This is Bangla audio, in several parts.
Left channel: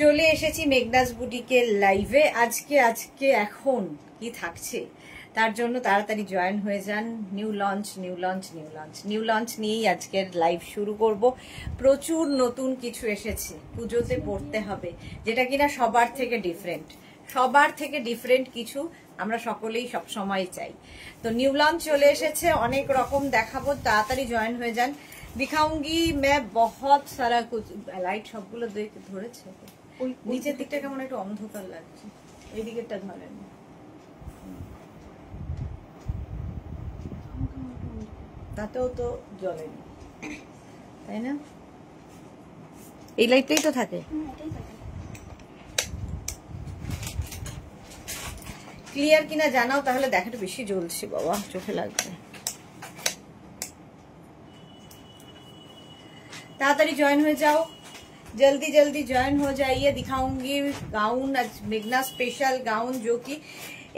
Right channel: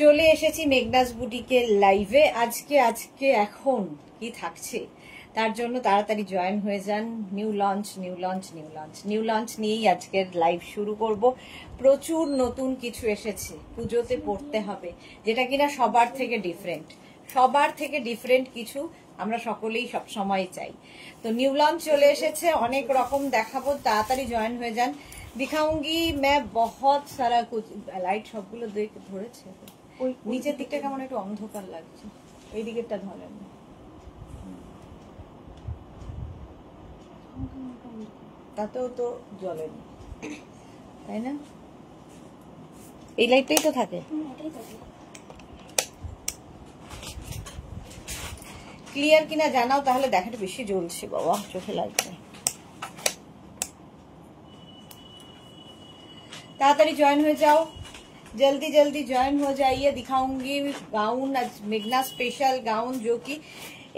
চলে এসেছি মেঘনাস বুটিকের লাইভে। আজকে এখন কি থাকছে তার জন্য তাড়াতাড়ি জয়েন হয়ে যান। নিউ লঞ্চ নিয়েই আজকের লাইভ শুরু করব। প্রচুর নতুন কিছু এসেছে, পুজোতে পড়তে হবে, যেটা কিনা সবার থেকে ডিফারেন্ট কিছু আমরা সকলেই সব সময় চাই। তো নিউ লঞ্চ চলে এসেছে, অনেক রকম দেখাবো, তাড়াতাড়ি জয়েন হয়ে যান। दिखाऊंगी मैं बहुत सारा कुछ। লাইট সবগুলো ধরেছে, নিচের দিকটা কেমন একটু অন্ধকার লাগছে, এই দিকেরটা ধরেন, তাতেও তো জ্বলেনি, তাই না? এই লাইটটাই তো থাকে। ক্লিয়ার কিনা জানাও, তাহলে দেখাটা বেশি জ্বলছে বাবা, চোখে লাগছে। ताड़ाताड़ी ज्वाइन हो जाओ, जल्दी ज्वाइन हो जाइए। दिखाऊंगी गाउन, मेघना स्पेशल गाउन जो कि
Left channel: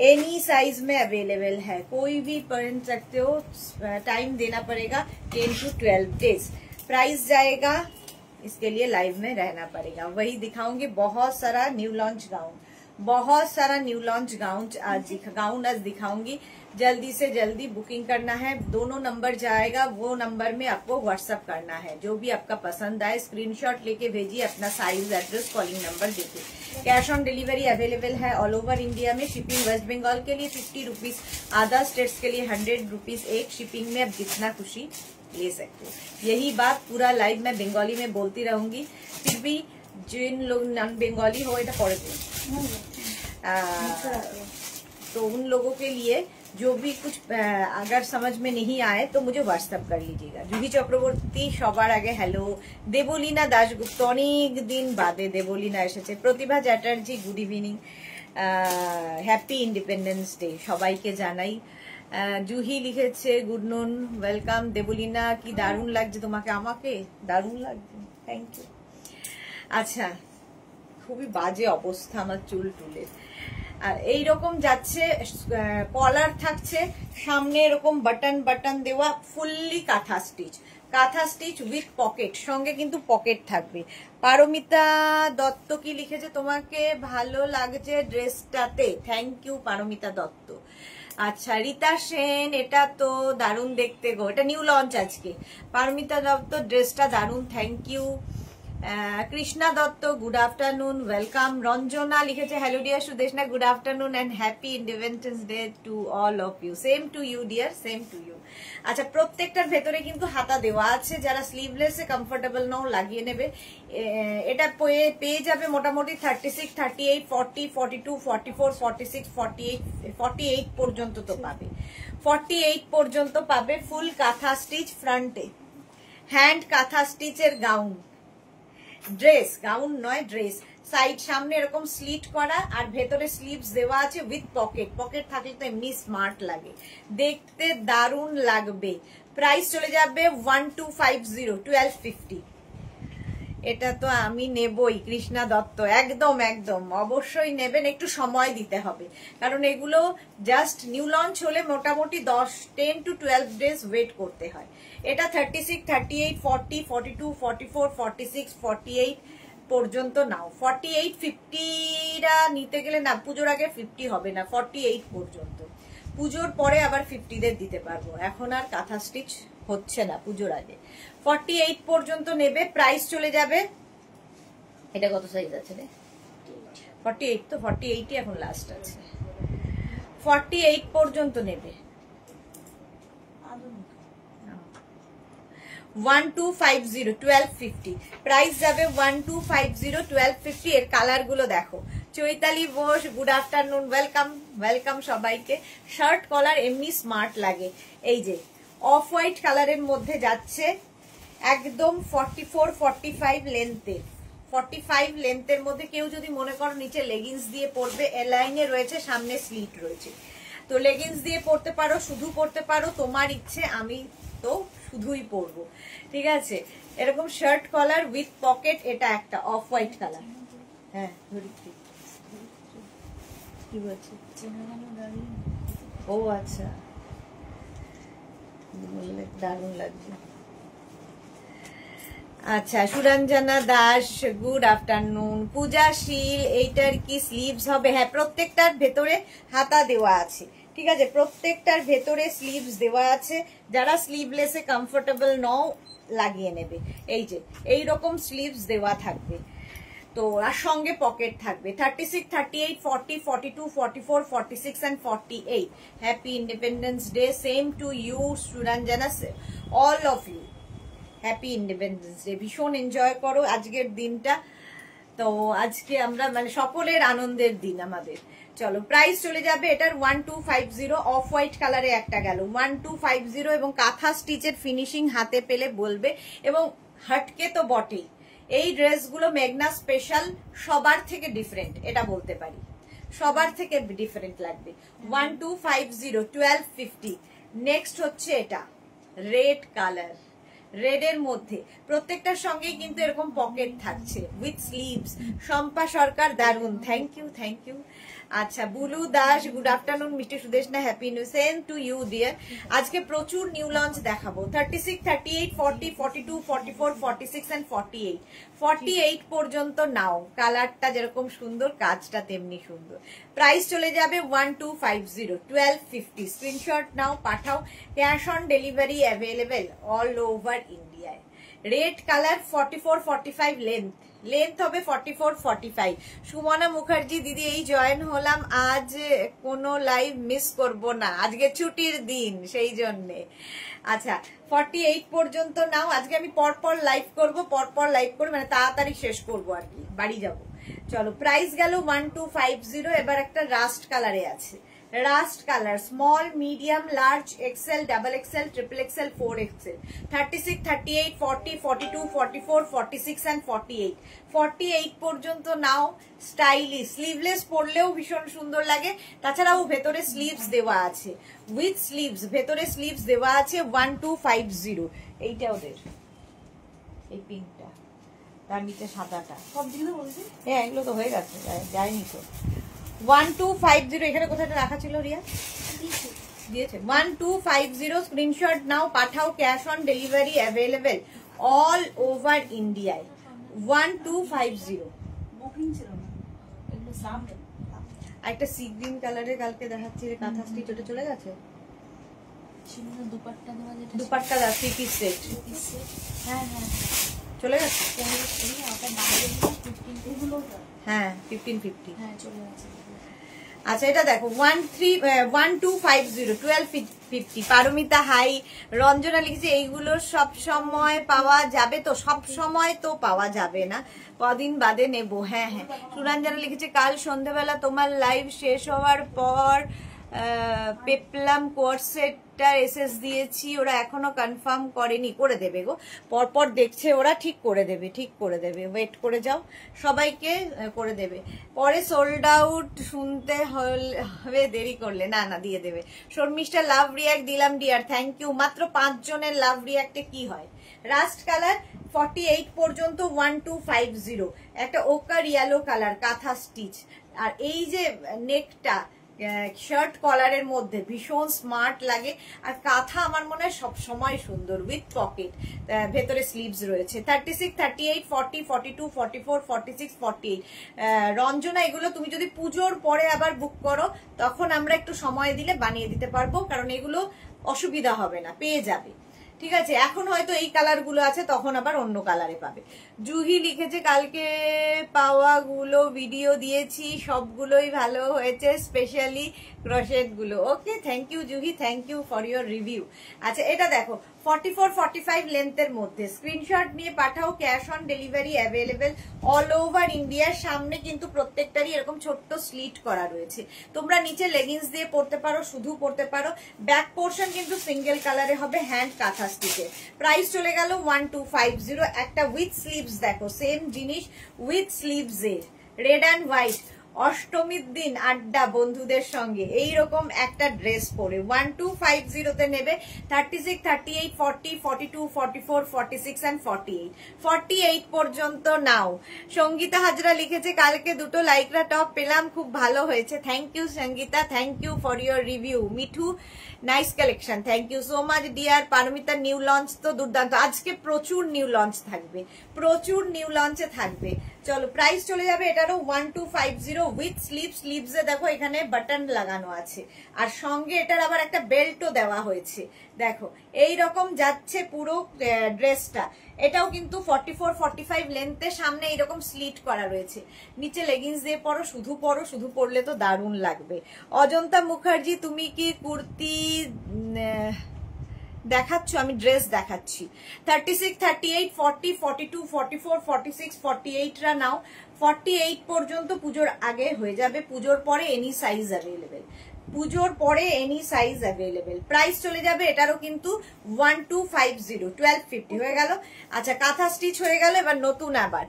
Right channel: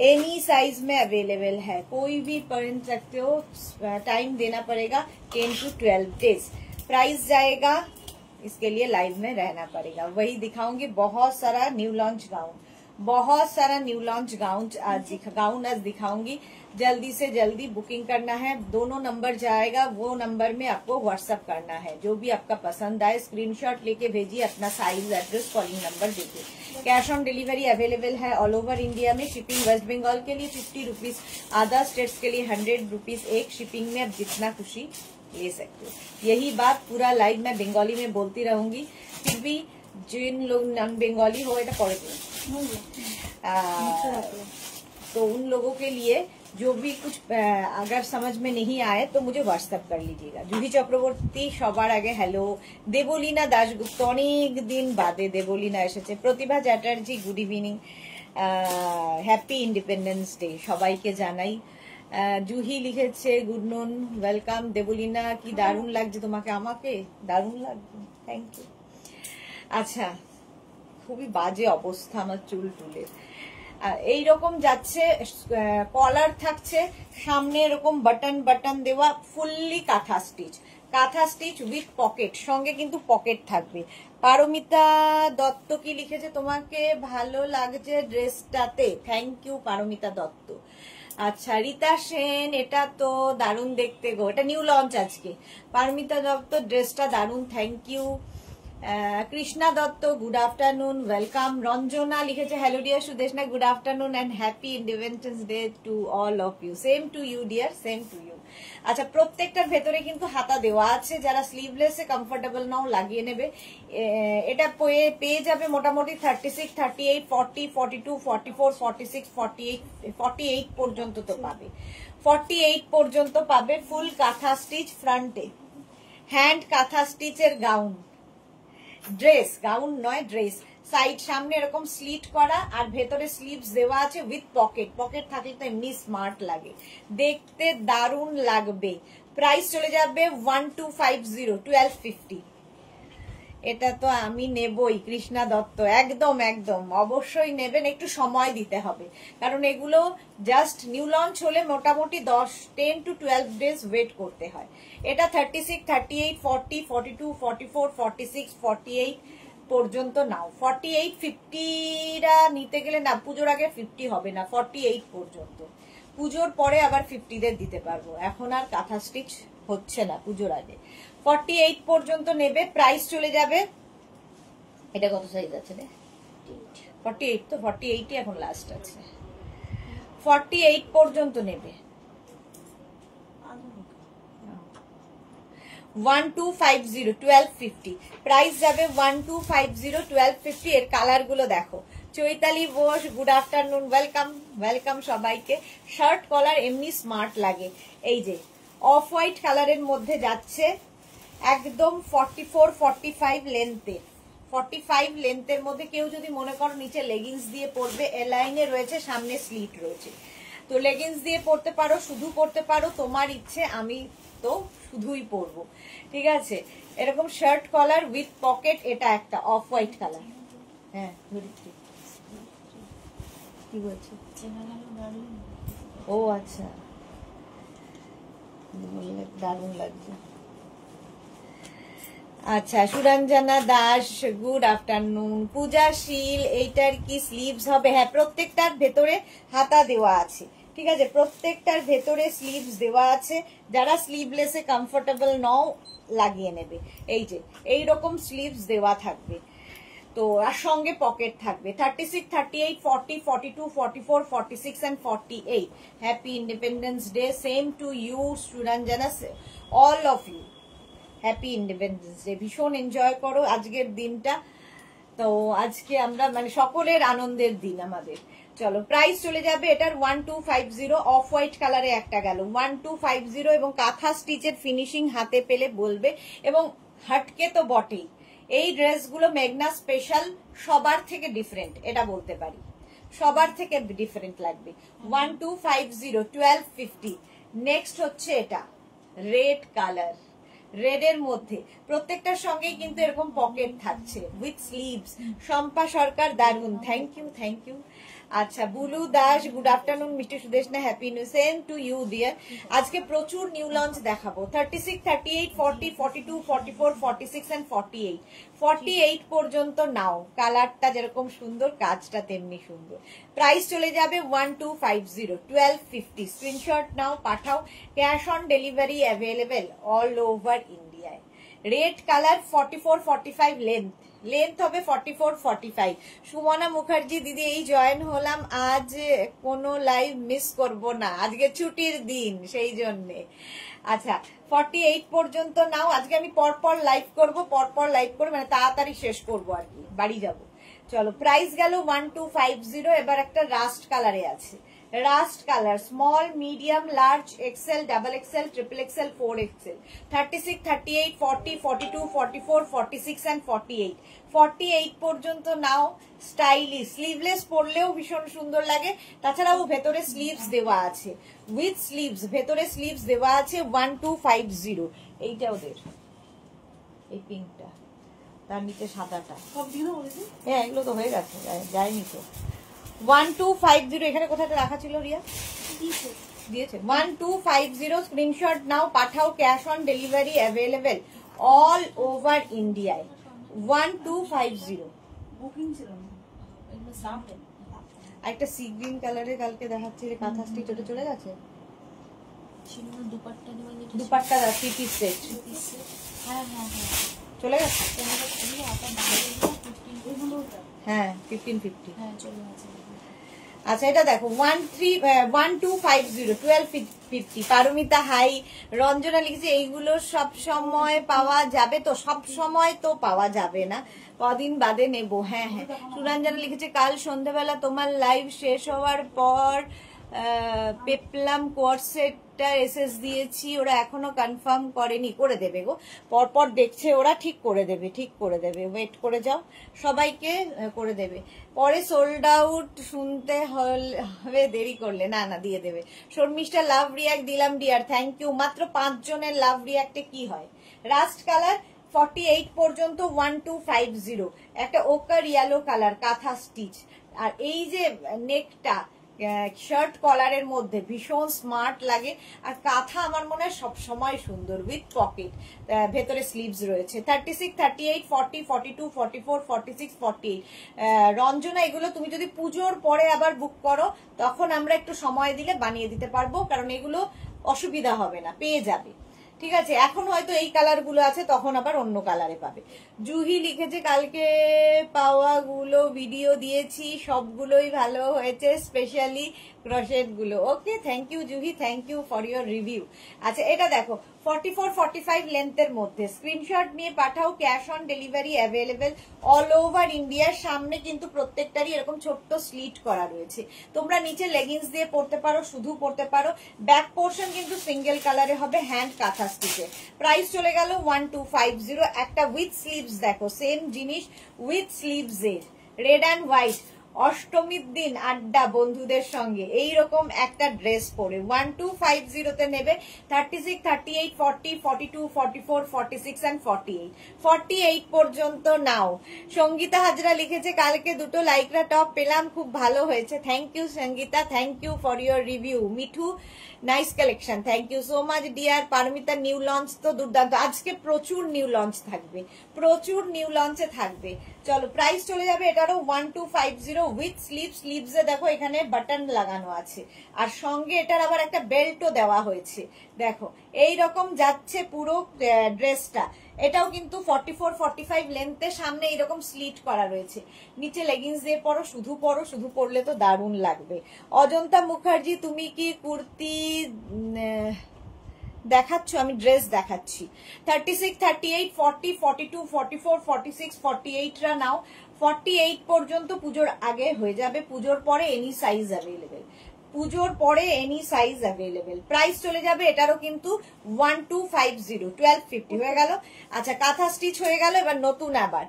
एनी साइज में अवेलेबल है, कोई भी पहन सकते हो। टाइम देना पड़ेगा 10 to 12 डेज। प्राइस जाएगा, इसके लिए लाइव में रहना पड़ेगा। वही दिखाऊंगी बहुत सारा न्यू लॉन्च गाउन आज दिखाऊंगी। जल्दी से जल्दी बुकिंग करना है, दोनों नंबर जाएगा, वो नंबर में आपको व्हाट्सएप करना है। जो भी आपका पसंद आए स्क्रीनशॉट लेके भेजिए, अपना साइज, एड्रेस, कॉलिंग नंबर दीजिए। कैश ऑन डिलीवरी अवेलेबल है ऑल ओवर इंडिया में। शिपिंग वेस्ट बंगाल के लिए 50 रुपीज, अदर स्टेट्स के लिए 100 रुपीज एक शिपिंग में। आप जितना खुशी ले सकते हो। यही बात पूरा लाइव मैं बंगाली में बोलती रहूंगी, फिर भी जिन लोग नॉन बंगाली हो এটা পড়ে দিন, तो उन लोगों के लिए जो भी कुछ अगर समझ में नहीं आए तो मुझे व्हाट्सएप कर लीजिएगा। जूही चक्रवर्ती সবার আগে হ্যালো। দেবলীনা দাশগুপ্ত, অনেক দিন বাদে দেবলীনা এসেছে। Pratibha Chatterjee, good evening, happy independence day সবাইকে জানাই। জুহি লিখেছে গুড নুন, ওয়েলকাম। দেবলীনা, কি দারুণ লাগছে তোমাকে, আমাকে দারুণ লাগছে, থ্যাংক ইউ। আচ্ছা, খুবই বাজে অবস্থা আমার চুল টুলে। এইরকম যাচ্ছে, কলার থাকছে, সামনে এরকম বাটন দেওয়া, ফুললি কাঁথা স্টিচ উইথ পকেট, সঙ্গে কিন্তু পকেট থাকবে। পারমিতা দত্ত কি লিখেছে, তোমাকে ভালো লাগছে ড্রেসটাতে, থ্যাংক ইউ পারমিতা দত্ত। আচ্ছা, রীতা সেন, এটা তো দারুণ দেখতে গো, এটা নিউ লঞ্চ আজকে। পারমিতা দত্ত, ড্রেসটা দারুণ, thank you. Krishna Dutta, good afternoon, welcome. Ranjana লিখেছে hello dear Sudeshna, good afternoon and happy independence day to all of you. Same to you dear, same to you. আচ্ছা, প্রত্যেকটার ভেতরে কিন্তু হাতা দেওয়া আছে, যারা স্লিভলেস এ কমফোর্টেবল নাও লাগিয়ে নেবে। এটা পেয়ে যাবে মোটামুটি 36, 38, 40, 42, 44, 46, 48 পর্যন্ত তো পাবে, 48 পর্যন্ত পাবে। ফুল কাঁথা স্টিচ, ফ্রন্টে হ্যান্ড কাঁথা স্টিচের গাউন, ড্রেস, গাউন নয় ড্রেস। সাইড সামনে এরকম স্লিট করা, আর ভেতরে স্লিভস দেওয়া আছে উইথ পকেট থাকলে তো এমনি স্মার্ট লাগে, দেখতে দারুণ লাগবে। প্রাইস চলে যাবে 1250, 1250। এটা তো আমি নেবই কৃষ্ণা দত্ত, একদম অবশ্যই নেবেন, একটু সময় দিতে হবে, কারণ এগুলো জাস্ট নিউ লঞ্চ হলে মোটামুটি 10 to 12 ডেজ ওয়েট করতে হয়। এটা 36, 38, 40, 42, 44, 46, 48 পর্যন্ত নাও। 48, 50রা নিতে গেলে না, পুজোর আগে 50 হবে না, 48 পর্যন্ত। পুজোর পরে আবার 50দের দিতে পারবো, এখন আর কাঁথা স্টিচ হচ্ছে না পুজোর আগে। 48 পর্যন্ত নেবে, প্রাইস চলে যাবে। এটা কত সাইজ আছে রে? 48, তো 48ই এখন লাস্ট আছে। 48 পর্যন্ত নেবে, 1250, 1250 প্রাইস যাবে। 1250, 1250। এর কালার গুলো দেখো। Chaitali Bose, good afternoon, welcome সবাইকে। শার্ট কলার এমনি স্মার্ট লাগে। এই যে অফ হোয়াইট কালারের মধ্যে যাচ্ছে, একদম 44, 45 লেন্থে, 45 লেন্থের মধ্যে। কেউ যদি মনে করো নিচে লেগিংস দিয়ে পরবে, এ লাইনে রয়েছে, সামনে স্লিট রয়েছে, তো লেগিংস দিয়ে পরতে পারো, শুধু পরতে পারো, তোমার ইচ্ছে। আমি তো শুধুই পরবো, ঠিক আছে। এরকম শার্ট কলার উইথ পকেট, এটা একটা অফ হোয়াইট কালার। হ্যাঁ, কি বলছে? ও আচ্ছা, দারুণ লাগছে। আচ্ছা, সুরঞ্জনা দাস গুড আফটারনুন। পূজা শীল, এইটার কি স্লিভস হবে? হ্যাঁ, প্রত্যেকটার ভেতরে হাতা দেওয়া আছে, ঠিক আছে, প্রত্যেকটার ভেতরে স্লিভস দেওয়া আছে। যারা স্লিভলেসে কমফোর্টেবল নও লাগিয়ে নেবে। এই যে এইরকম স্লিভস দেওয়া থাকবে, তো আর সঙ্গে পকেট থাকবে। 36, 38, 40, 42, 44, 46 and 48। Happy independence Day. Same to you Suranjana, all of you. Happy independence Day. ভীষণ এনজয় করো আজকের দিনটা। তো আজকে আমরা মানে সকলের আনন্দের দিন আমাদের। চলো, প্রাইস চলে যাবে এটার 1250। অফ হোয়াইট কালারে একটা গেল 1250, এবং কাঁথা স্টিচের ফিনিশিং হাতে পেলে বলবে, এবং হাটকে তো বটেই। এই ড্রেসগুলো মেঘনা স্পেশাল, সবার থেকে ডিফারেন্ট, এটা বলতে পারি, সবার থেকে ডিফারেন্ট লাগবে। 1250, 1250। নেক্সট হচ্ছে এটা রেড কালার, রেড এর মধ্যে প্রত্যেকটার সঙ্গে কিন্তু এরকম পকেট থাকছে উইথ স্লিভস। শম্পা সরকার দারুন, থ্যাংক ইউ, থ্যাংক ইউ। আচ্ছা, Bulu Das good afternoon. Mister Sudeshna, happy new. Same to you dear. আজকে প্রচুর নিউ লঞ্চ দেখাবো। 36, 38, 40, 42, 44, 46 and 48। 48 পর্যন্ত নাও। কালারটা যেরকম সুন্দর, কাজটা তেমনি সুন্দর। প্রাইস চলে যাবে 1250, 1250। স্ক্রিনশট নাও, পাঠাও। Cash on delivery available all over ইন্ডিয়ায়। রেড কালার 44, 45 লেন্থ হবে 44, 45। সুমনা মুখার্জি দিদি, এই জয়েন হলাম, আজ কোনো লাইভ মিস করব না, আজকে ছুটির দিন সেই জন্যে। আচ্ছা, 48 পর্যন্ত নাও। আজকে আমি পরপর লাইভ করব, মানে তাড়াতাড়ি শেষ করব আর কি, বাড়ি যাব। চলো, প্রাইস গেল 1250। এবার একটা রাস্ট কালারে আছে, rust colour, small, medium, large, XL, double XL, triple XL, 4XL। 36, 38, 40, 42, 44, 46 and 48। 48 পর্যন্ত নাও। স্টাইলিশ, স্লিভলেস পরলেও ভীষণ সুন্দর লাগে। তাছাড়াও ভেতরে স্লিভস দেওয়া আছে, উইথ স্লিভস, ভেতরে স্লিভস দেওয়া আছে। 1250। এইটা ওদের, এই পিঙ্কটা, তার নিচে সাদাটা, হ্যাঁ এগুলো তো হয়ে গেছে, যায়নি তো। 1250। এখানে কোথায় রাখা ছিল রিয়া? দিয়েছে। 1250। স্ক্রিনশট নাও, পাঠাও। Cash on delivery available all over ইন্ডিয়ায়। 1250। একটা সি গ্রিন কালারের কালকে দেখাচ্ছি, কাঁথা স্টিচ, ওটা চলে গেছে। দুপাট্টা 3 পিস সেট, হ্যাঁ হ্যাঁ হ্যাঁ চলে গেছে। হ্যাঁ 1550। হ্যাঁ চলে গেছে। আচ্ছা, এটা দেখো 1250, 1250। পারমিতা হাই। রঞ্জনা লিখেছে এইগুলো সব সময় পাওয়া যাবে তো? সব সময় তো পাওয়া যাবে না, কদিন বাদে নেব। হ্যাঁ হ্যাঁ। সুরঞ্জনা লিখেছে কাল সন্ধ্যাবেলা তোমার লাইভ শেষ হওয়ার পর পেপলাম কোয়ার্সেটটা এসএস দিয়েছি, ওরা এখনো কনফার্ম করেনি। করে দেবে গো, পরপর দেখছে ওরা, ঠিক করে দেবে, ঠিক করে দেবে, ওয়েট করে যাও, সবাইকে করে দেবে। পরে সোল্ড আউট শুনতে হবে দেরি করলে, না না দিয়ে দেবে। শর্মিষ্ঠা লাভ রিয়াক্ট দিলাম ডিয়ার, থ্যাংক ইউ। মাত্র 5 জনের লাভ রিয়াক্টে কি হয়? রাস্ট কালার 48 পর্যন্ত 1250। একটা ওকার ইয়েলো কালার, কাঁথা স্টিচ, আর এই যে নেকটা শার্ট কলারের মধ্যে ভীষণ স্মার্ট লাগে। আর কাঁথা আমার মনে হয় সব সময় সুন্দর, উইথ পকেট, ভেতরে স্লিভস রয়েছে। 36, 38, 40, 42, 44, 46, 48। রঞ্জনা, এগুলো তুমি যদি পুজোর পরে আবার বুক করো, তখন আমরা একটু সময় দিলে বানিয়ে দিতে পারবো, কারণ এগুলো অসুবিধা হবে না, পেয়ে যাবে। ঠিক আছে, এখন হয়তো এই কালার গুলো আছে, তখন আবার অন্য কালারে পাবে। জুহি লিখেছে কালকে পাওয়াগুলো ভিডিও দিয়েছি, সবগুলোই ভালো হয়েছে, স্পেশালি ক্রোশেট গুলো। Okay, thank you Juhi, thank you for your review. আচ্ছা, এটা দেখো 44, 45 লেন্থের মধ্যে। স্ক্রিনশট নিয়ে পাঠাও। Cash on delivery available all over ইন্ডিয়ার। সামনে কিন্তু প্রত্যেকটারই এরকম ছোট্ট স্লিট করা রয়েছে। তোমরা নিচে লেগিংস দিয়ে পরতে পারো, শুধু পরতে পারো। ব্যাক পোর্শন কিন্তু সিঙ্গেল কালারে হবে, হ্যান্ড কাঁথা স্টিচে। প্রাইস চলে গেল 1250। একটা উইথ স্লিভস দেখো, সেম জিনিস উইথ স্লিভস এর, রেড অ্যান্ড হোয়াইট। অষ্টমীর দিন আড্ডা বন্ধুদের সঙ্গে এইরকম একটা ড্রেস পরে 1250 তে নেবে। 36, 38, 40, 42, 44, 46 and 48। 48 পর্যন্ত নাও। সঙ্গীতা হাজরা লিখেছে কালকে দুটো লাইকরা টপ পেলাম, খুব ভালো হয়েছে। Thank you Sangeeta, thank you for your review. Mithu nice collection, thank you so much dear Paromita. New launch তো দুর্দান্ত, আজকে প্রচুর নিউ লঞ্চ থাকবে, প্রচুর নিউ লঞ্চে থাকবে। চলো প্রাইস চলে যাবে এটারও 1250 উইথ স্লিভস। স্লিভসে দেখো এখানে বাটন লাগানো আছে, আর সঙ্গে এটার আবার একটা বেল্টও দেওয়া হয়েছে। দেখো এই রকম যাচ্ছে পুরো ড্রেসটা। এটাও কিন্তু 44-45 লেন্থে, সামনে এইরকম স্লিট করা রয়েছে, নিচে লেগিংস দিয়ে পরো, শুধু পরলে তো দারুণ লাগবে। অজন্তা মুখার্জি তুমি কি কুর্তি দেখাচ্ছ? আমি ড্রেস দেখাচ্ছি। 36, 38, 40, 42, 44, 46, 48 রা নাও। 48 পর্যন্ত পুজোর আগে হয়ে যাবে, পুজোর পরে এনি সাইজ অ্যাভেলেবেল, পুজোর পরে এনি সাইজ অ্যাভেলেবেল। প্রাইস চলে যাবে এটারও কিন্তু 1250, 1250 হয়ে গেল। আচ্ছা কাঁথা স্টিচ হয়ে গেল, এবার নতুন আবার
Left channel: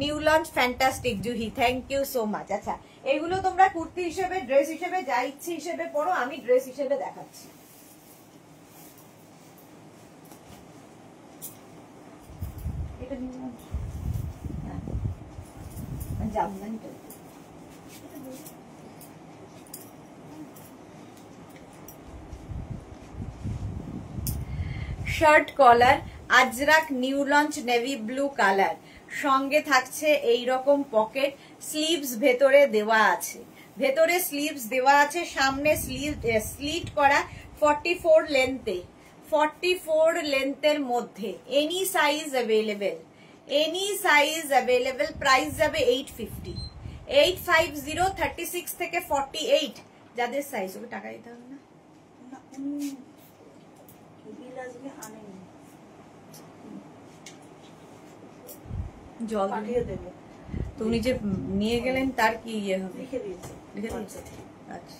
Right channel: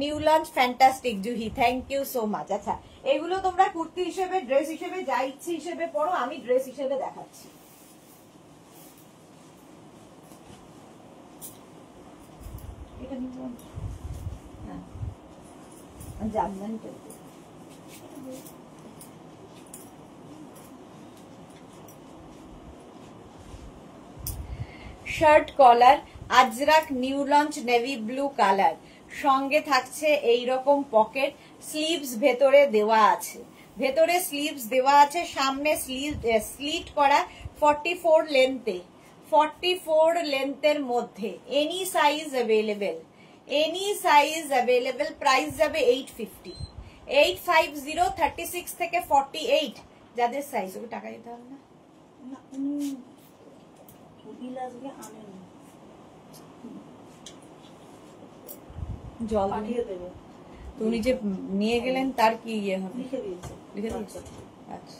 new launch fantastic Juhi, thank you so much. আচ্ছা এগুলো তোমরা কুর্তি হিসেবে, ড্রেস হিসেবে, যা ইচ্ছে হিসেবে পরো, আমি ড্রেস হিসেবে দেখাচ্ছি। এটা নিউ লঞ্চ, হ্যাঁ জামদানি টাইপের। Shirt collar Ajrakh new launch navy blue colour, সঙ্গে থাকছে এই রকম পকেট, স্লিভস ভেতরে দেওয়া আছে, ভেতরে স্লিভস দেওয়া আছে, সামনে স্লিট করা 44 লেন্থে, 44 লেন্থের মধ্যে, any size available, any size available. Price যাবে 850, 850, 36 থেকে 48 যাদের সাইজ। ওকে টাকা দিতে হবে না, জল দিয়ে দেবো। তো উনি যে নিয়ে গেলেন তার কি ইয়ে হবে? লিখে দিয়েছে, লিখে দিয়েছে। আচ্ছা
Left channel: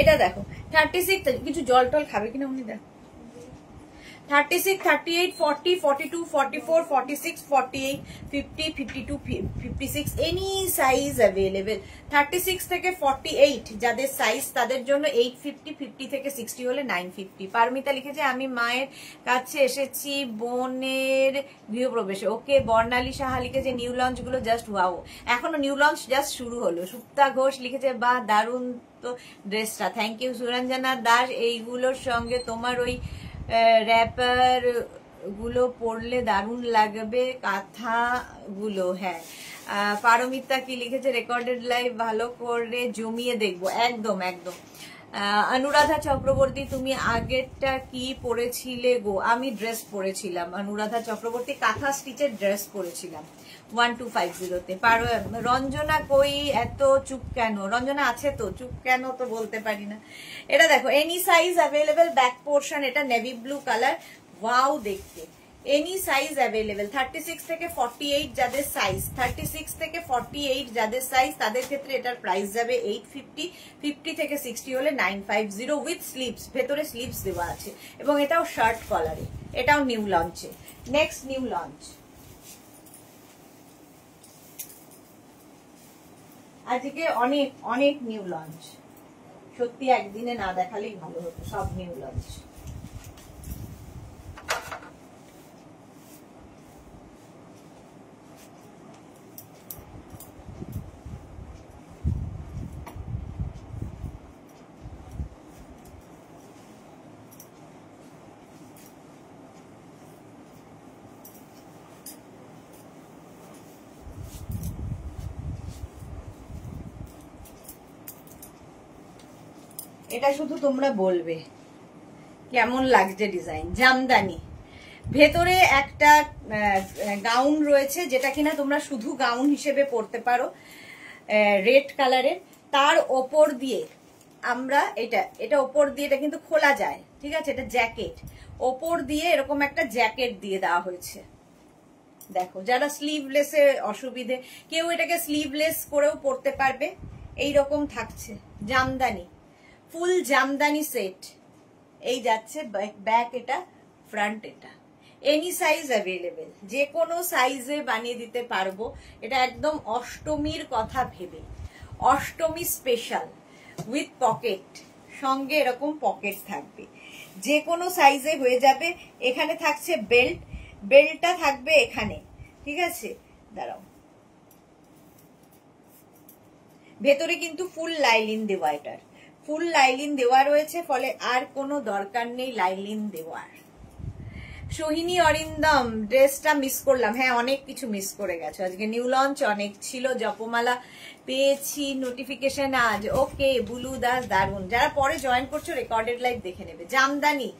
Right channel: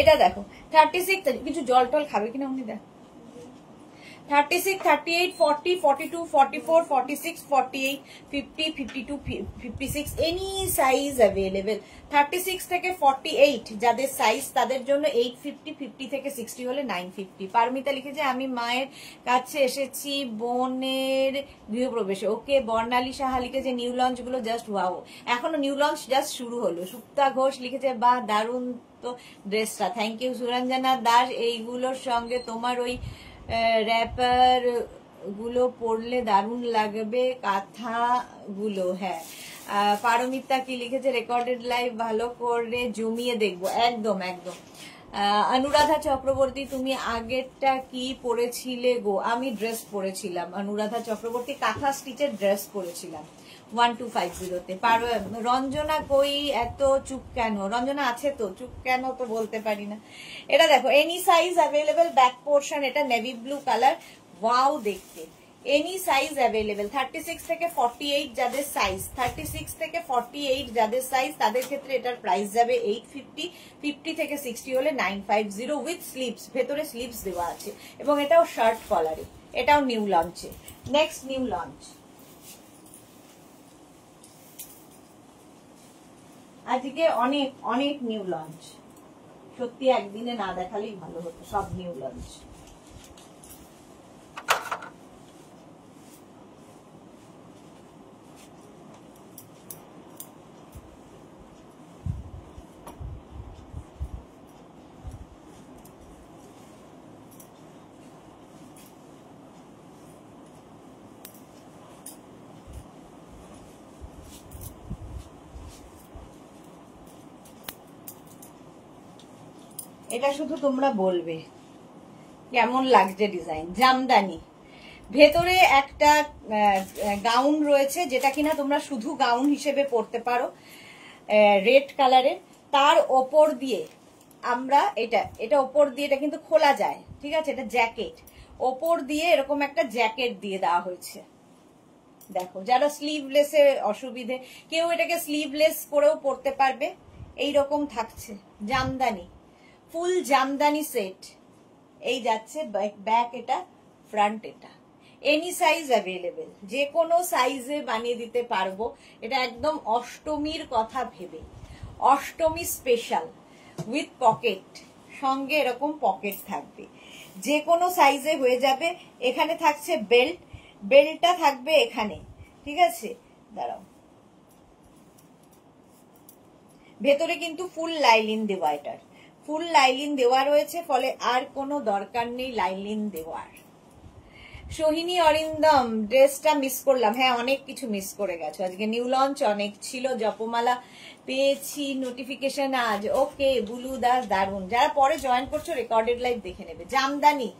এটা দেখো 36, কিছু জল টল খাবে কিনা উনি দেখ। 36, 38, 40, 42, 44, 46, 48, 50, 52, 56 এনি সাইজ অ্যাভেলেবেল। 36 থেকে 48 যাদের সাইজ তাদের জন্য 850, 50 থেকে 60 হলে 950। পারমিতা লিখেছে আমি মায়ের কাছে এসেছি বোনের গৃহপ্রবেশে। ওকে। বর্ণালী সাহা লিখেছে নিউ লঞ্চ গুলো জাস্ট ওয়াও, এখনো নিউ লঞ্চ জাস্ট শুরু হলো। সুপ্তা ঘোষ লিখেছে বা দারুণ তো ড্রেসটা, থ্যাংক ইউ। সুরঞ্জনা দাস এইগুলোর সঙ্গে তোমার ওই র্যাপার গুলো পরলে দারুণ লাগবে, কাঁথা গুলো। হ্যাঁ পারমিতা কি লিখেছে রেকর্ডেড লাইভ ভালো করে জমিয়ে দেখবো, একদম একদম। অনুরাধা চক্রবর্তী তুমি আগেরটা কি পরেছিলে গো? আমি ড্রেস পরেছিলাম, অনুরাধা চক্রবর্তী কাঁথা স্টিচের ড্রেস পরেছিলাম 1250-তে। রঞ্জনা কই এত চুপ কেন? রঞ্জনা আছে তো, চুপ কেন তো বলতে পারি না। এটা দেখো any size available, back portion, এটা নেভি ব্লু কালার, ওয়াও দেখতে। এনি সাইজ অ্যাভেলেবেল, 36 থেকে 48 যাদের সাইজ, 36 থেকে 48 যাদের সাইজ তাদের ক্ষেত্রে এটার প্রাইস যাবে 850, 50 থেকে 60 হলে 950 উইথ স্লিভস, ভেতরে স্লিভস দেওয়া আছে, এবং এটাও শার্ট কলারে, এটাও নিউ লঞ্চে। নেক্সট নিউ লঞ্চ, আজকে অনেক অনেক নিউ লঞ্চ, সত্যি একদিনে না দেখালেই ভালো হতো সব নিউ লঞ্চ। এটা শুধু তোমরা বলবে কেমন লাগছে ডিজাইন। জামদানি, ভেতরে একটা গাউন রয়েছে যেটা কিনা তোমরা শুধু গাউন হিসেবে পরতে পারো, রেড কালারের। তার ওপর দিয়ে আমরা এটা ওপর দিয়ে, এটা কিন্তু খোলা যায়, ঠিক আছে, এটা জ্যাকেট, ওপর দিয়ে এরকম একটা জ্যাকেট দিয়ে দেওয়া হয়েছে। দেখো যারা স্লিভলেসে অসুবিধে, কেউ এটাকে স্লিভলেস করেও পরতে পারবে, এইরকম থাকছে। জামদানি, ফুল জামদানি সেট, এই যাচ্ছে ব্যাক, এটা ফ্রন্ট, এটা এনি সাইজ অ্যাভেলেবেল, যে কোনো সাইজে বানিয়ে দিতে পারবো। এটা একদম অষ্টমীর কথা ভেবে, অষ্টমী স্পেশাল, উইথ পকেট, সঙ্গে এরকম পকেট থাকবে, যে কোনো সাইজে হয়ে যাবে। এখানে থাকছে বেল্ট, বেল্টটা থাকবে এখানে, ঠিক আছে, দাঁড়াও, ভেতরে কিন্তু ফুল লাইলিন দেওয়া, এটার ফুল লাইলিন দেওয়া রয়েছে, ফলে আর কোনো দরকার নেই লাইলিন দেওয়ার। সোহিনী অরিন্দম, ড্রেসটা মিস করলাম। হ্যাঁ, অনেক কিছু মিস করে গেছো, আজকে নিউ লঞ্চ অনেক ছিল, জপমালা পেয়েছি নোটিফিকেশন আজ। ওকে বুলু দাস, দারুন। যারা পরে জয়েন করছো রেকর্ডেড লাইভ দেখে নেবে। Jamdani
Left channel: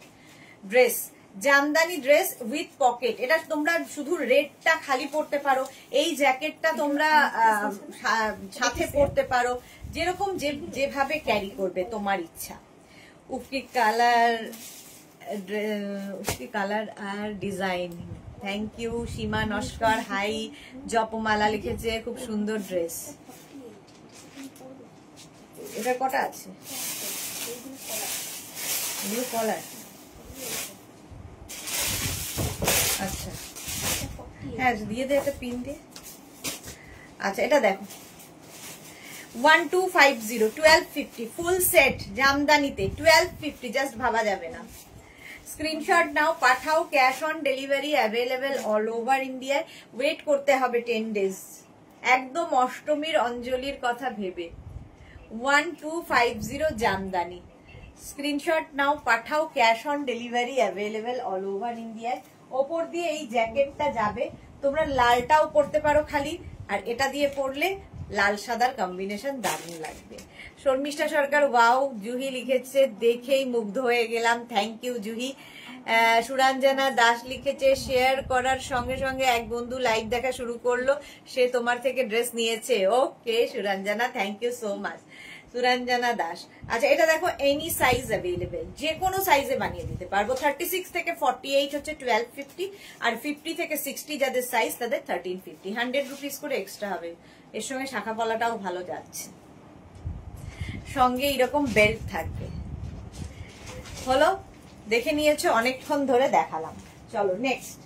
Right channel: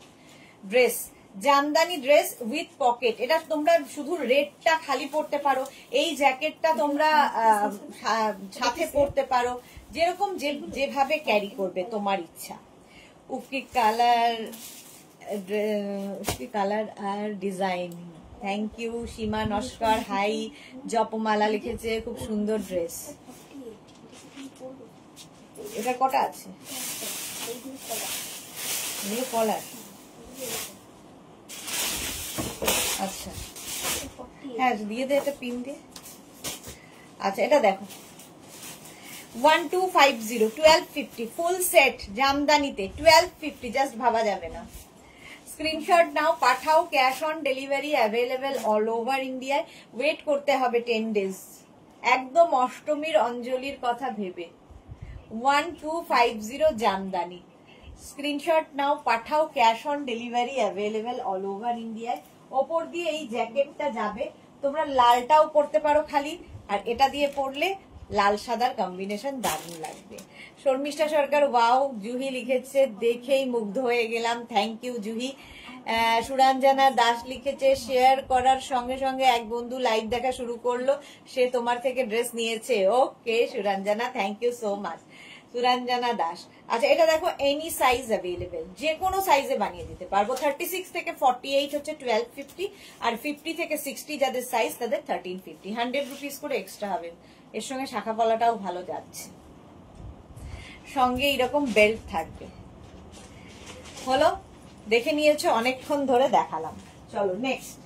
dress, Jamdani dress with pocket, এটা তোমরা শুধু রেডটা খালি পরতে পারো, এই জ্যাকেটটা তোমরা সাথে পরতে পারো, যেরকম যেভাবে ক্যারি করবে তোমার ইচ্ছা। উফকি কালার, উফকি কালার আর design, thank you. Seema Naskar, hi. Japamala লিখেছে খুব সুন্দর ড্রেস। এটা কটা আছে? এগুলো কলার, আচ্ছা হ্যাঁ দিয়ে দে, একটা পিন দে। আচ্ছা এটা দেখো 1250, 1250 ফুল সেট জামদানিতে 1250, জাস্ট ভাবা যাবে না। স্ক্রিনশট নাও, পাঠাও, cash on delivery available all over ইন্ডিয়ায়। ওয়েট করতে হবে 10 ডেজ, একদম অষ্টমীর অঞ্জলির কথা ভেবে। 1250 জামদানি, স্ক্রিনশট নাও, পাঠাও, cash on delivery available all over ইন্ডিয়ায়। ওপর দিয়ে এই জ্যাকেটটা যাবে, তোমরা লালটাও পরতে পারো খালি, আর এটা দিয়ে পরলে লাল সাদার কম্বিনেশন দারুণ লাগবে। শর্মিষ্ঠা সরকার, ওয়াও। জুহি লিখেছে দেখেই মুগ্ধ হয়ে গেলাম, থ্যাংক ইউ জুহি। সুরঞ্জনা দাস লিখেছে শেয়ার করার সঙ্গে সঙ্গে এক বন্ধু লাইভ দেখা শুরু করলো, সে তোমার থেকে ড্রেস নিয়েছে। Okay Suranjana, thank you so much Suranjana Das. আচ্ছা এটা দেখো, এনি সাইজ অ্যাভেলেবেল, যে কোনো সাইজে বানিয়ে দিতে পারবো। 36 থেকে 48 হচ্ছে 1250, আর 50 থেকে 60 যাদের সাইজ তাদের 1350, 100 রুপিস করে এক্সট্রা হবে। এর সঙ্গে শাখা পলাটাও ভালো যাচ্ছে, সঙ্গে এরকম বেল্ট থাকবে। হলো, দেখে নিয়েছো, অনেকক্ষণ ধরে দেখালাম। চলো নেক্সট।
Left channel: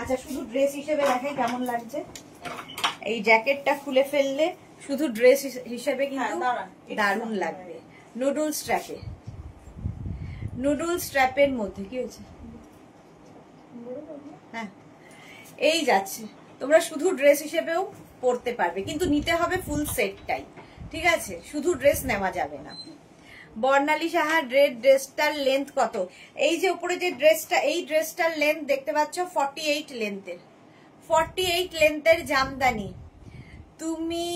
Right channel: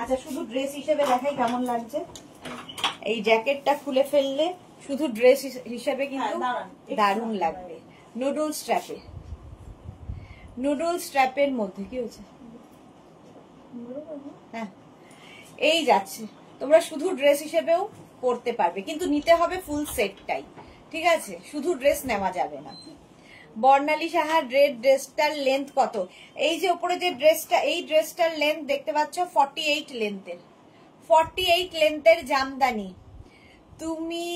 আচ্ছা শুধু ড্রেস হিসেবে দেখাই কেমন লাগছে। এই জ্যাকেটটা খুলে ফেললে শুধু ড্রেস হিসেবে কিন্তু দারুণ লাগবে। নুডল স্ট্র্যাপে, নুডল স্ট্র্যাপের মধ্যে কি হয়েছে, হ্যাঁ এই যাচ্ছে। তোমরা শুধু ড্রেস হিসেবেও পরতে পারবে, কিন্তু নিতে হবে ফুল সেটটাই, ঠিক আছে, শুধু ড্রেস নেওয়া যাবে না। বর্ণালী সাহা, ড্রেসটার লেন্থ কত? এই যে উপরে যে ড্রেসটা, এই ড্রেসটার লেন্থ দেখতে পাচ্ছ 48 লেন্থের, 48 লেন্থের জামদানি। তুমি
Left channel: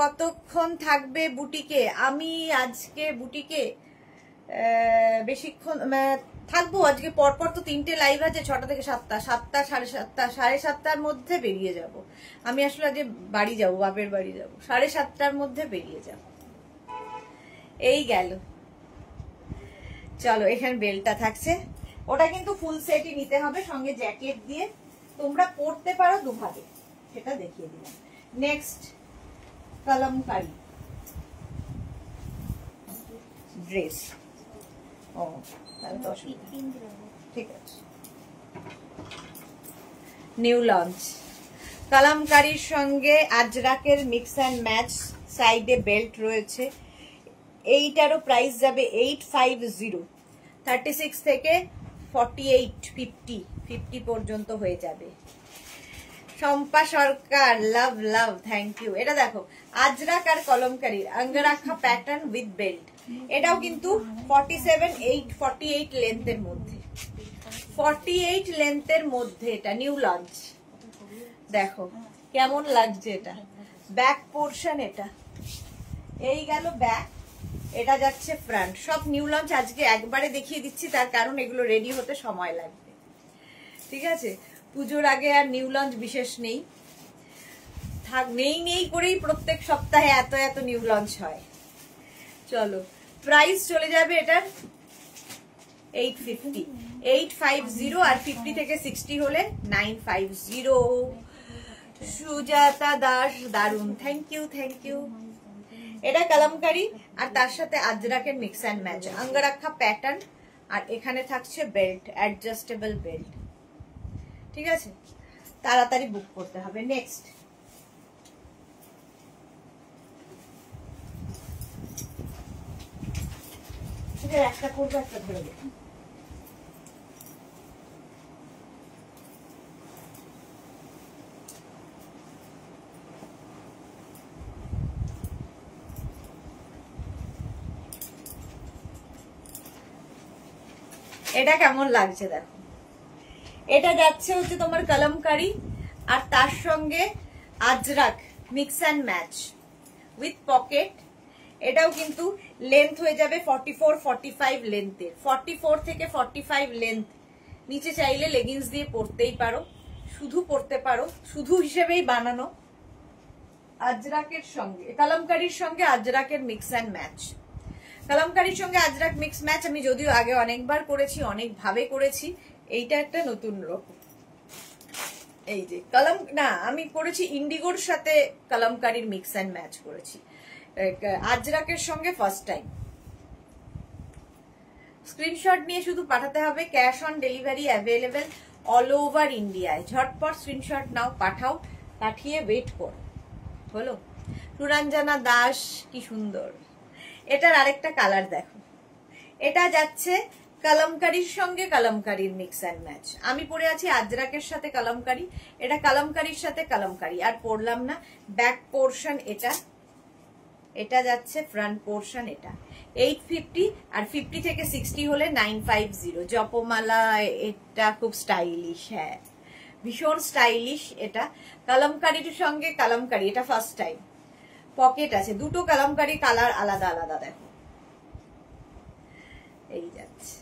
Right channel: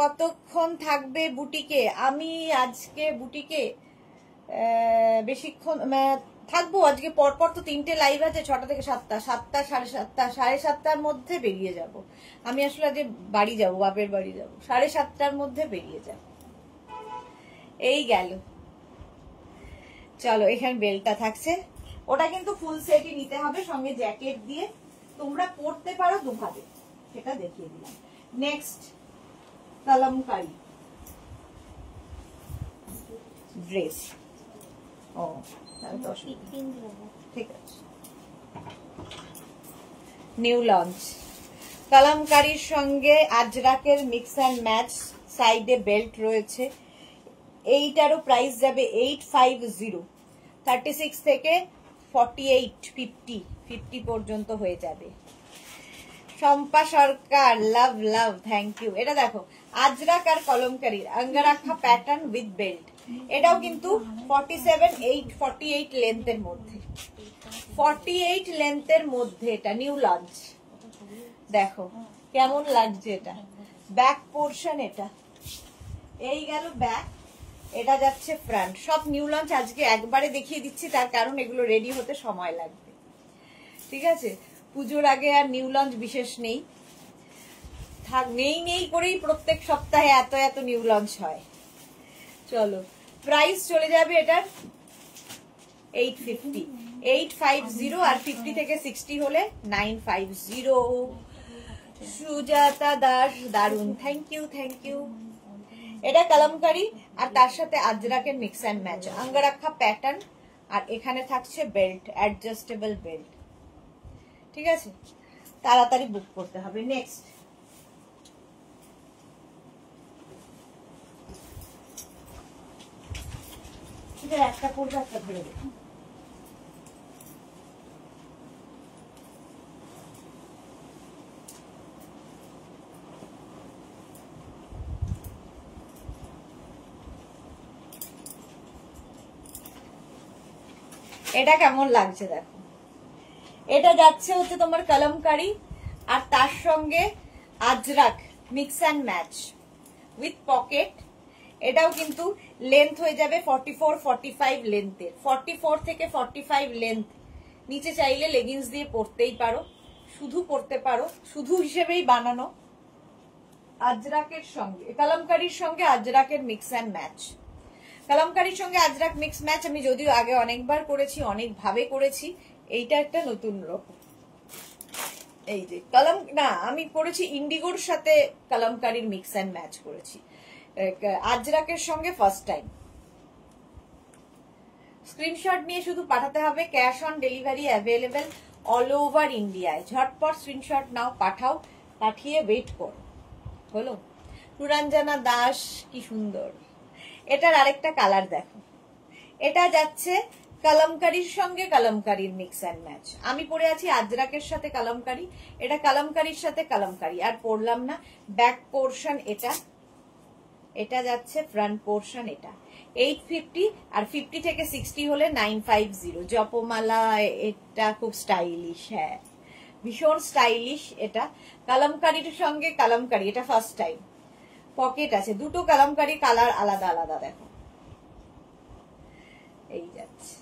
কতক্ষণ থাকবে বুটিকে? আমি আজকে বুটিকে বেশিক্ষণ থাকবো, আজকে পরপর তো 3টে লাইভ আছে, 6টা থেকে 7টা, 7টা, 7:30, 7:30টার মধ্যে বেরিয়ে যাব। আমি আসলে আজকে বাড়ি যাব, বাপের বাড়ি যাব, 7:30টার মধ্যে বেরিয়ে যাব। এই গেল। চলো এখানে বেলটা থাকছে, ওটা কিন্তু ফুল সেটই নিতে হবে, সঙ্গে জ্যাকেট দিয়ে তোমরা পরতে পারো দুভাবে, সেটা দেখিয়ে দিলাম। Next kalamkari dress. ও তাহলে তো অসুবিধা, ঠিক আছে। নিউ লঞ্চ কলমকারির সঙ্গে আজরাকের মিক্স অ্যান্ড ম্যাচ, সাইডে বেল্ট রয়েছে। এইটারও প্রাইস যাবে 850, 36 থেকে 48, 50 পর্যন্ত হয়ে যাবে। শম্পা সরকার, লাভ লাভ, থ্যাংক ইউ। এটা দেখো আজরাক আর কলমকারির অঙ্গরাখা প্যাটার্ন উইথ বেল্ট, এটাও কিন্তু 48 লেন্থের মধ্যে, 48 লেন্থের মধ্যে এটা নিউ লঞ্চ। দেখো কেমন লাগছে এটা, ব্যাক পোর্শন এটা, এই গেল ব্যাক, এটা যাচ্ছে ফ্রন্ট। সব নিউ লঞ্চ আজকে একবারে দেখিয়ে দিচ্ছি, তার কারণ এগুলো রেডি হতে সময় লাগবে, ঠিক আছে। পুজোর আগে আর নিউ লঞ্চ বিশেষ নেই, থাক নেই করেই প্রত্যেক সপ্তাহে এত এত নিউ লঞ্চ হয়। চলো প্রাইস চলে যাবে এটার 850, 850, আর 50 থেকে 60 হলে 950। সুজাতা দাস, দারুন, থ্যাংক ইউ থ্যাংক ইউ। এটা কলমকারি আর তার সাথে আজরাকের মিক্স অ্যান্ড ম্যাচ, অঙ্গরাখা প্যাটার্ন, আর এখানে থাকছে বেল্ট, অ্যাডজাস্টেবল বেল্ট, ঠিক আছে। তাড়াতাড়ি বুক করতে হবে। নেক্সট একটা করবো, একটা ধরে দেবো। এটা কেমন লাগছে দেখো, এটা যাচ্ছে হচ্ছে তোমার কলমকারি আর তার সঙ্গে Ajrak mix and match with pocket. এটাও কিন্তু লেন্থ হয়ে যাবে 44-45 লেন্থে, 44 থেকে 45 লেন্থ। নিচে চাইলে লেগিংস দিয়ে পরতেই পারো, শুধু পরতে পারো, শুধু হিসেবেই বানানো। আজরাকের সঙ্গে কলমকারির সঙ্গে আজরাকের মিক্স অ্যান্ড ম্যাচ। কলমকারির সঙ্গে আজরাক মিক্স ম্যাচ আমি যদিও আগে অনেকবার করেছি, অনেক ভাবে করেছি, এইটা একটা নতুন রকম। এই যে কলম না, আমি করেছি ইন্ডিগোর সাথে কলমকারির মিক্স অ্যান্ড ম্যাচ করেছি, আজরাকের সঙ্গে ফার্স্ট টাইম। স্ক্রিনশট নিয়ে শুধু পাঠাতে হবে, cash on delivery available all over ইন্ডিয়ায়। ঝটপট স্ক্রিনশট নাও, পাঠাও, পাঠিয়ে ওয়েট করো। হলো? সুরঞ্জনা দাস, কি সুন্দর। এটার আরেকটা কালার দেখো, এটা যাচ্ছে কলমকারির সঙ্গে কলমকারির মিক্স অ্যান্ড ম্যাচ। আমি পরে আছি আজরাকের সাথে কলমকারি, এটা কলমকারির সাথে কলমকারি, আর পরলাম না। ব্যাক পোর্শন এটা, এটা যাচ্ছে ফ্রন্ট পোর্শন, এটা 850 আর 50 থেকে 60 হলে 950। জপমালা, এটা খুব স্টাইলিশ, হ্যাঁ ভীষণ স্টাইলিশ। এটা কলমকারির সঙ্গে কলমকারি, এটা ফার্স্ট টাইম। পকেট আছে, দুটো কলমকারি কালার আলাদা আলাদা দেখো। এই যাচ্ছে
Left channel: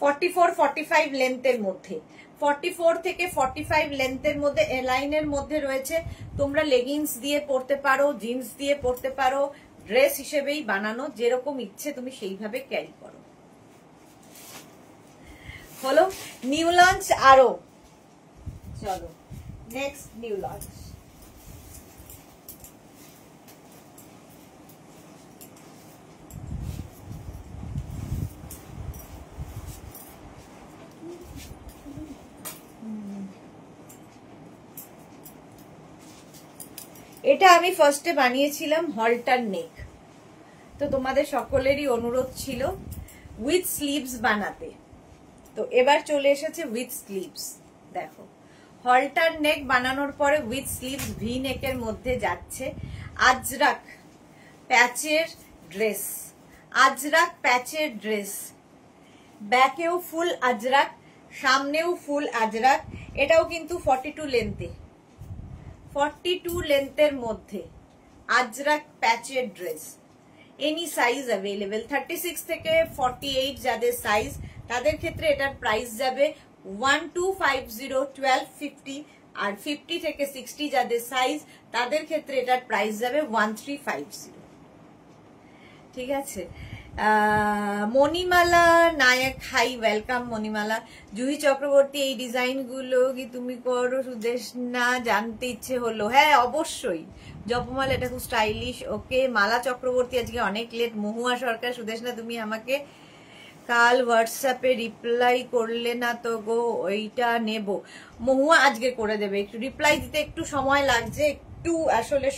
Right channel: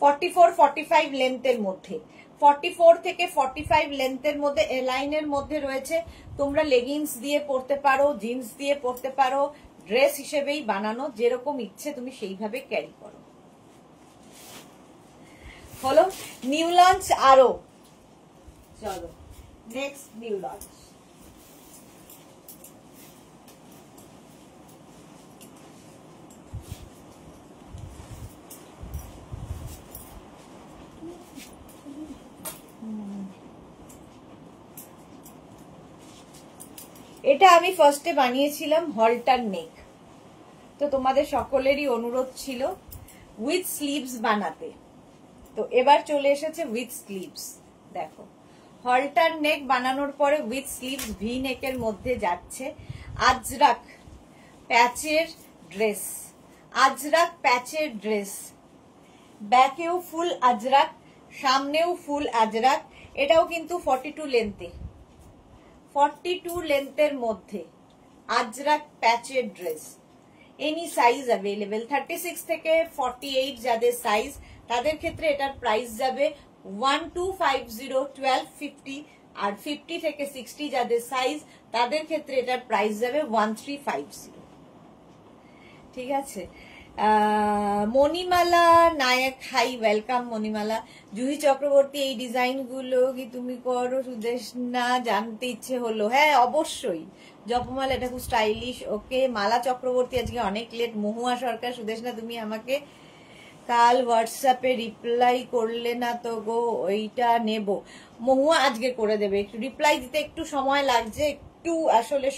44-45 লেন্থের মধ্যে, 44 থেকে 45 লেন্থের মধ্যে, এ লাইনের মধ্যে রয়েছে। তোমরা লেগিংস দিয়ে পরতে পারো, জিন্স দিয়ে পরতে পারো, ড্রেস হিসেবেই বানানো, যেরকম ইচ্ছে তুমি সেইভাবে ক্যারি করো। হলো নিউ লঞ্চ আরো। চলো নেক্সট নিউ লঞ্চ। এটা আমি ফার্স্টে বানিয়েছিলাম হলটার নেক, তো তোমাদের সকলেরই অনুরোধ ছিল উইথ স্লিভস বানাতে, তো এবার চলে এসেছে উইথ স্লিভস। দেখো হলটার নেক বানানোর পরে উইথ স্লিভস ভি নেকের মধ্যে যাচ্ছে আজরাক প্যাচের ড্রেস, আজরাক প্যাচের ড্রেস, ব্যাকেও ফুল আজরাক, সামনেও ফুল আজরাক। এটাও কিন্তু 42 লেন্থে, 42 লেন্থের মধ্যে আজরাক প্যাচের ড্রেস। এনি সাইজ অ্যাভেলেবেল, 36 থেকে 48 যাদের সাইজ তাদের ক্ষেত্রে এটার প্রাইস যাবে 1250, 1250, আর 50 থেকে 60 যাদের সাইজ তাদের ক্ষেত্রে এটার প্রাইস যাবে 1350। ঠিক আছে। মণিমালা নায়ক, হাই ওয়েলকাম মণিমালা। জুহি চক্রবর্তী, এই ডিজাইন গুলো কি তুমি করো সুদেশ? না, জানতে ইচ্ছে হলো। হ্যাঁ অবশ্যই জপমালা, এটা খুব স্টাইলিশ। ওকে মালা চক্রবর্তী, আজকে অনেক লেট। মহুয়া সরকার, সুদেশ না তুমি আমাকে কাল হোয়াটসঅ্যাপে রিপ্লাই করলে না তো গো, ওইটা নেব। মহুয়া আজকে করে দেবে, একটু রিপ্লাই দিতে একটু সময় লাগছে, একটু আসলে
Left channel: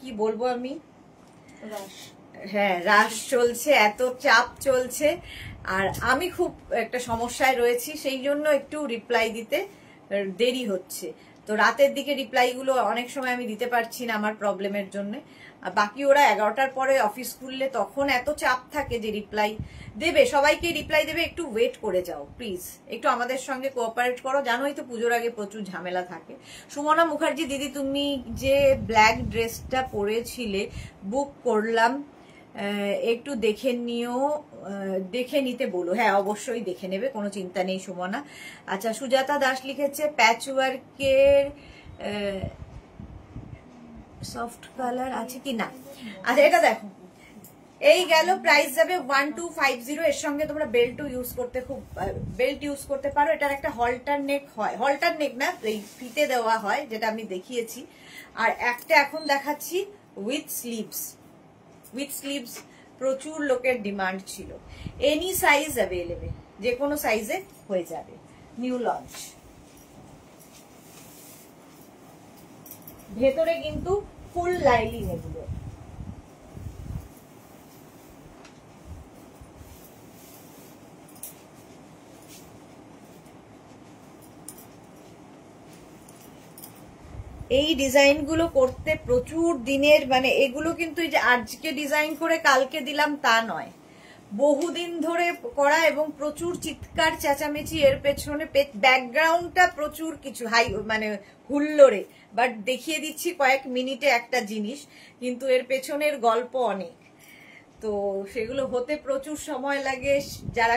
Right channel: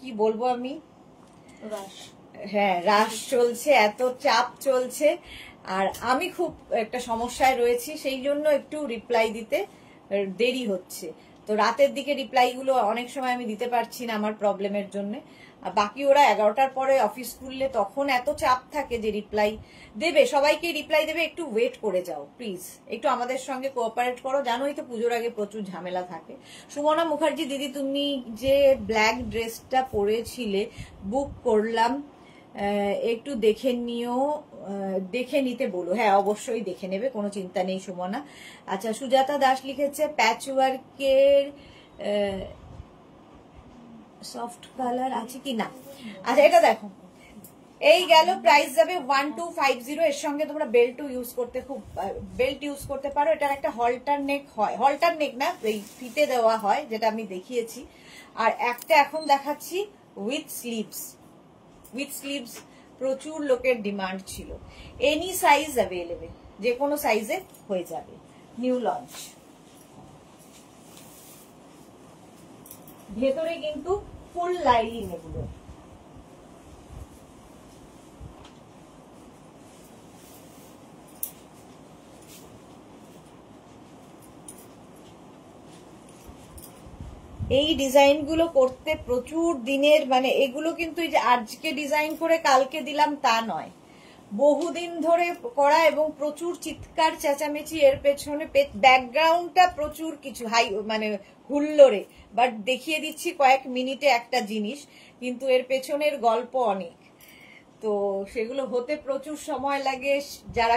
কি বলবো আমি, হ্যাঁ রাশ চলছে, এত চাপ চলছে, আর আমি খুব একটা সমস্যায় রয়েছি, সেই জন্য একটু রিপ্লাই দিতে দেরি হচ্ছে। তো রাতের দিকে রিপ্লাই গুলো অনেক সময় আমি দিতে পারছি না আমার প্রবলেমের জন্য। বাকি ওরা 11টার পরে অফিস খুললে তখন এত চাপ থাকে যে রিপ্লাই দেবে, সবাইকে রিপ্লাই দেবে, একটু ওয়েট করে যাও প্লিজ, একটু আমাদের সঙ্গে কোঅপারেট করো। জানোই তো পুজোর আগে প্রচুর ঝামেলা থাকে। সুমনা মুখার্জি দিদি, তুমি যে ব্ল্যাক ড্রেসটা পরেছিলে বুক করলাম, একটু দেখে নিও, দেখে নিতে বলো। হ্যাঁ অবশ্যই দেখে নেবে, কোনো চিন্তা নেই সুমনা। আচ্ছা সুজাতা দাস লিখেছে প্যাচওয়ার্কের সফট কালার আছে কি না। আচ্ছা এটা দেখো, এই গেল, প্রাইস যাবে 1250। এর সঙ্গে তোমরা বেল্টও ইউজ করতে, খুব বেল্ট ইউজ করতে পারো। এটার একটা হলটার নেক হয়, হলটার নেক না এই ফিতে দেওয়া হয় যেটা আমি দেখিয়েছি, আর একটা এখন দেখাচ্ছি উইথ স্লিভস। উইথ স্লিভস প্রচুর লোকের ডিমান্ড ছিল। এনি সাইজ অ্যাভেলেবেল, যে কোনো সাইজে হয়ে যাবে। New launch. ভেতরে কিন্তু ফুল লাইলিং এগুলো। এই ডিজাইন গুলো করতে প্রচুর দিনের, মানে এগুলো কিন্তু এই যে আজকে ডিজাইন করে কালকে দিলাম তা নয়, বহুদিন ধরে করা এবং প্রচুর চিৎকার চেঁচামেচি এর পেছনে, ব্যাকগ্রাউন্ডটা প্রচুর কিছু হাই মানে হুল্লোড়ে, বাট দেখিয়ে দিচ্ছি কয়েক মিনিটে একটা জিনিস, কিন্তু এর পেছনের গল্প অনেক। তো সেগুলো হতে প্রচুর সময় লাগে, যারা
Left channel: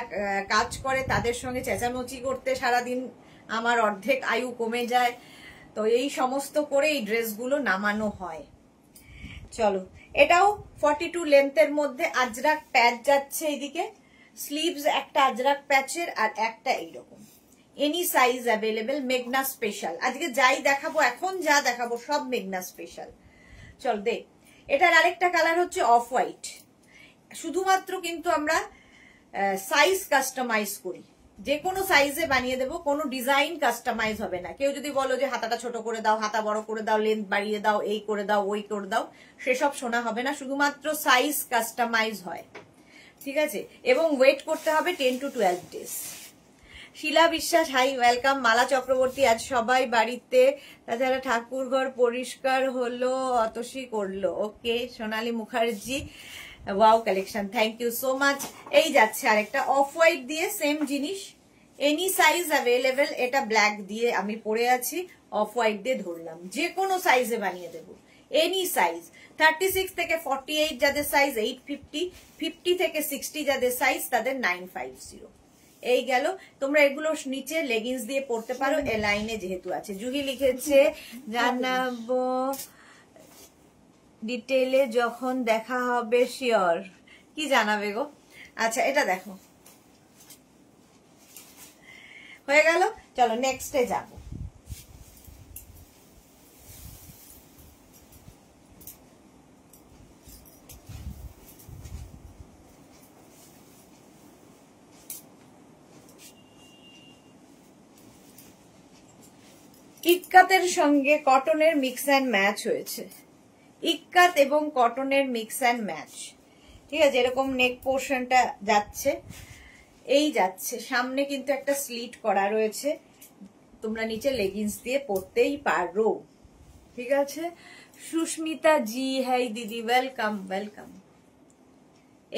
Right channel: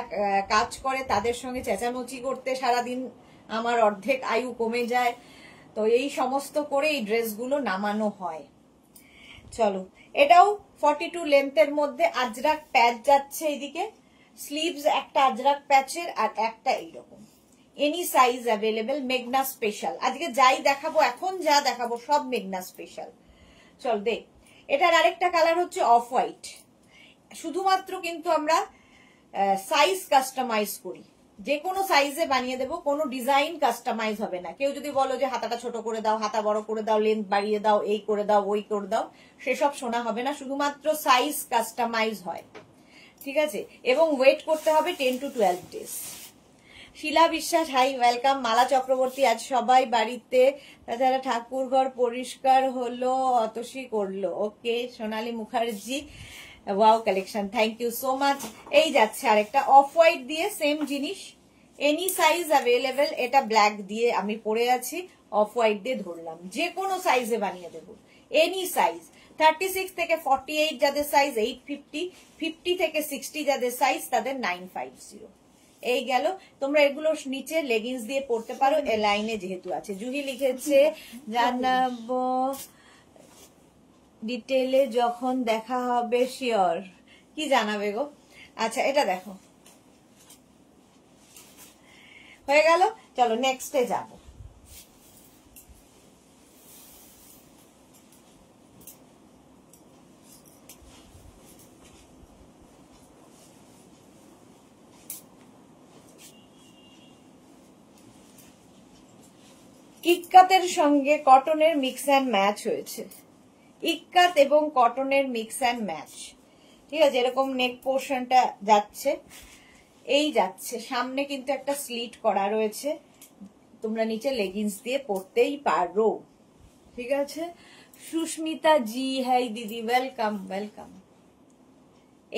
কাজ করে তাদের সঙ্গে চেঁচামেচি করতে সারাদিন আমার অর্ধেক আয়ু কমে যায়। তো এই সমস্ত করে এই ড্রেসগুলো নামানো হয়। চলো, এটাও 42 লেন্থের মধ্যে আজরাক প্যাচ যাচ্ছে এইদিকে, স্লিভস একটা আজরাক প্যাচের আর একটা এইরকম। এনি সাইজ অ্যাভেলেবেল, মেঘনা স্পেশাল। আজকে যাই দেখাবো, এখন যা দেখাবো সব মেঘনা স্পেশাল। চল দেখ, এটার আরেকটা কালার হচ্ছে অফ হোয়াইট। শুধুমাত্র কিন্তু আমরা সাইজ কাস্টমাইজ করি, যে কোনো সাইজে বানিয়ে দেবো, কোনো ডিজাইন কাস্টমাইজ হবে না। কেউ যদি বলো যে হাতাটা ছোট করে দাও, হাতা বড় করে দাও, লেন্থ বাড়িয়ে দাও, এই করে দাও, ওই করে দাও, সেসব শোনা হবে না, শুধুমাত্র সাইজ কাস্টমাইজ হয়, ঠিক আছে? এবং ওয়েট করতে হবে 10 to 12 ডেজ। শিলা বিশ্বাস, হাই, ওয়েলকাম। মালা চক্রবর্তী, আজ সবাই বাড়িতে, তাছাড়া ঠাকুর ঘর পরিষ্কার হলো, অতসী করলো। Okay. Sonali Mukherjee, wow collection, thank you so much. এই যাচ্ছে আরেকটা অফ হোয়াইট দিয়ে সেম জিনিস, এনি সাইজ অ্যাভেলেবেল। এটা ব্ল্যাক দিয়ে আমি পরে আছি, অফ হোয়াইট দিয়ে ধরলাম, যে কোনো সাইজে বানিয়ে দেবো, এনি সাইজ। 36 থেকে 48 যাদের সাইজ 850, 50 থেকে 60 যাদের সাইজ তাদের 950। এই গেল। তোমরা এগুলো নিচে লেগিংস দিয়ে পড়তে পারো, এ লাইনে যেহেতু আছে। জুহি লিখেছে জানাবো ডিটেলে যখন দেখা হবে, শিওর। কি জানাবে গো? আচ্ছা, এটা দেখো, হয়ে গেল। চলো নেক্সটে যাব। ইক্কাতের সঙ্গে কটনের মিক্স অ্যান্ড ম্যাচ হয়েছে, ইক্কাত এবং কটনের মিক্স অ্যান্ড ম্যাচ, ঠিক আছে? এরকম নেক পোর্শনটা যাচ্ছে, এই যাচ্ছে, সামনে কিন্তু একটা স্লিট করা রয়েছে, তোমরা নিচে লেগিংস দিয়ে পরতেই পারো, ঠিক আছে? সুস্মিতা জি, হাই দিদি, ওয়েলকাম ওয়েলকাম।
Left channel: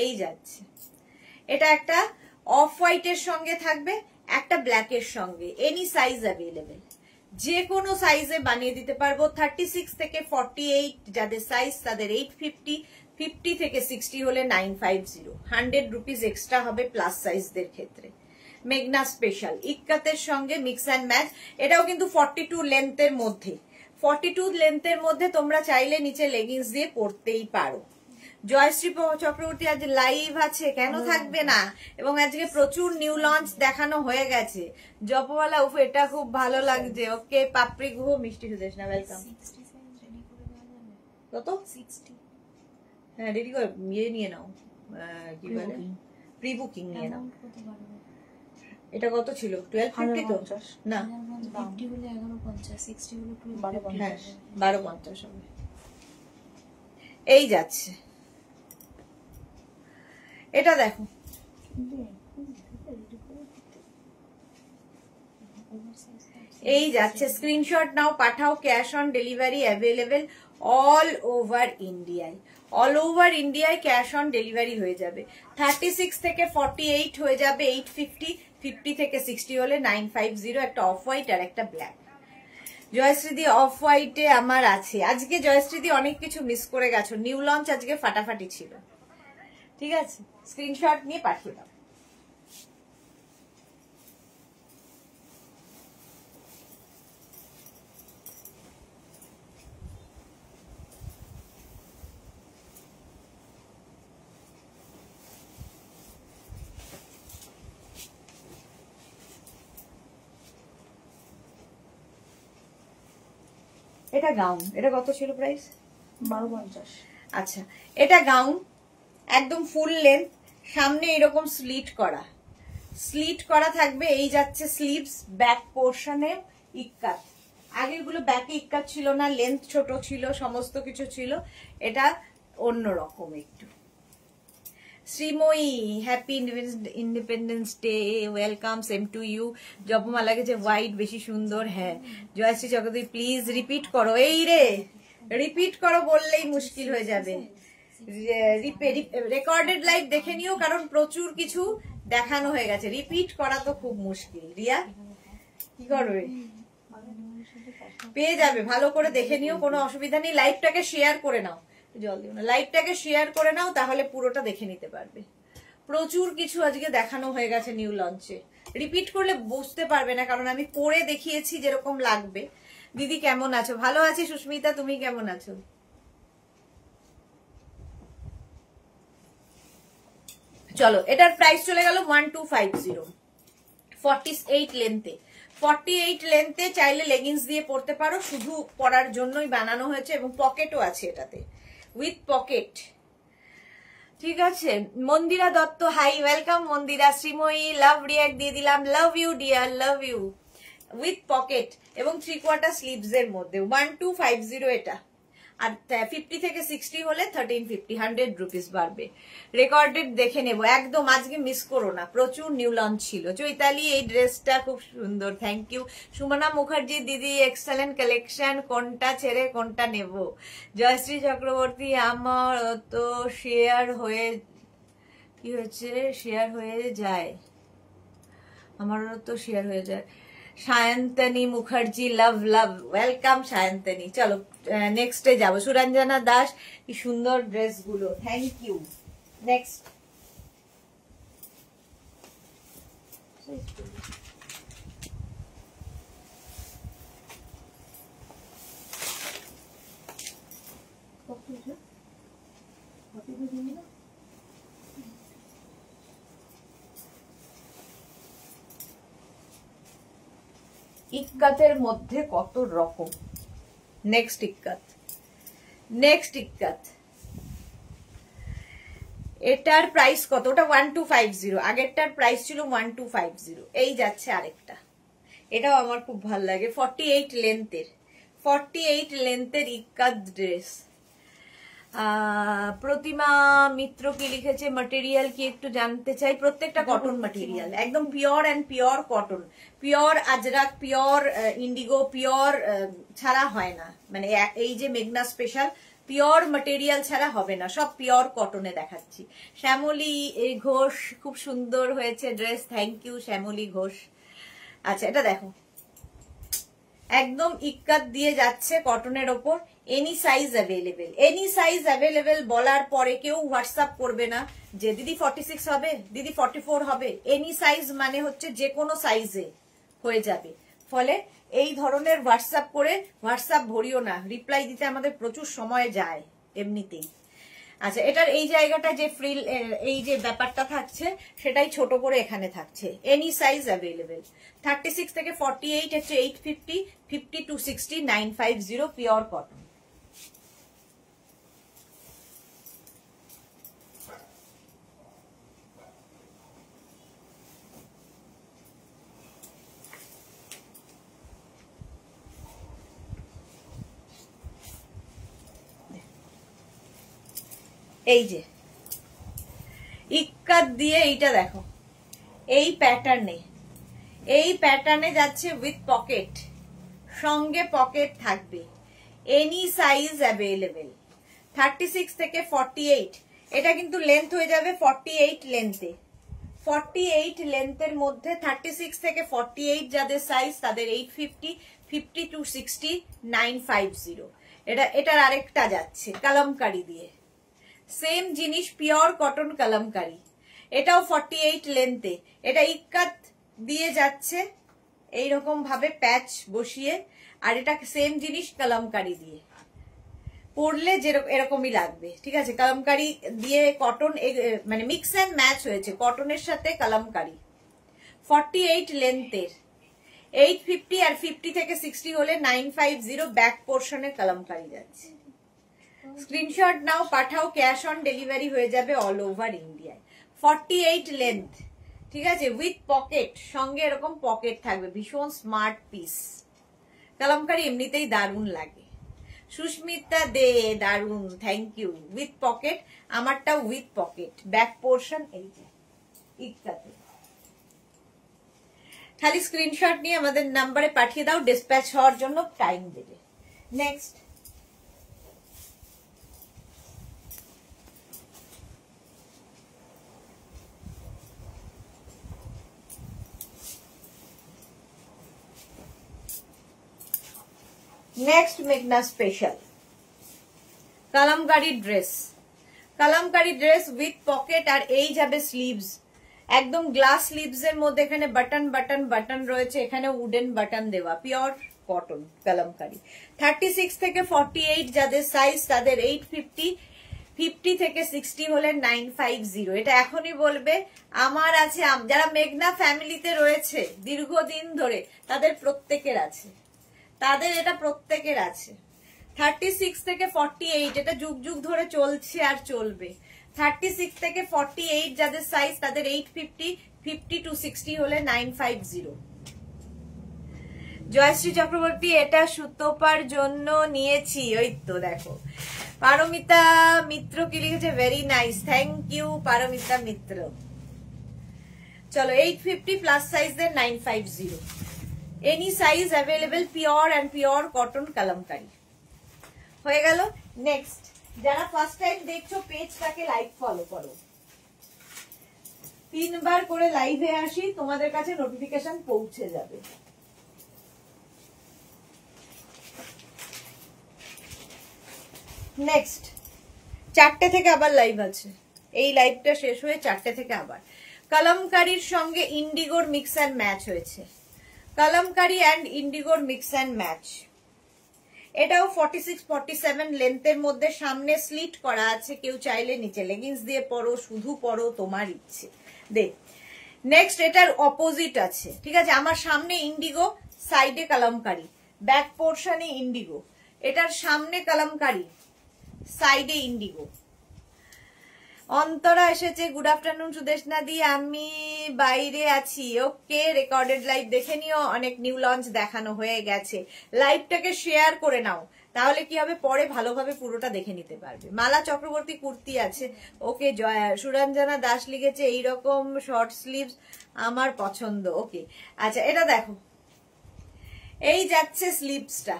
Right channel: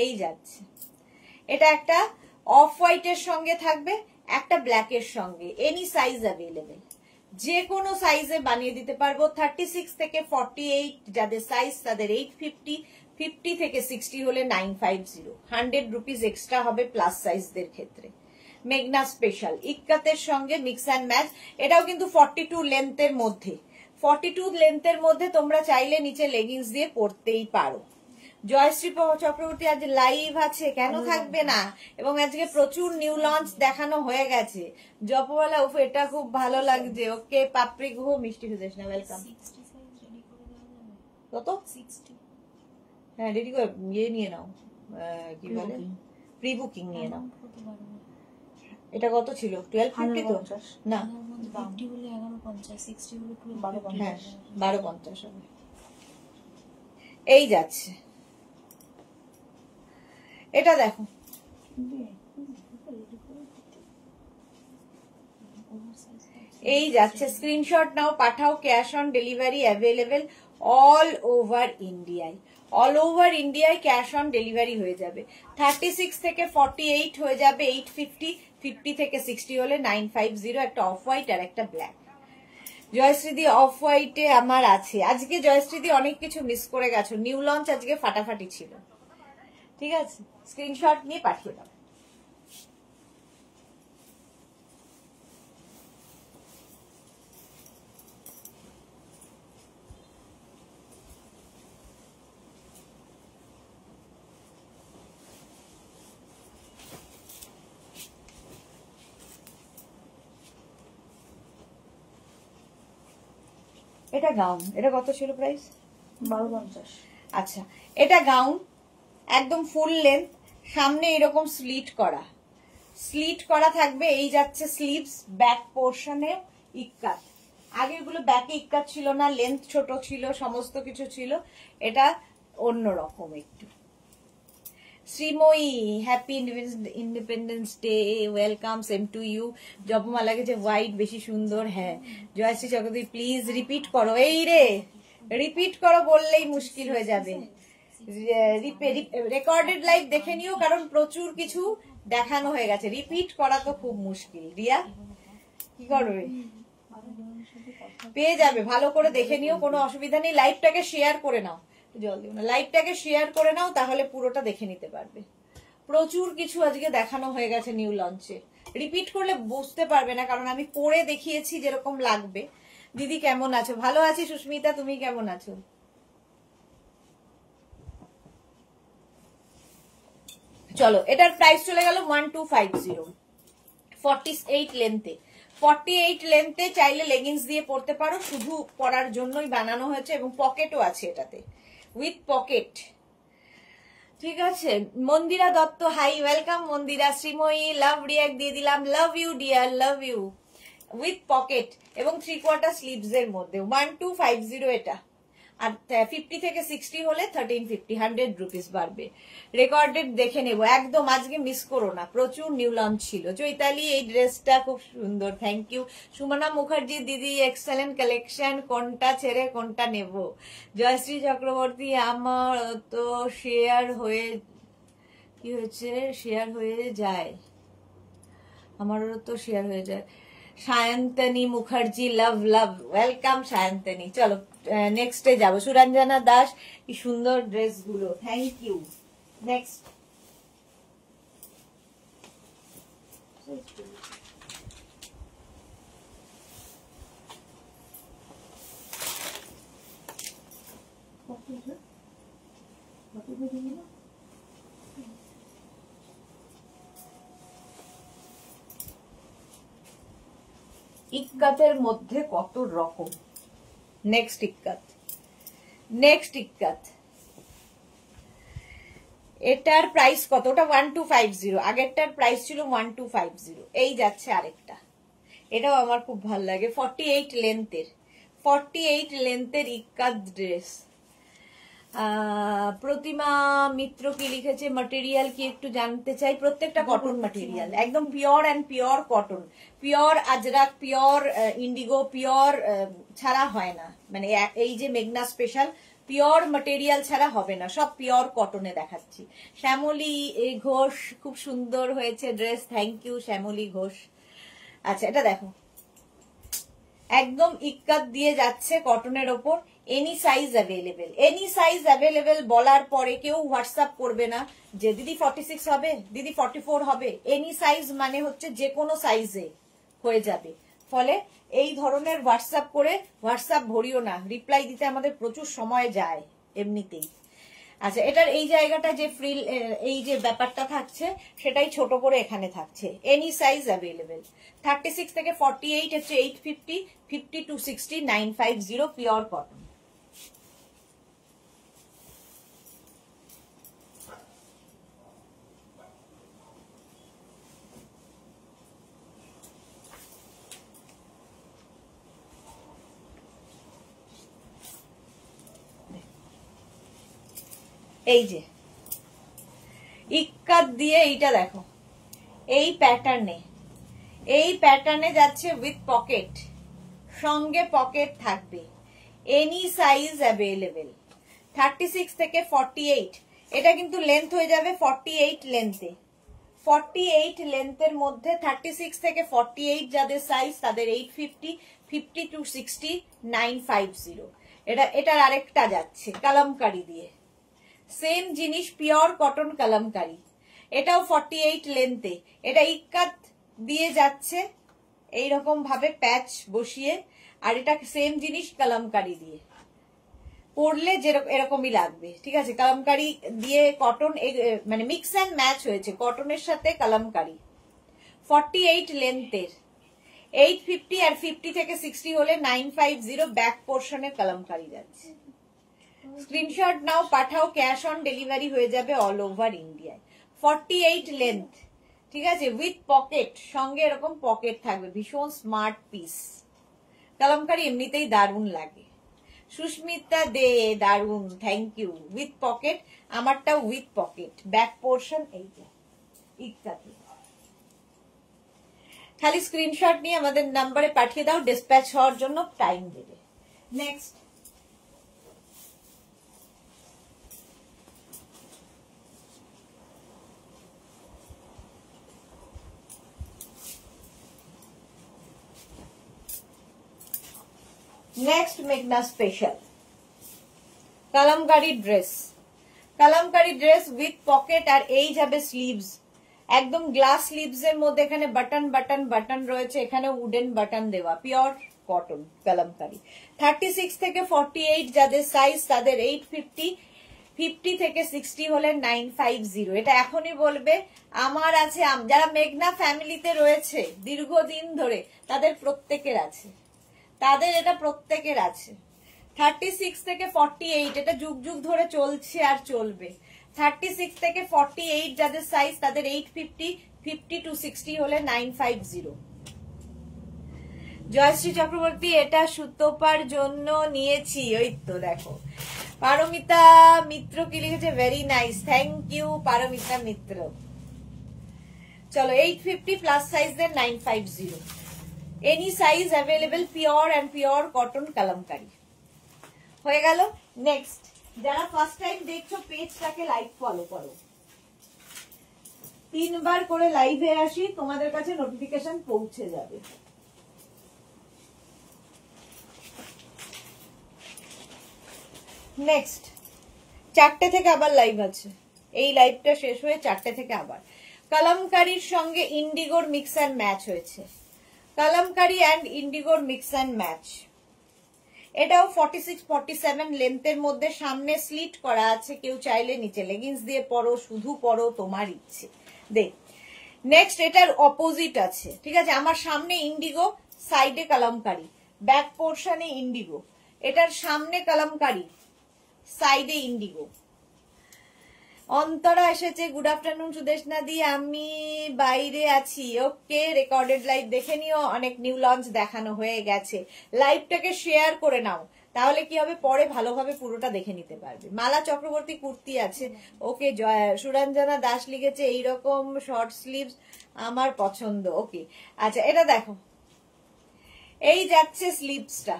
এই যাচ্ছে, এটা একটা অফ হোয়াইটের সঙ্গে থাকবে, একটা ব্ল্যাকের সঙ্গে, এনি সাইজ অ্যাভেলেবেল, যে কোনো সাইজে বানিয়ে দিতে পারবো। 36 থেকে 48 যাদের সাইজ তাদের 850, 50 থেকে 60 হলে 950, 100 রুপিস এক্সট্রা হবে প্লাস সাইজদের ক্ষেত্রে। মেঘনা স্পেশাল, ইক্কাতের সঙ্গে মিক্স অ্যান্ড ম্যাচ। এটাও কিন্তু 42 লেন্থের মধ্যে, 42 লেন্থের মধ্যে তোমরা চাইলে নিচে লেগিংস দিয়ে পরতেই পারো। জয়শ্রী চক্রবর্তী, আজ লাইভ আছে, কেন থাকবে না? এবং আজকে প্রচুর নিউ লঞ্চ দেখানো হয়ে গেছে। জপওয়ালা, উফ, এটা খুব ভালো লাগছে। ওকে। পাপড়ি গুহ, মিষ্টি সুদেশ না, ওয়েলকাম। কত? 60। হ্যাঁ, রেডি করে ইয়ে নিয়ে নাও, কি বলে, প্রি বুকিং নিয়ে নাও। এটা কত ছিল? 1250 তো না, 50 হলে 1150, 60 হলে 1250। হ্যাঁ, 1250 হবে। এই যাচ্ছে, এটা দেখো, এই যাচ্ছে, স্ক্রিনশট নাও, পাঠাও, cash on delivery available all over ইন্ডিয়ায়, অল ওভার ইন্ডিয়ায় ক্যাশ অন ডেলিভারি হয়ে যাবে। 36 থেকে 48 হয়ে যাবে 850, 50 থেকে 60 হলে 950, একটা অফ হোয়াইট আর একটা ব্ল্যাক। জয়শ্রীদি, অফ হোয়াইটে আমার আছে। আজকে জয়শ্রীদি অনেক কিছু মিস করে গেছো, নিউ লঞ্চ আজকে ফাটাফাটি ছিল, ঠিক আছে? স্ক্রিনশট নিয়ে পাঠিয়ে দাও। এটা গাউন, এটা কত ছিল প্রাইস? 1250। আচ্ছা, এটা গাউন, একদম ফুল লেন্থ, সামনে এরকম স্লিট করা, স্লিট করা থাকবে, এই যাচ্ছে স্লিভস, ব্যাক পোর্শনে ইক্কাত। আগের গুলো ব্যাকে ইক্কাত ছিল না, লেন্থ ছোট ছিল, সমস্ত কিছু ছিল, এটা অন্যরকম একটু। Srimoyee, happy independence day, welcome, same to you. জপমা লাগেছে হোয়াইট, বেশি সুন্দর। হ্যাঁ, জয়শ্রী চক্রবর্তী প্লিজ রিপিট করো। এই রে, রিপিট করো বললেই মুশকিল হয়ে যাবে। রেকর্ডেড লাইভ দেখে নিও, কারণ প্রচুর কিছু দেখানো হয়ে গেছে, রিপিট করা তো খুব মুশকিল। রিয়া কি করবে? পেয়ে যাবে, ভালো করে দেখে নিও, কোনো অসুবিধা নেই। লাইভটাকে শেয়ার করে নাও, জল দিও না, লাইভটাকে শেয়ার করে নাও, তাহলে পুরোটা দেখে নিতে পারবে। প্রচুর কিছু আজকে দেখানো হয়ে গেছে নিউ লঞ্চে, রিপিট করলে বুঝতে পারবে না, কারণ আমি পরে দেখিয়েছি যেরকম লাগবে। দিদি কেমন আছো? ভালো আছি সুস্মিতা, তুমি কেমন আছো? চলো, এটার প্রাইস চলে গেল 1250, 48 লেন্থে। 48 লেন্থে চাইলে লেগিংস দিয়ে পরতে পারো, শুধু পরার জন্যই বানানো হয়েছে, এবং পকেটও আছে এটাতে, উইথ পকেট। ঠিক আছে, Mandira Dutta, hi, welcome Mandira. Srimoyee, love react দিয়ে দিলাম, love you dear, love you. With pocket এবং 3/4 স্লিভস এর মধ্যে 1250 এটা। আর 50 থেকে 60 হলে 1350, 100 রুপিস বাড়বে। রেকর্ডেড দেখে নেবো একদম, আজকে মিস করো না, প্রচুর নিউ লঞ্চ ছিল। চৈতালি, এই ড্রেসটা খুব সুন্দর, থ্যাংক ইউ। সুমনা মুখার্জি, দিদি এক্সেলেন্ট কালেকশন, কোনটা ছেড়ে কোনটা নেব? জয়শ্রী চক্রবর্তী, আমার তো শেয়ার হয়ে, কি হয়েছে? শেয়ার হয়ে যায়, আমারও তো শেয়ার হয়ে যায়। সায়ন্তনী মুখার্জি, লাভ লাভ, ওয়েলকাম সায়ন্তনী। চলো নেক্সটে যাবো। সুরঞ্জনা দাস, কি সুন্দর ড্রেসগুলো, থ্যাংক ইউ। নেক্সট, ইক্কাতের মধ্যে কত রকম। নেক্সট ইক্কাত, নেক্সট ইক্কাত, এটার প্রাইস কত? ওটা 1250, আগেরটার প্রাইস ছিল 1250। এই যাচ্ছে আরেকটা, এটাও আমার খুব ভালো লাগে, 48 লেন্থের, 48 লেন্থের ইক্কাত ড্রেস। প্রতিমা মিত্র কি লিখেছে, ম্যাটেরিয়াল কি একটু জানতে চাই। প্রত্যেকটা কটন ম্যাটেরিয়াল, একদম pure and pure cotton, pure Ajrak, pure Indigo, pure ছাড়া হয় না, মানে এই যে মেঘনা স্পেশাল পিওর ম্যাটেরিয়াল ছাড়া হবে না, সব পিওর কটনে দেখাচ্ছি। শ্যামলী ঘোষ, খুব সুন্দর হয়েছে dress, thank you Shyamali Ghosh. আচ্ছা, এটা দেখো, একদম ইক্কাত দিয়ে যাচ্ছে কটনের ওপর, any size available. Any size available বলার পরে কেউ হোয়াটসঅ্যাপ করবে না যে দিদি 46 হবে, দিদি 44 হবে। এনি সাইজ মানে হচ্ছে যে কোনো সাইজে হয়ে যাবে। ফলে এই ধরনের হোয়াটসঅ্যাপ করে হোয়াটসঅ্যাপ ভরিও না, রিপ্লাই দিতে আমাদের প্রচুর সময় যায় এমনিতেই। আচ্ছা, এটার এই জায়গাটা যে ফ্রিল, এই যে ব্যাপারটা থাকছে সেটাই ছোট করে এখানে থাকছে। Any size available. 36 থেকে 48 হচ্ছে 850, 50 to 60 950, পিওর কটন। এই যে ইক্কাত দিয়ে এইটা দেখো, এই প্যাটার্নে যাচ্ছে উইথ পকেট, সঙ্গে পকেট থাকবে। Any size available. 36 থেকে 48, এটা কিন্তু লেন্থ হয়ে যাবে 48 লেন্থে। 48 লেন্থের মধ্যে 36 থেকে 48 যাদের সাইজ তাদের 850, 50 to 60 950। এটার আরেকটা যাচ্ছে কালামকারি দিয়ে, সেম জিনিস, পিওর কটন কালামকারি, এটাও 48 লেন্থে। এটা ইক্কাত দিয়ে যাচ্ছে এইরকম ভাবে প্যাচ বসিয়ে, আর এটা সেম জিনিস কালামকারি দিয়ে পরলে এরকমই লাগবে। ঠিক আছে, কালামকারি দিয়ে কটন, মানে মিক্স অ্যান্ড ম্যাচ হয়েছে কটনের সাথে কালামকারি। 48 লেন্থের 850, আর 50 থেকে 60 হলে 950, ব্যাক পোর্শনে কালামকারি যাচ্ছে। স্ক্রিনশট নাও, পাঠাও, ক্যাশ অন ডেলিভারি হয়ে যাবে অল ওভার ইন্ডিয়ায়। 48 লেন্থ, ঠিক আছে, উইথ পকেট, সঙ্গে এরকম পকেট থাকবে, ভীষণ স্মার্ট পিস। কালামকারী এমনিতেই দারুণ লাগে। সুস্মিতা দে, দারুণ, থ্যাংক ইউ। উইথ পকেট, আমারটাও উইথ পকেট, ব্যাক পোর্শন এই যে ইকাতে। খালি স্ক্রিনশট নিয়ে আমাদের নাম্বারে পাঠিয়ে দাও, ডিসপ্যাচ হওয়ার জন্য টাইম দেবে। নেক্সট, নেক্সট মেঘনা special Kalamkari dress. Kalamkari dress with pocket, আর এই যাবে স্লিভস, একদম গ্লাস স্লিভস এর মধ্যে এখানে বাটন বাটন বাটন রয়েছে, এখানে উডেন বাটন দেওয়া, পিওর কটন কালামকারী। 36 থেকে 48 যাদের সাইজ তাদের 850, 50 থেকে 60 হলে 950। এটা এখনই বলবে আমার আছে, যারা মেঘনা ফ্যামিলিতে রয়েছে দীর্ঘদিন ধরে তাদের প্রত্যেকের আছে, তাদের এটা প্রত্যেকের আছে। 36 থেকে 48 এটা যুগ যুগ ধরে চলছে আর চলবে। 36 থেকে 48 যাদের সাইজ তাদের 850, 50 to 60 হলে 950। জয়শ্রী চক্রবর্তী, এটা সুতোপার জন্য নিয়েছি, ওই তো দেখো। পারমিতা মিত্র কি লিখেছে, very nice, thank you Paramita Mitra. চলো 850 প্লাস সাইজের 950, any size available, pure and pure cotton Kalamkari হয়ে গেল। নেক্সট, যারা ফার্স্ট টাইম দেখছো পেজটাকে লাইক ফলো করো, 3 বার করে লাইভে আসি, তোমাদের কাছে নোটিফিকেশন পৌঁছে যাবে। নেক্সট, 4টে থেকে আবার লাইভ আছে, এই লাইভটা শেষ হয়ে 4টে থেকে আবার। কালামকারীর সঙ্গে ইন্ডিগোর মিক্স অ্যান্ড ম্যাচ হয়েছে, কালামকারী অ্যান্ড ইন্ডিগোর মিক্স অ্যান্ড ম্যাচ। এটাও 46, 47 লেন্থের মধ্যে, সামনে স্লিট করা আছে, কেউ চাইলে নিচে লেগিংস দিয়ে পরো, শুধু পরো, তোমার ইচ্ছে। দেখ নেক্সট, এটার অপোজিট আছে, ঠিক আছে, আমার সামনে ইন্ডিগো, সাইডে কালামকারী, ব্যাক পোর্শনে ইন্ডিগো, এটার সামনে কালামকারী, সাইডে ইন্ডিগো। অন্তরা এসেছে, গুড আফটারনুন সুদেশনা দি, আমি বাইরে আছি, ওকে, রেকর্ডেড লাইভ দেখে নিও, অনেক নিউ লঞ্চ দেখানো হয়ে গেছে। লাইভটাকে শেয়ার করে নাও, তাহলে কি হবে, পরে ভালোভাবে পুরোটা দেখে নিতে পারবে। মালা চক্রবর্তী কুর্তি আছে, ওকে। সুরঞ্জনা দাস লিখেছে এইরকম শর্ট স্লিভস আমার পছন্দ, ওকে। আচ্ছা, এটা দেখো, এই যাচ্ছে স্লিভসটা,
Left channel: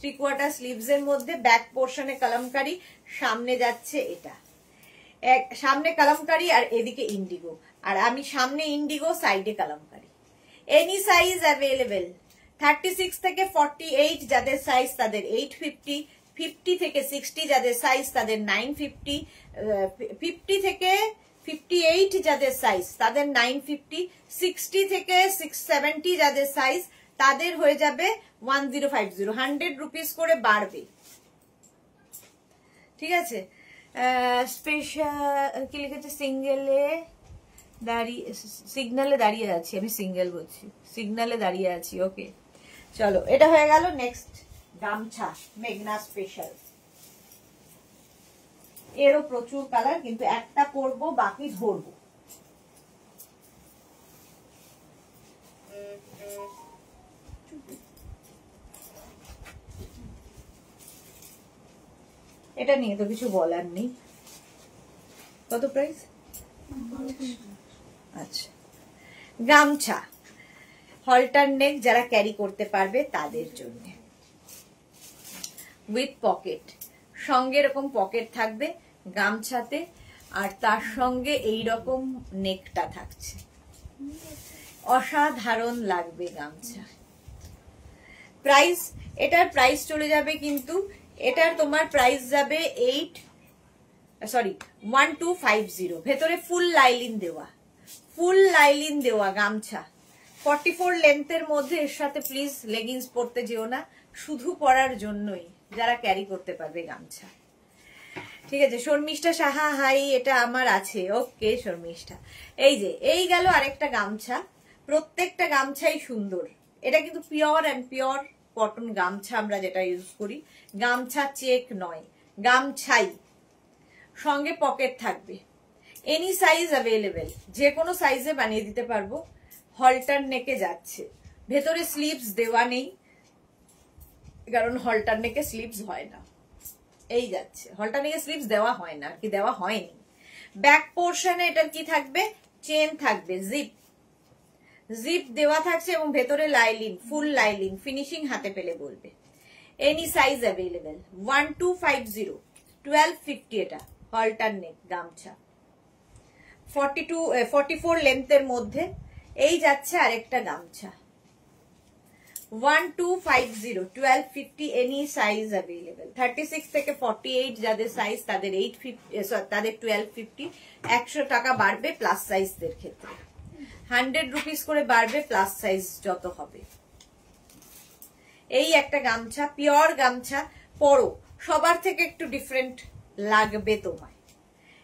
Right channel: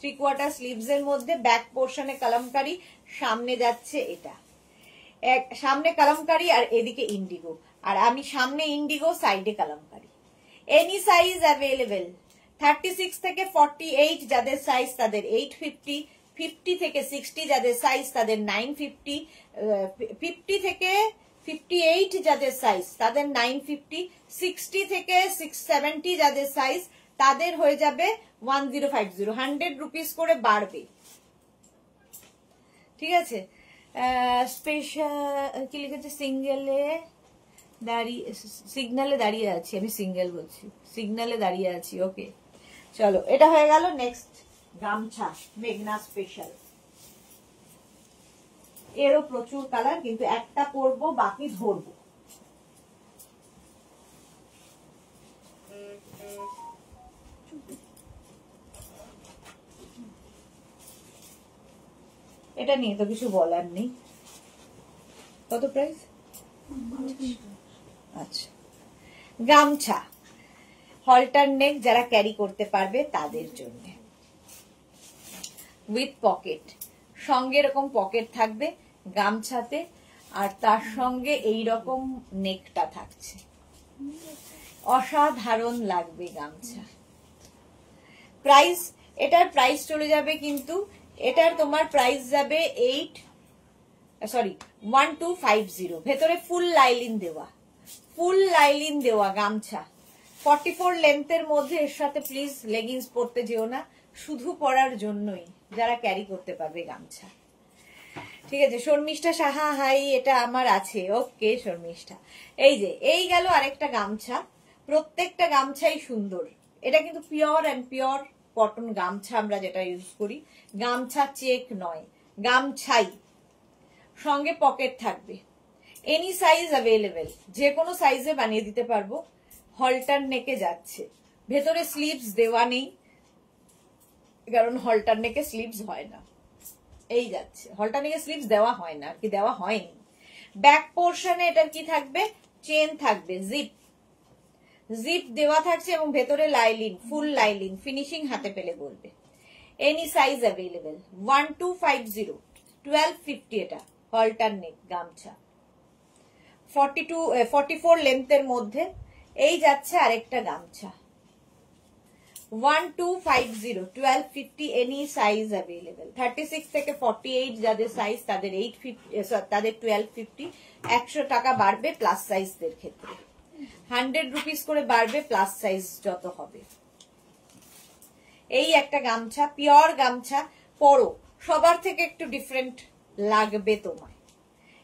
3/4 স্লিভস এর মধ্যে, ব্যাক পোর্শনে কালামকারী, সামনে যাচ্ছে এটা, সামনে কালামকারী আর এদিকে ইন্ডিগো, আর আমি সামনে ইন্ডিগো, সাইডে কালামকারী। Any size available. 36 থেকে 48 যাদের সাইজ তাদের 850, 50 থেকে 60 যাদের সাইজ তাদের 950, 50 থেকে 58 যাদের সাইজ তাদের 950, 60 থেকে 670 যাদের সাইজ তাদের হয়ে যাবে 1050, 100 রুপিস করে বাড়বে, ঠিক আছে। স্পেশাল কি লিখেছে, সিঙ্গেলে দাঁড়িয়ে, সিগনালে দাঁড়িয়ে আছি, আমি সিঙ্গেল বলছি, সিগনালে দাঁড়িয়ে আছি, ওকে। চলো, এটা হয়ে গেল। নেক্সট, গামছা মেঘনা স্পেশাল, এরও প্রচুর কালার, কিন্তু একটা পরবো, বাকি ধরবো। এটা নিয়ে তো কিছু বলার নেই। কত প্রাইস? আচ্ছা, গামছা হলটার নেক, যারা ক্যারি করতে পারবে তাদের জন্য, উইথ পকেট, সঙ্গে এরকম পকেট থাকবে গামছাতে, আর তার সঙ্গে এই রকম নেকটা থাকছে, অসাধারণ লাগবে গামছা। প্রাইস, এটার প্রাইস চলে যাবে, কিন্তু এটার তোমার প্রাইস যাবে 1250। ভেতরে ফুল লাইলিন দেওয়া, ফুল লাইলিন দেওয়া গামছা, 44 লেন্থের মধ্যে। এর সাথে প্লিজ লেগিংস পরতে যেও না, শুধু পরার জন্যই, যারা ক্যারি করতে পারবে গামছা, ঠিক আছে। শর্মিষ্ঠা সাহা, হাই, এটা আমার আছে, ওকে শর্মিষ্ঠা। এই যে, এই গেল আরেকটা গামছা, প্রত্যেকটা গামছাই সুন্দর। এটা কিন্তু পিওর অ্যান্ড পিওর কটন গামছা, আমরা যেটা ইউজ করি, গামছা চেক নয়, গামছাই, সঙ্গে পকেট থাকবে। এনি সাইজ অ্যাভেলেবেল, যে কোনো সাইজে বানিয়ে দিতে পারবো। হলটার নেকে যাচ্ছে, ভেতরে স্লিভস দেওয়া নেই, কারণ হলটার নেকে স্লিভস হয় না। এই যাচ্ছে, হলটার নেকে স্লিভস দেওয়া হয় না, কি দেওয়া হয়নি। ব্যাক পোর্শনে এটার কি থাকবে, চেন থাকবে, জিপ জিপ দেওয়া থাকছে এবং ভেতরে লাইলিন, ফুল লাইলিন, ফিনিশিং হাতে পেলে বলবে। Any size available. 1250, 1250 এটা হলটার নেক গামছা, 44 লেন্থের মধ্যে। এই যাচ্ছে আরেকটা গামছা, 1250, 1250, এনি সাইজ অ্যাভেলেবেল। 36 থেকে 48 যাদের সাইজ তাদের 850, তাদের 1250। 100 টাকা বাড়বে প্লাস সাইজদের ক্ষেত্রে, 100 রুপিস করে বাড়বে প্লাস সাইজ যত হবে। এই একটা গামছা, পিওর গামছা, পরো, সবার থেকে একটু ডিফারেন্ট লাগবে তোমার।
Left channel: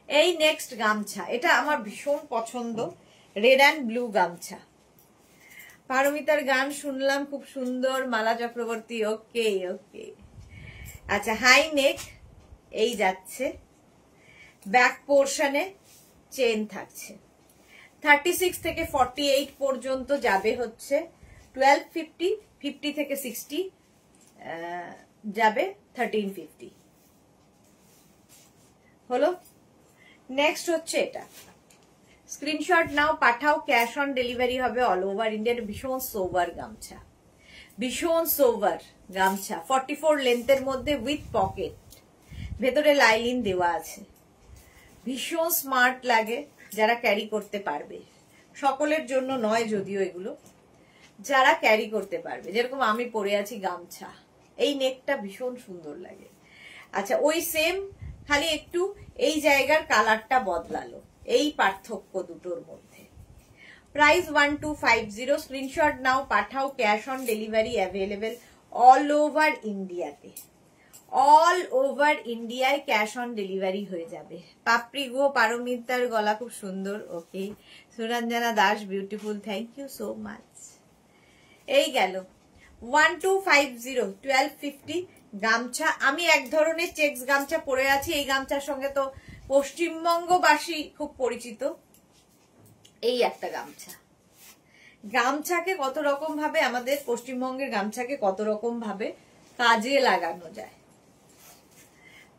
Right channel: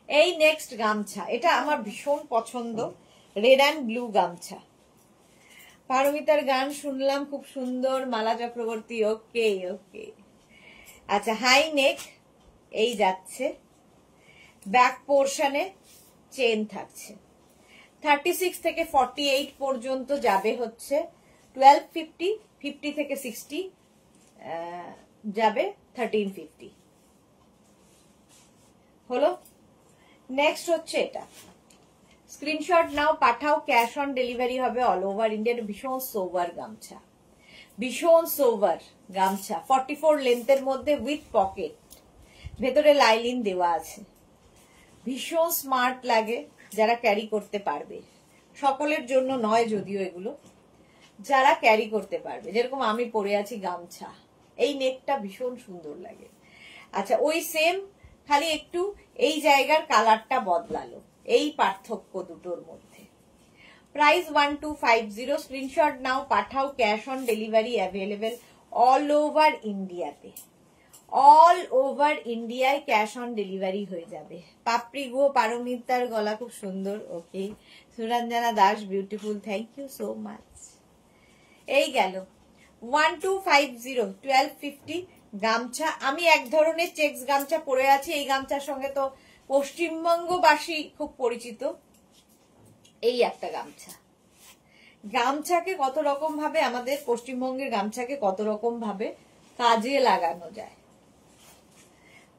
এই নেক্সট গামছা, এটা আমার ভীষণ পছন্দ, রেড অ্যান্ড ব্লু গামছা। পারমিতার গান শুনলাম, খুব সুন্দর। মালা চক্রবর্তী, ওকে ওকে। আচ্ছা, হাই নেক, এই যাচ্ছে, ব্যাক পোর্শনে চেন থাকছে। 36 থেকে 48 পর্যন্ত যাবে হচ্ছে 1250, 50 থেকে 60 যাবে 1350। হলো। নেক্সট হচ্ছে এটা, স্ক্রিনশট নাও, পাঠাও, ক্যাশ অন ডেলিভারি হবে অল ওভার ইন্ডিয়া। ভীষণ সোভার গামছা, ভীষণ সোভার গামছা, 44 লেন্থের মধ্যে উইথ পকেট, ভেতরে লাইলিন দেওয়া আছে। ভীষণ স্মার্ট লাগে যারা ক্যারি করতে পারবে, সকলের জন্য নয় যদিও এগুলো, যারা ক্যারি করতে পারবে। যেরকম আমি পরে আছি গামছা, এই নেকটা ভীষণ সুন্দর লাগে। আচ্ছা, ওই সেম, খালি একটু এই জায়গার কালারটা বদলালো, এই পার্থক্য দুটোর মধ্যে। প্রাইস 1250, স্ক্রিনশট নাও, পাঠাও, cash on delivery available all over ইন্ডিয়াতে। অল ওভার ইন্ডিয়ায় ক্যাশ অন ডেলিভারি হয়ে যাবে। পাপড়ি গো, পারমিতার গলা খুব সুন্দর, okay. Suranjana Das, beautiful, thank you so much. এই গেল 1250, 1250 গামছা। আমি এক ধরনের চেক্স গামছা পরে আছি, এই গামছার সঙ্গে তো পশ্চিমবঙ্গবাসী খুব পরিচিত। এই একটা গামছা, গামছাকে কত রকম ভাবে, আমাদের পশ্চিমবঙ্গের গামছাকে কত রকম ভাবে কাজে লাগানো যায়।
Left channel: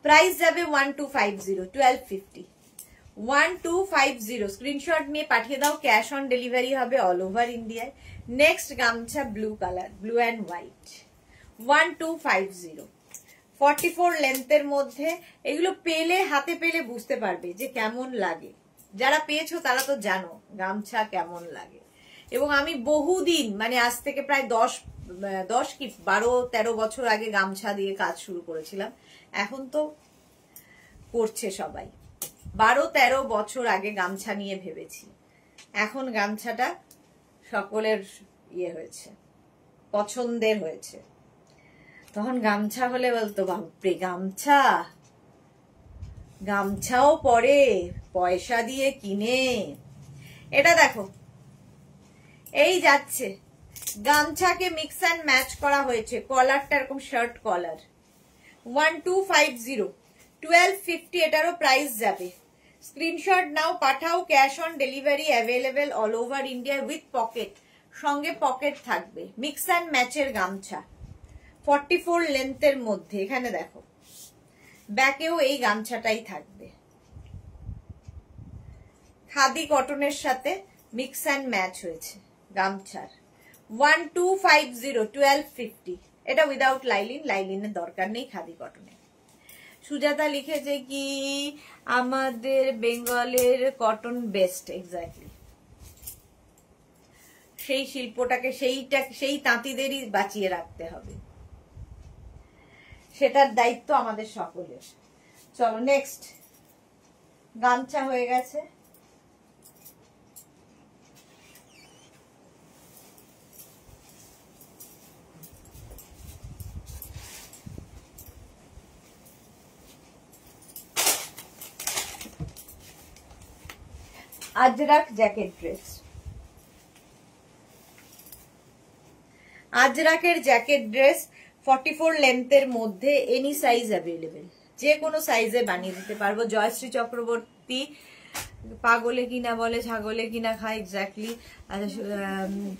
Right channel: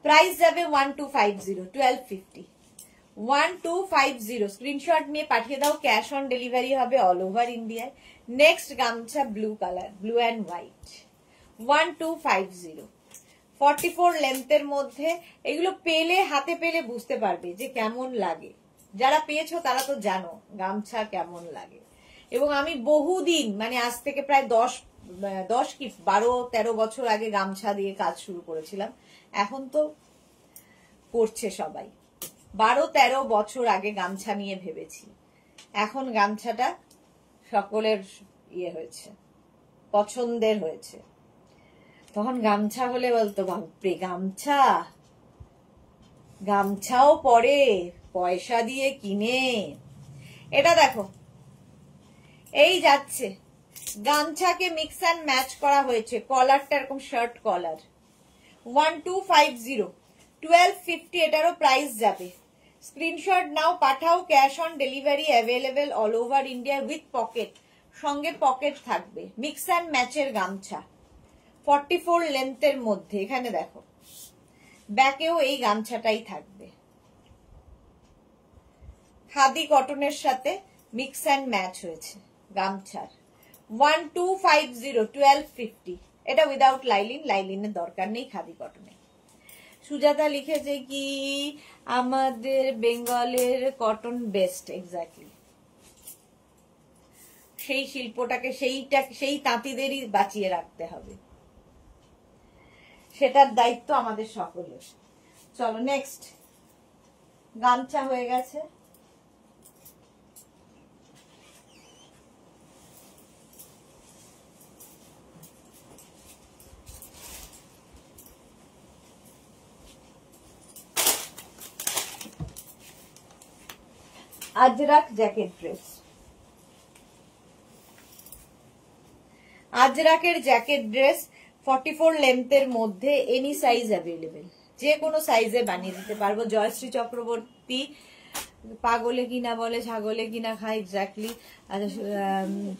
প্রাইস যাবে 1250, 1250, 1250। স্ক্রিনশট নিয়ে পাঠিয়ে দাও, ক্যাশ অন ডেলিভারি হবে অল ওভার ইন্ডিয়ায়। নেক্সট গামছা, blue colour, blue and white, 1250, 44 লেন্থের মধ্যে। এগুলো পেলে, হাতে পেলে বুঝতে পারবে যে কেমন লাগে। যারা পেয়েছো তারা তো জানো গামছা কেমন লাগে। এবং আমি বহুদিন, মানে আজ থেকে প্রায় 10 কি 12-13 বছর আগে গামছা দিয়ে কাজ শুরু করেছিলাম। এখন তো করছে সবাই। 12-13 বছর আগে গামছা নিয়ে ভেবেছি, এখন গামছাটা সকলের ইয়ে হয়েছে, পছন্দের হয়েছে। তখন গামছা হলে বলতো বাপরে গামছা, গামছাও পরে পয়সা দিয়ে কিনে। এটা দেখো, এই যাচ্ছে, গামছাকে মিক্স অ্যান্ড ম্যাচ করা হয়েছে, কলারটা এরকম শার্ট কলার। 1250, 1250 এটারও প্রাইস যাবে। স্ক্রিনশট নাও, পাঠাও, cash on delivery available all over India with pocket, সঙ্গে পকেট থাকবে। মিক্স অ্যান্ড ম্যাচের গামছা, 44 লেন্থের মধ্যে। এখানে দেখো, ব্যাকেও এই গামছাটাই থাকবে, খাদি কটনের সাথে মিক্স অ্যান্ড ম্যাচ হয়েছে গামছার। 1250, 1250, এটা উইদাউট লাইলিন, লাইলিনের দরকার নেই খাদি কটনে। সুজাতা লিখেছে কি আমাদের বেঙ্গলের কটন বেস্ট, এক্স্যাক্টলি। সেই শিল্পটাকে, সেই তাঁতিদেরই বাঁচিয়ে রাখতে হবে, সেটার দায়িত্ব আমাদের সকলের। চলো নেক্সট, গামছা হয়ে গেছে। আজরাক জ্যাকেট ড্রেস, আজরাকের জ্যাকেট ড্রেস 44 লেন্থের মধ্যে, এনি সাইজ অ্যাভেলেবেল, যে কোনো সাইজে বানিয়ে দিতে পারবো। জয়শ্রী চক্রবর্তী, পাগলে কিনা বলে ছাগলে কিনা খায়, এক্স্যাক্টলি। আর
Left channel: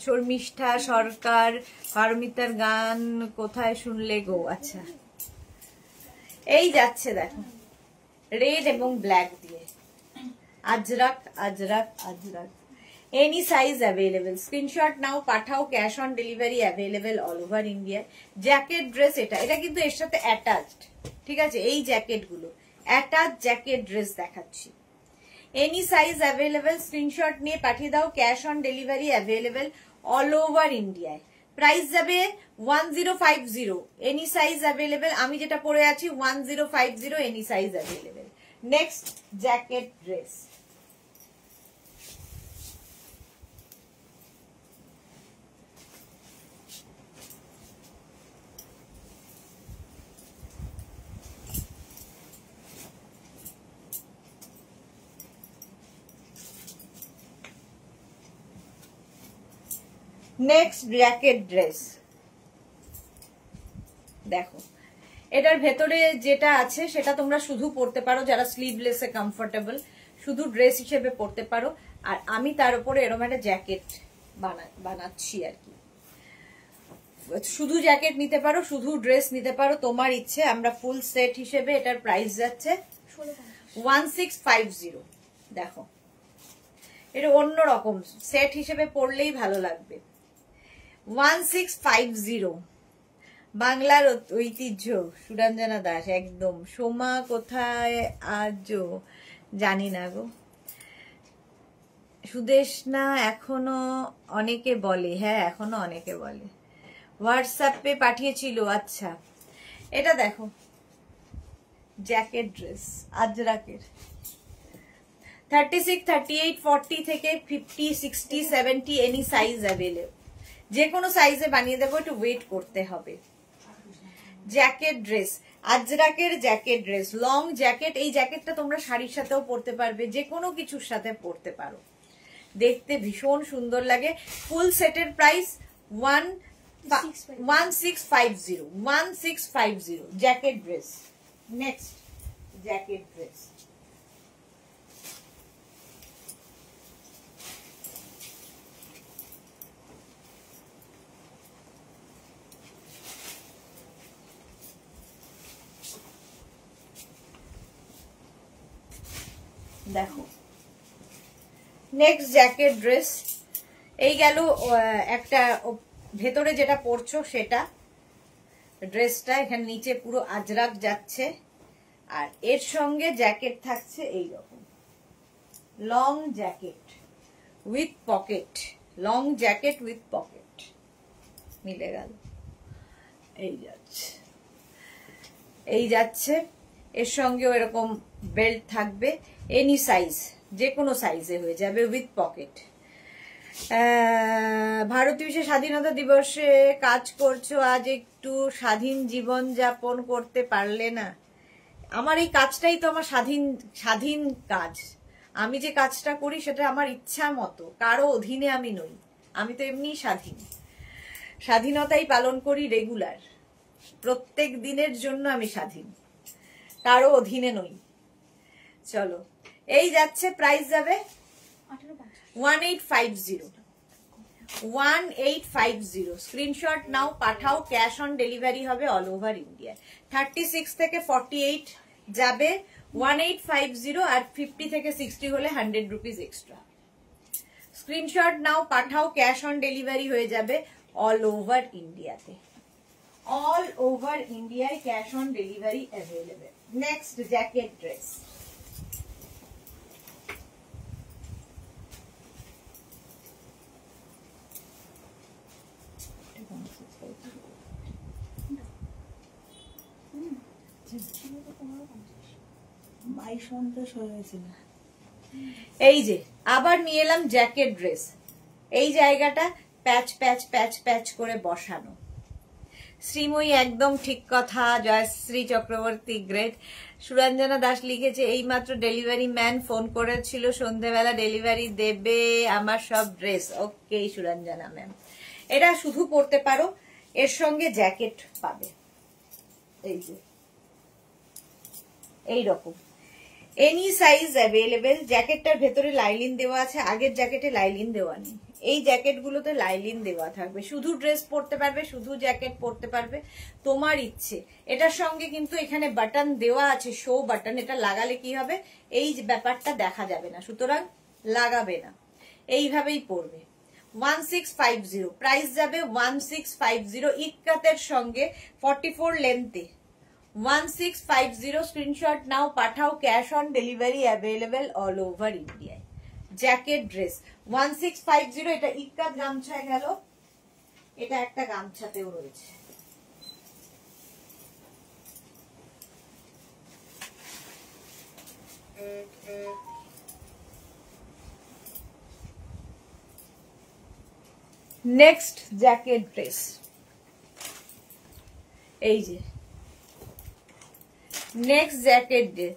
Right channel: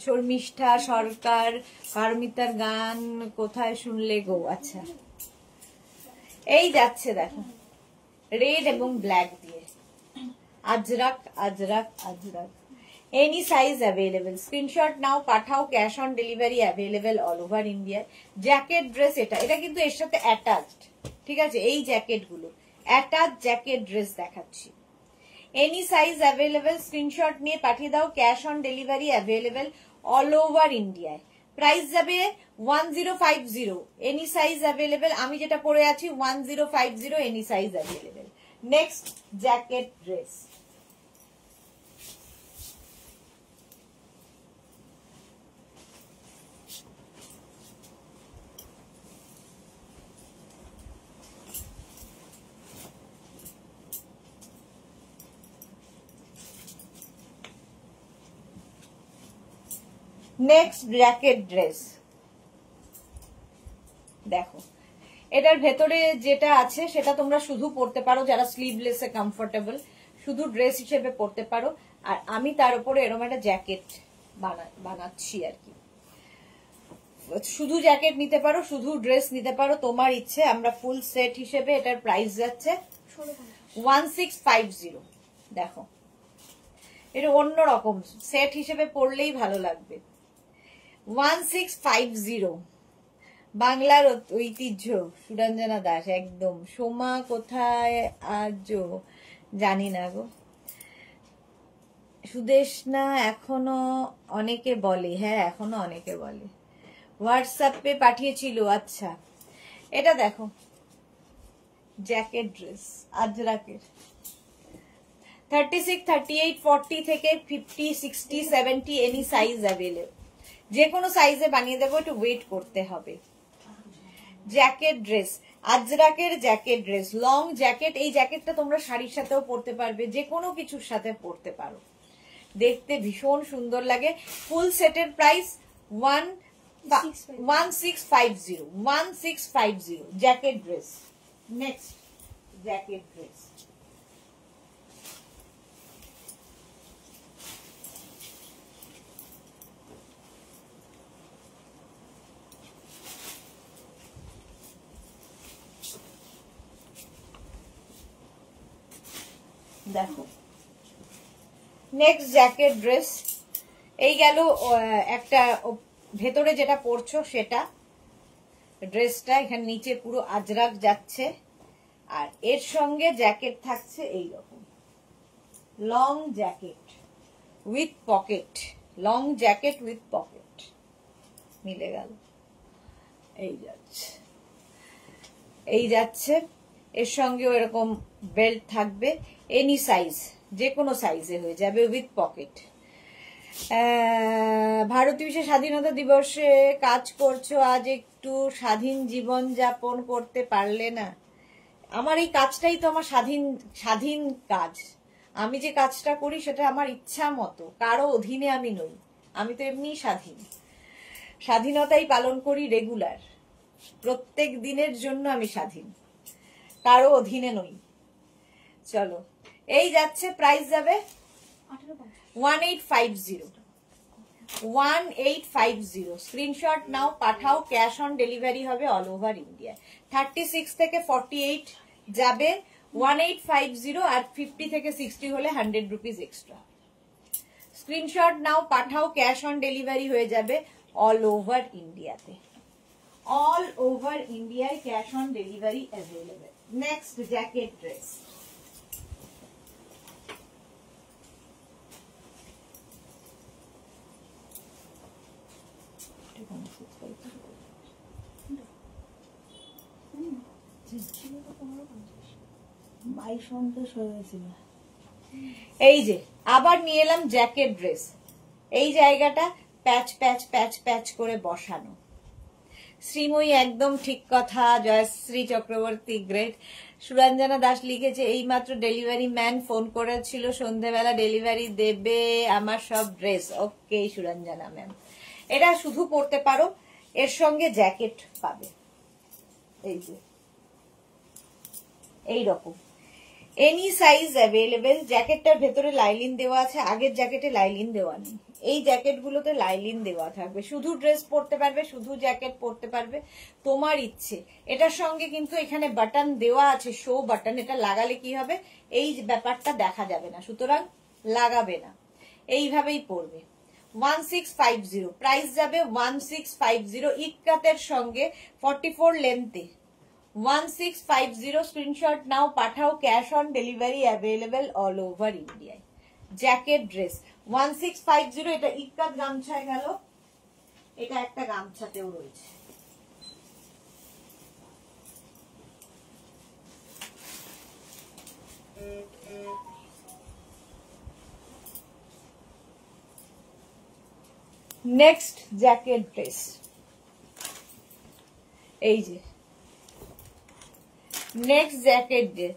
শর্মিষ্ঠা সরকার, পারমিতার গান কোথায় শুনলে গো? আচ্ছা, এই যাচ্ছে দেখো রেড এবং ব্ল্যাক দিয়ে, Ajrak Ajrak Ajrak. Any size available, screenshot নাও, পাঠাও, cash on delivery available all over India. Jacket dress, এটা কিন্তু এর সাথে অ্যাটাচড, ঠিক আছে? এই জ্যাকেট গুলো অ্যাটাচ জ্যাকেট ড্রেস দেখাচ্ছি। এনি সাইজ অ্যাভেলেবেল, স্ক্রিনশট নিয়ে পাঠিয়ে দাও, cash on delivery available all over ইন্ডিয়ায়। প্রাইস যাবে 1050, এনি সাইজ অ্যাভেলেবেল। আমি যেটা পরে আছি 1050, any size available. Next jacket dress, next jacket dress দেখো, এটার ভেতরে যেটা আছে সেটা তোমরা শুধু পরতে পারো যারা স্লিভলেসে কমফোর্টেবল, শুধু ড্রেস হিসেবে পরতে পারো। আর আমি তার উপরে এরকম একটা জ্যাকেট বানাচ্ছি আর কি। শুধু জ্যাকেট নিতে পারো, শুধু ড্রেস নিতে পারো, তোমার ইচ্ছে। আমরা ফুল সেট হিসেবে এটার প্রাইস যাচ্ছে 1650। দেখো, এটা অন্যরকম, সেট হিসেবে পরলেই ভালো লাগবে। 1650, বাংলার ঐতিহ্য, সুরঞ্জনা দাস একদম। সোমা কোথায় আজও জানি না গো। সুদেশনা এখনো অনেকে বলে, হ্যাঁ এখনো অনেকে বলে, হোয়াটসঅ্যাপে পাঠিয়েছিল। আচ্ছা, এটা দেখো জ্যাকেট ড্রেস আজরাকের, 36, 38, 40 থেকে 50, 60, 70 এনি সাইজ অ্যাভেলেবল। যে কোনো সাইজে বানিয়ে দেবো, একটু ওয়েট করতে হবে। জ্যাকেট ড্রেস, আজরাকের জ্যাকেট ড্রেস, লং জ্যাকেট। এই জ্যাকেটটা তোমরা শাড়ির সাথেও পরতে পারবে, যে কোনো কিছুর সাথে পরতে পারো, দেখতে ভীষণ সুন্দর লাগে। ফুল সেটের price 1650, jacket dress. Next jacket dress, দেখো নেক্সট জ্যাকেট ড্রেস। এই গেল একটা, ভেতরে যেটা পরছো সেটা ড্রেসটা, এখানে নিচে পুরো আজরাক যাচ্ছে, আর এর সঙ্গে জ্যাকেট থাকছে এইরকম long jacket with pocket, long jacket with pocket, মিলে গেল। এই যাচ্ছে, এর সঙ্গেও এরকম বেল্ট থাকবে। এনি সাইজ, যে কোনো সাইজে হয়ে যাবে উইথ পকেট। ভারতীয় স্বাধীনতা দিবসে কাজ করছো, আজ একটু স্বাধীন জীবন যাপন করতে পারলে না? আমার এই কাজটাই তো আমার স্বাধীন কাজ। আমি যে কাজটা করি সেটা আমার ইচ্ছা মতো, কারো অধীনে আমি নই। আমি তো এমনি স্বাধীনতাই পালন করি রেগুলার, প্রত্যেক দিনের জন্য আমি স্বাধীন, কারো অধীনে নই। চলো, এই যাচ্ছে, প্রাইস যাবে 1850, স্ক্রিনশট নাও, পাঠাও, ক্যাশ অন ডেলিভারি হবে অল ওভার ইন্ডিয়া। 36 থেকে 48 যাবে 1850, আর 50 থেকে 60 হলে 100 রুপিস এক্সট্রা। স্ক্রিনশট নাও, পাঠাও, ক্যাশ অন ডেলিভারি হয়ে যাবে অল ওভার ইন্ডিয়াতে, অল ওভার ইন্ডিয়ায় cash on delivery available. Next jacket dress, এই যে আবার নিয়ে এলাম জ্যাকেট ড্রেস। এই জায়গাটা প্যাচ প্যাচ প্যাচ প্যাচ করে বসানো। শ্রীময়ী একদম ঠিক কথা, জয়শ্রী চক্রবর্তী গ্রেট। সুরঞ্জনা দাস লিখেছে, এইমাত্র ডেলিভারি ম্যান ফোন করেছিল, সন্ধ্যেবেলা ডেলিভারি দেবে আমার সব ড্রেস। ওকে সুরঞ্জনা ম্যাম, এটা শুধু পরতে পারো, এর সঙ্গে জ্যাকেট পাবে। এই যে এইরকম, এনি সাইজ অ্যাভেলেবেল। জ্যাকেটটার ভেতরে লাইলিন দেওয়া আছে, আগের জ্যাকেটে লাইলিন দেওয়া নেই। এই জ্যাকেট গুলোতে লাইলিন দেওয়া থাকবে, শুধু ড্রেস পরতে পারবে, শুধু জ্যাকেট পরতে পারবে, তোমার ইচ্ছে। এটার সঙ্গে কিন্তু এখানে বাটন দেওয়া আছে, শো বাটন। এটা লাগালে কি হবে, এই ব্যাপারটা দেখা যাবে না, সুতরাং লাগাবে না, এইভাবেই পরবে। 1650 প্রাইস যাবে 1650 ইক্কাতের সঙ্গে 44 লেন্থে। 1650 স্ক্রিনশট নাও, পাঠাও। Cash on delivery available all over ইন্ডিয়ায়। Jacket dress 1650। এটা ইক্কাত গামছায় গেল, এটা একটা গামছাতেও রয়েছে। নেক্সট জ্যাকেট ড্রেস, এই যে নেক্সট জ্যাকেট ড্রেস।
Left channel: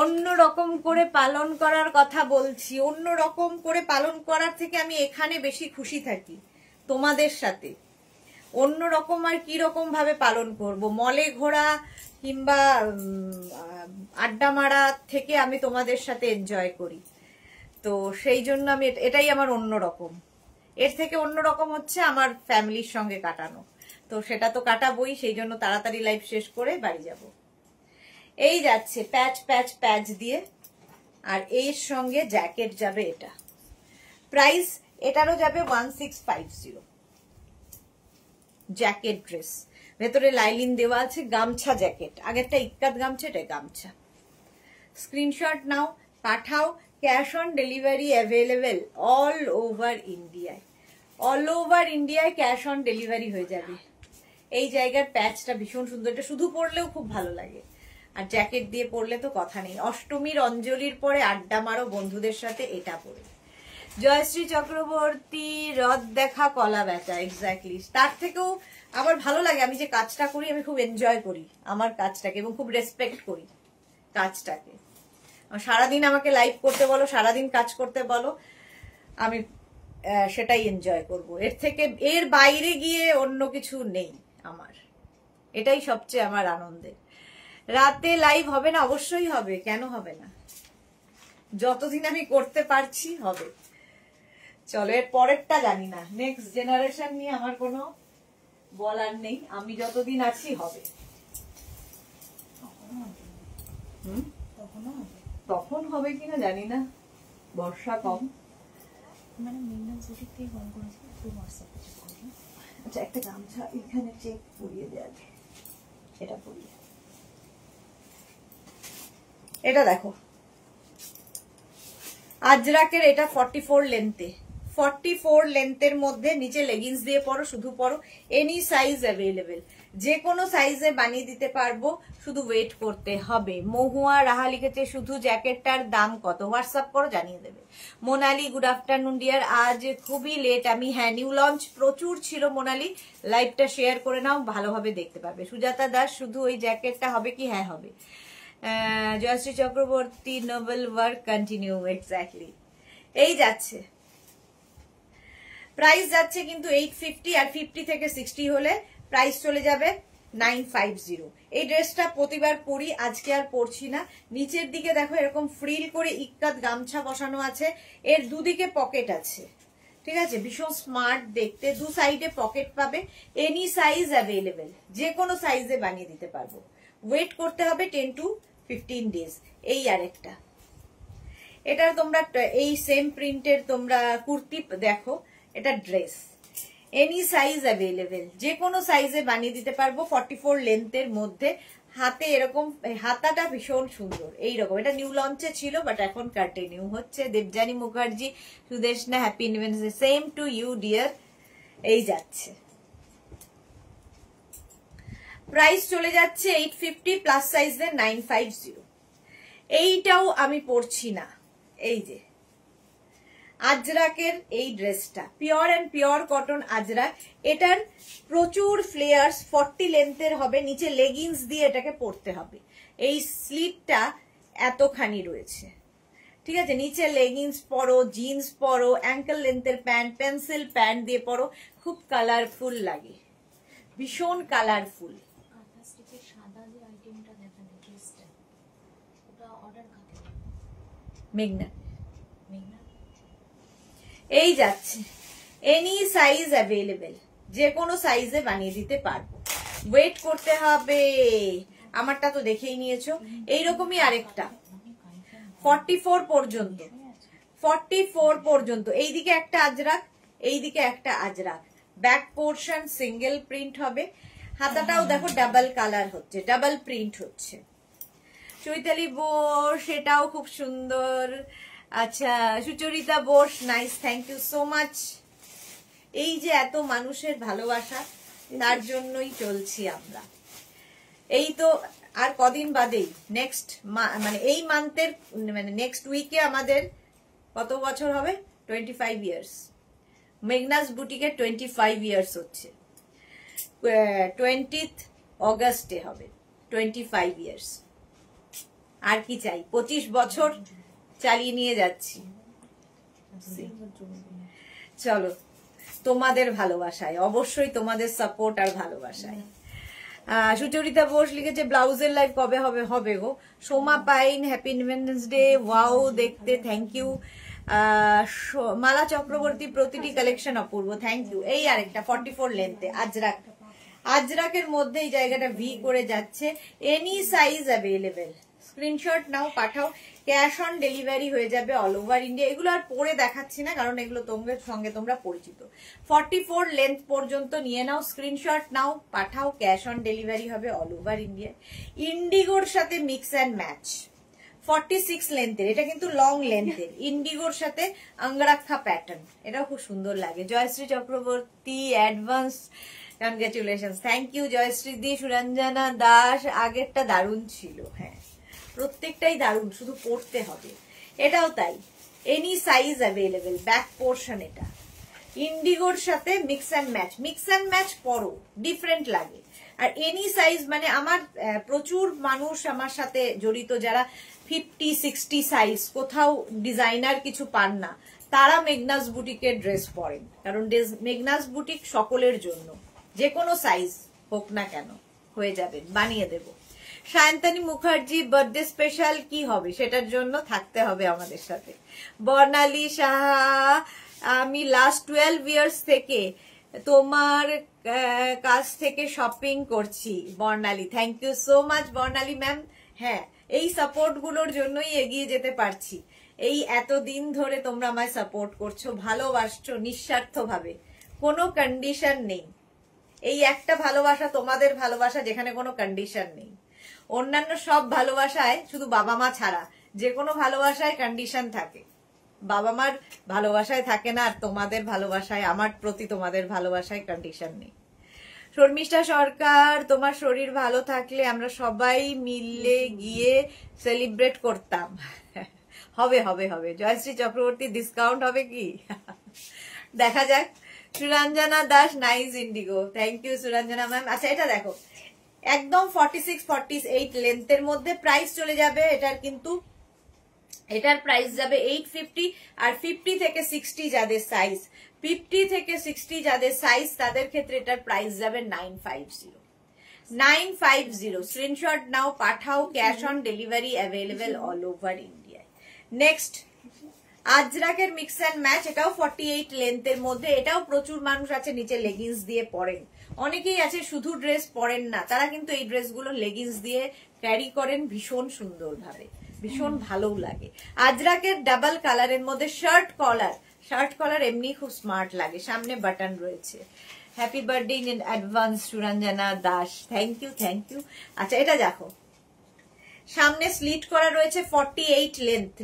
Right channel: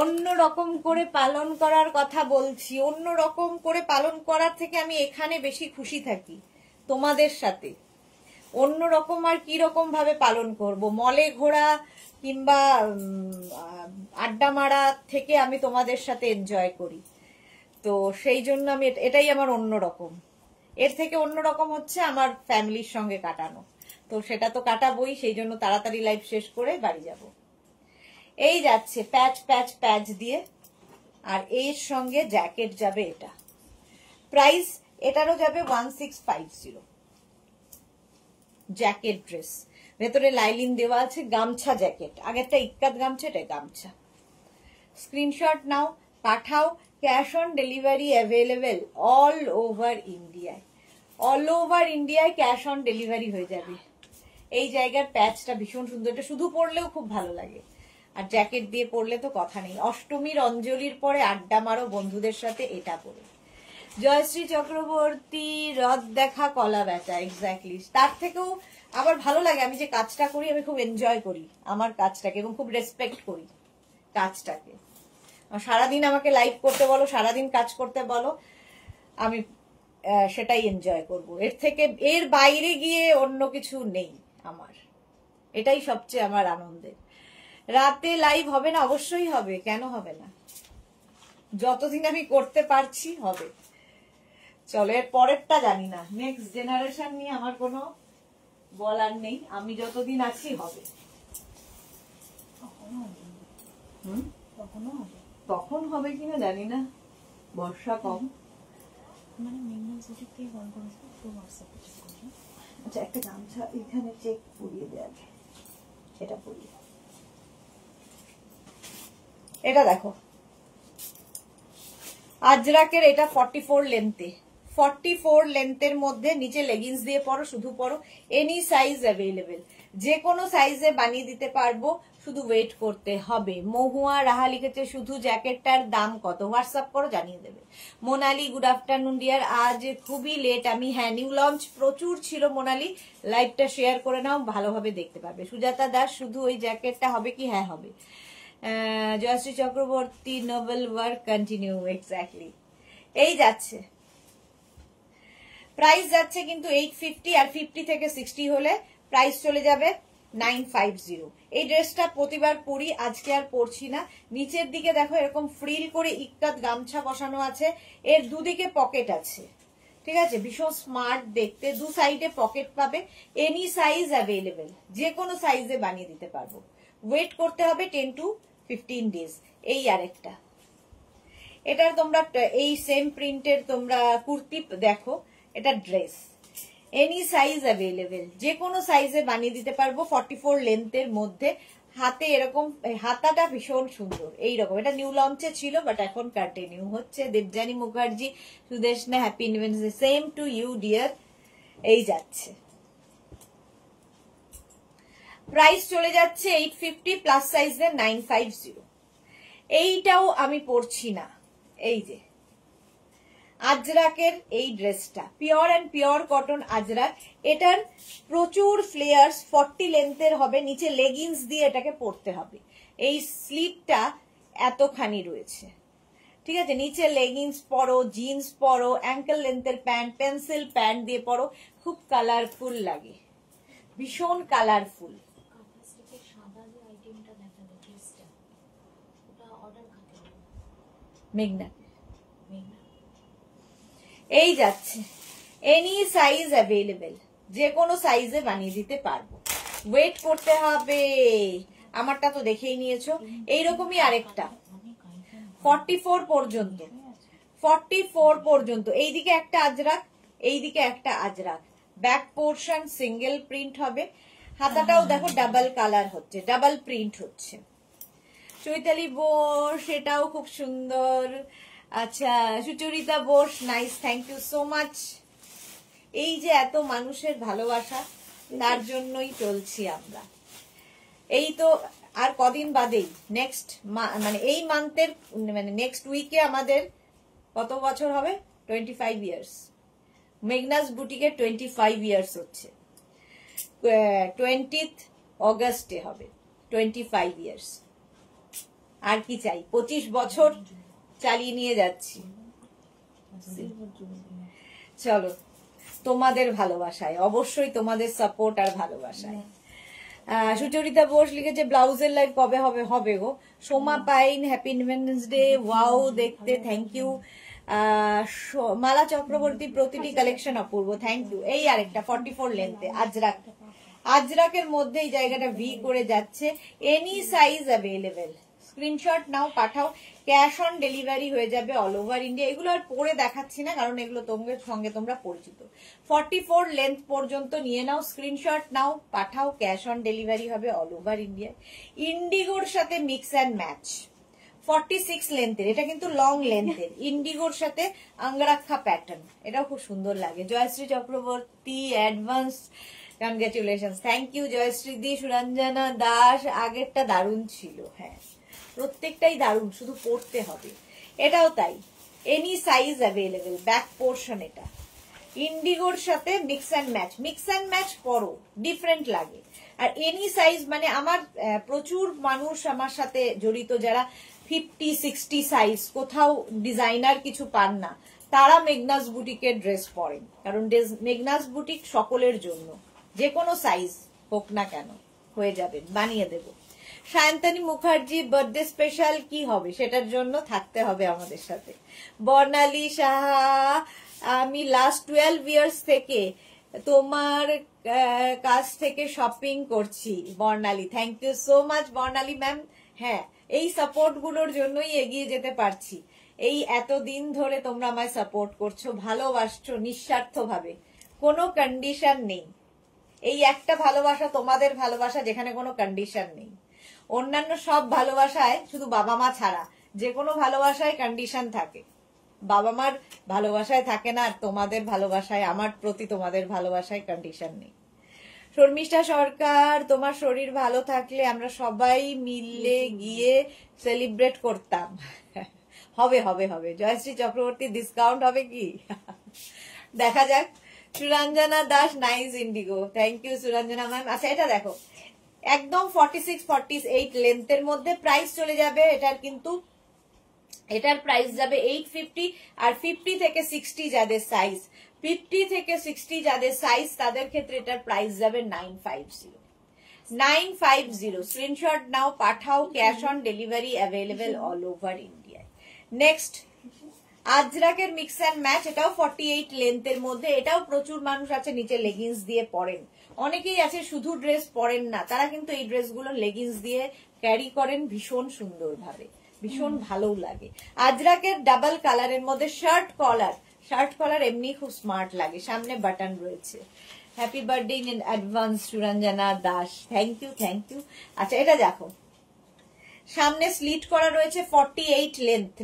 অন্য রকম করে পালন করার কথা বলছি, অন্য রকম করে পালন করার থেকে আমি এখানে বেশি খুশি থাকি তোমাদের সাথে। অন্য রকম আর কি রকম ভাবে পালন করব, মলে ঘোরা কিংবা আড্ডা মারা থেকে আমি তোমাদের সাথে এনজয় করি। তো সেই জন্য আমি এটাই আমার অন্য রকম। এর থেকে অন্য রকম হচ্ছে আমার ফ্যামিলির সঙ্গে কাটানো, তো সেটা তো কাটাবোই। সেই জন্য তাড়াতাড়ি লাইফ শেষ করে বাড়ি যাব। এই যাচ্ছে প্যাচ প্যাচ প্যাচ দিয়ে, আর এর সঙ্গে জ্যাকেট যাবে। এটা প্রাইস এটারও যাবে 1650। জ্যাকেট ড্রেস, ভেতরে লাইলিন দেওয়া আছে, গামছা জ্যাকেট। আগেরটা ইক্কাত গামছা, এটা গামছা। স্ক্রিনশট নাও, পাঠাও। Cash on delivery available all over ইন্ডিয়ায়। অল ওভার ইন্ডিয়ায় ক্যাশ অন ডেলিভারি হয়ে যাবে। এই জায়গার প্যাচটা ভীষণ সুন্দর, এটা শুধু পরলেও খুব ভালো লাগে, আর জ্যাকেট দিয়ে পরলে তো কথা নেই। অষ্টমীর অঞ্জলির পরে আড্ডা মারো বন্ধুদের সাথে এটা পরে। জয়শ্রী চক্রবর্তী, রথ দেখা কলা বেচা। এক্স্যাক্টলি, তার থেকেও আবার ভালো লাগে। আমি যে কাজটা করি, আমি খুব এনজয় করি আমার কাজটাকে, এবং খুব রেসপেক্ট করি কাজটাকে। সারাদিন আমাকে লাইভ করতে বলো, সারাদিন কাজ করতে বলো, আমি সেটাই এনজয় করব। এর থেকে, এর বাইরে গিয়ে অন্য কিছু নেই আমার। এটাই সবচেয়ে আমার আনন্দের। রাতে লাইভ হবে না? অবশ্যই হবে, কেন হবে না? যতদিন আমি করতে পারছি হবে। চলো, এর পরেরটা জানি না। নেক্সট জেনারেশন নিয়ে আমার কোনো বলার নেই, আমি যতদিন আছি হবে। তখন হবে কিনা জানি না, বর্ষা কম। মানে মিনাল সিটি থেকে কল করেছে, তো হোয়াটসঅ্যাপে চেক করুন। আচ্ছা, একটা গামছা এখানে চেক পরিয়ে দেওয়া যায়, এটা পরিয়ে। এটা দেখো, আজরাকের, এটা 44 লেন্থে। 44 লেন্থের মধ্যে নিচে লেগিংস দিয়ে পরো, শুধু পরো। এনি সাইজ অ্যাভেলেবেল, যে কোনো সাইজে বানিয়ে দিতে পারবো, শুধু ওয়েট করতে হবে। মহুয়া রাহা লিখেছে শুধু জ্যাকেটটার দাম কত, হোয়াটসঅ্যাপ করো, জানিয়ে দেবে। Monali, good afternoon dear. আজ খুবই লেট আমি, হ্যাঁ নিউ লঞ্চ প্রচুর ছিল মোনালি, লাইভটা শেয়ার করে নাও, ভালোভাবে দেখতে পারবে। সুজাতা দাস, শুধু ওই জ্যাকেটটা হবে কি? হ্যাঁ হবে। Jayashree Chakraborty, noble work continue. Exactly, এই যাচ্ছে। প্রাইস যাচ্ছে কিন্তু 850, আর 50 থেকে 60 হলে প্রাইস চলে যাবে 950। এই ড্রেসটা প্রতিবার পরি, আজকে আর পরছি না। নিচের দিকে দেখো এরকম ফ্রিল করে ইক্কাত গামছা বসানো আছে, এর দুদিকে পকেট আছে, ঠিক আছে? ভীষণ স্মার্ট দেখতে, দু সাইডে পকেট পাবে। এনি সাইজ অ্যাভেলেবেল, যে কোনো সাইজে বানিয়ে দিতে পারবো। ওয়েট করতে হবে 10 to 15 ডেজ। এই আরেকটা, এটা তোমরা এই সেম প্রিন্টের তোমরা কুর্তি দেখো, এটা ড্রেস। এনি সাইজ অ্যাভেলেবেল, যে কোনো সাইজে বানিয়ে দিতে পারবো। 44 লেন্থের মধ্যে, হাতে এরকম, হাতাটা ভীষণ সুন্দর এইরকম। এটা নিউ লঞ্চে ছিল, বাট এখন কন্টিনিউ হচ্ছে। Debjani Mukherjee, Sudeshna, happy new year. Same to you dear. এই যাচ্ছে, প্রাইস চলে যাচ্ছে 850, প্লাস সাইজের 950। এইটাও আমি পরছি না। এই যে আজরাকের এই ড্রেসটা, pure and pure cotton Ajrak. এটার প্রচুর ফ্লেয়ার্স, 40 লেন্থের হবে, নিচে লেগিংস দিয়ে এটাকে পরতে হবে। এই স্লিভটা এতখানি রয়েছে, ঠিক আছে? নিচে লেগিংস পরো, জিন্স পরো, অ্যাঙ্কেল লেন্থের প্যান্ট, পেন্সিল প্যান্ট দিয়ে পরো, খুব কালারফুল লাগে, ভীষণ কালারফুল। সাদা যে আইটেমটা দেখালে ড্রেসটা, ওটা অর্ডার করতে হবে। মেঘনা এই যাচ্ছে, এনি সাইজ অ্যাভেলেবেল, যে কোনো সাইজে বানিয়ে দিতে পারবো, ওয়েট করতে হবে। আমারটা তো দেখেই নিয়েছো। এইরকমই আরেকটা 44 পর্যন্ত, 44 পর্যন্ত। এইদিকে একটা আজরাক, এইদিকে একটা Ajrakh, back portion single print হবে, হাতাটাও দেখো ডাবল কালার হচ্ছে, ডাবল প্রিন্ট হচ্ছে। চৈতালি বোস, এটাও খুব সুন্দর। আচ্ছা, Sucharita Bose, nice, thank you so much. এই যে এত মানুষের ভালোবাসা, তার জন্যই চলছি আমরা। এই তো আর কদিন বাদেই নেক্সট মানে এই মান্থের মানে নেক্সট উইকে আমাদের কত বছর হবে? 25 ইয়ার্স। মেঘনাস বুটিকের 25 ইয়ার্স হচ্ছে, 20th অগাস্টে হবে 25 ইয়ার্স। আর কি চাই, 25 বছর চালিয়ে নিয়ে যাচ্ছি। চলো, তোমাদের ভালোবাসায়, অবশ্যই তোমাদের সাপোর্ট আর ভালোবাসায়। সুচরিতা বোস লিখেছে ব্লাউজের লাইভ কবে হবে? হবে গো। Soma Pain, happy independence day, wow দেখতে, থ্যাংক ইউ। মালা চক্রবর্তী, প্রতিটি কালেকশন অপূর্ব, থ্যাংক ইউ। এই আরেকটা 44 লেন্থে আজরাক, আজরাকের মধ্যে এই জায়গাটা ভি করে যাচ্ছে, এনি সাইজ অ্যাভেলেবেল। স্ক্রিনশট নাও, পাঠাও, ক্যাশ অন ডেলিভারি হয়ে যাবে অল ওভার ইন্ডিয়া। এগুলো আর পরে দেখাচ্ছি না, কারণ এগুলো তোমাদের সঙ্গে তোমরা পরিচিত। 44 লেন্থ পর্যন্ত নিয়ে নাও, স্ক্রিনশট নাও, পাঠাও, ক্যাশ অন ডেলিভারি হবে অল ওভার ইন্ডিয়া। ইন্ডিগোর সাথে মিক্স অ্যান্ড ম্যাচ, 46 লেন্থের, এটা কিন্তু লং লেন্থের, ইন্ডিগোর সাথে আঙ্গরাক্ষা প্যাটার্ন, এটাও খুব সুন্দর লাগে। Joyshree Chakraborty, advance congratulation, thank you Joyshree di. Suranjana Das, আগেরটা দারুণ ছিল, হ্যাঁ প্রত্যেকটাই দারুণ, শুধু পড়তে হবে। এটাও তাই, any size available, back portion এটা, ইন্ডিগোর সাথে mix and match. Mix and match করো, ডিফারেন্ট লাগে। আর এনি সাইজ মানে আমার প্রচুর মানুষ আমার সাথে জড়িত, যারা 50-60 সাইজ, কোথাও ডিজাইনার কিছু পান না, তারা মেঘনাস বুটিকের ড্রেস পরেন, কারণ মেঘনাস বুটিক সকলের জন্য, যে কোনো সাইজ হোক না কেন হয়ে যাবে, বানিয়ে দেব। সায়ন্তানী মুখার্জি, বার্থডে স্পেশাল কি হবে সেটার জন্য থাকতে হবে আমাদের সাথে। বর্ণালী সাহা, আমি লাস্ট 12 ইয়ার্স থেকে তোমার কাছ থেকে শপিং করছি। Barnali, thank you so much Barnali ma'am. হ্যাঁ, এই সাপোর্ট গুলোর জন্যই এগিয়ে যেতে পারছি। এই এতদিন ধরে তোমরা আমায় সাপোর্ট করছো, ভালোবাসছো নিঃস্বার্থ ভাবে, কোনো কন্ডিশন নেই। এই একটা ভালোবাসা, তোমাদের ভালোবাসা, যেখানে কোনো কন্ডিশন নেই। অন্যান্য সব ভালোবাসায়, শুধু বাবা মা ছাড়া, যে কোনো ভালোবাসায় কন্ডিশন থাকে, বাবা মার ভালোবাসায় থাকে না। আর তোমাদের ভালোবাসায়, আমার প্রতি তোমাদের ভালোবাসায় কন্ডিশন নেই। শর্মিষ্ঠা সরকার, তোমার শরীর ভালো থাকলে আমরা সবাই মিলে গিয়ে সেলিব্রেট করতাম। হবে হবে হবে। জয়শ্রী চক্রবর্তী, ডিসকাউন্ট হবে কি? দেখা যাক। Suranjana Das, nice indigo, thank you Suranjana ma'am. আচ্ছা, এটা দেখো, একদম 46-48 লেন্থের মধ্যে প্রাইস চলে যাবে এটার, কিন্তু এটার প্রাইস যাবে 850। আর 50 থেকে 60 যাদের সাইজ, 50 থেকে 60 যাদের সাইজ, তাদের ক্ষেত্রে এটার প্রাইস যাবে 950। স্ক্রিনশট নাও, পাঠাও, cash on delivery available all over India. Next আজরাকের মিক্স অ্যান্ড ম্যাচ, এটাও 48 লেন্থের মধ্যে। এটাও প্রচুর মানুষ আছে নিচে লেগিংস দিয়ে পরেন, অনেকেই আছে শুধু ড্রেস পরেন না, তারা কিন্তু এই ড্রেসগুলো লেগিংস দিয়ে ক্যারি করেন ভীষণ সুন্দর ভাবে, ভীষণ ভালো লাগে। আজরাকের ডাবল কালারের মধ্যে শার্ট কলার এমনি খুব স্মার্ট লাগে, সামনে বাটন রয়েছে। Happy birthday in advance Suranjana Das, thank you thank you. আচ্ছা, এটা দেখো, সামনে স্লিট করা রয়েছে, 48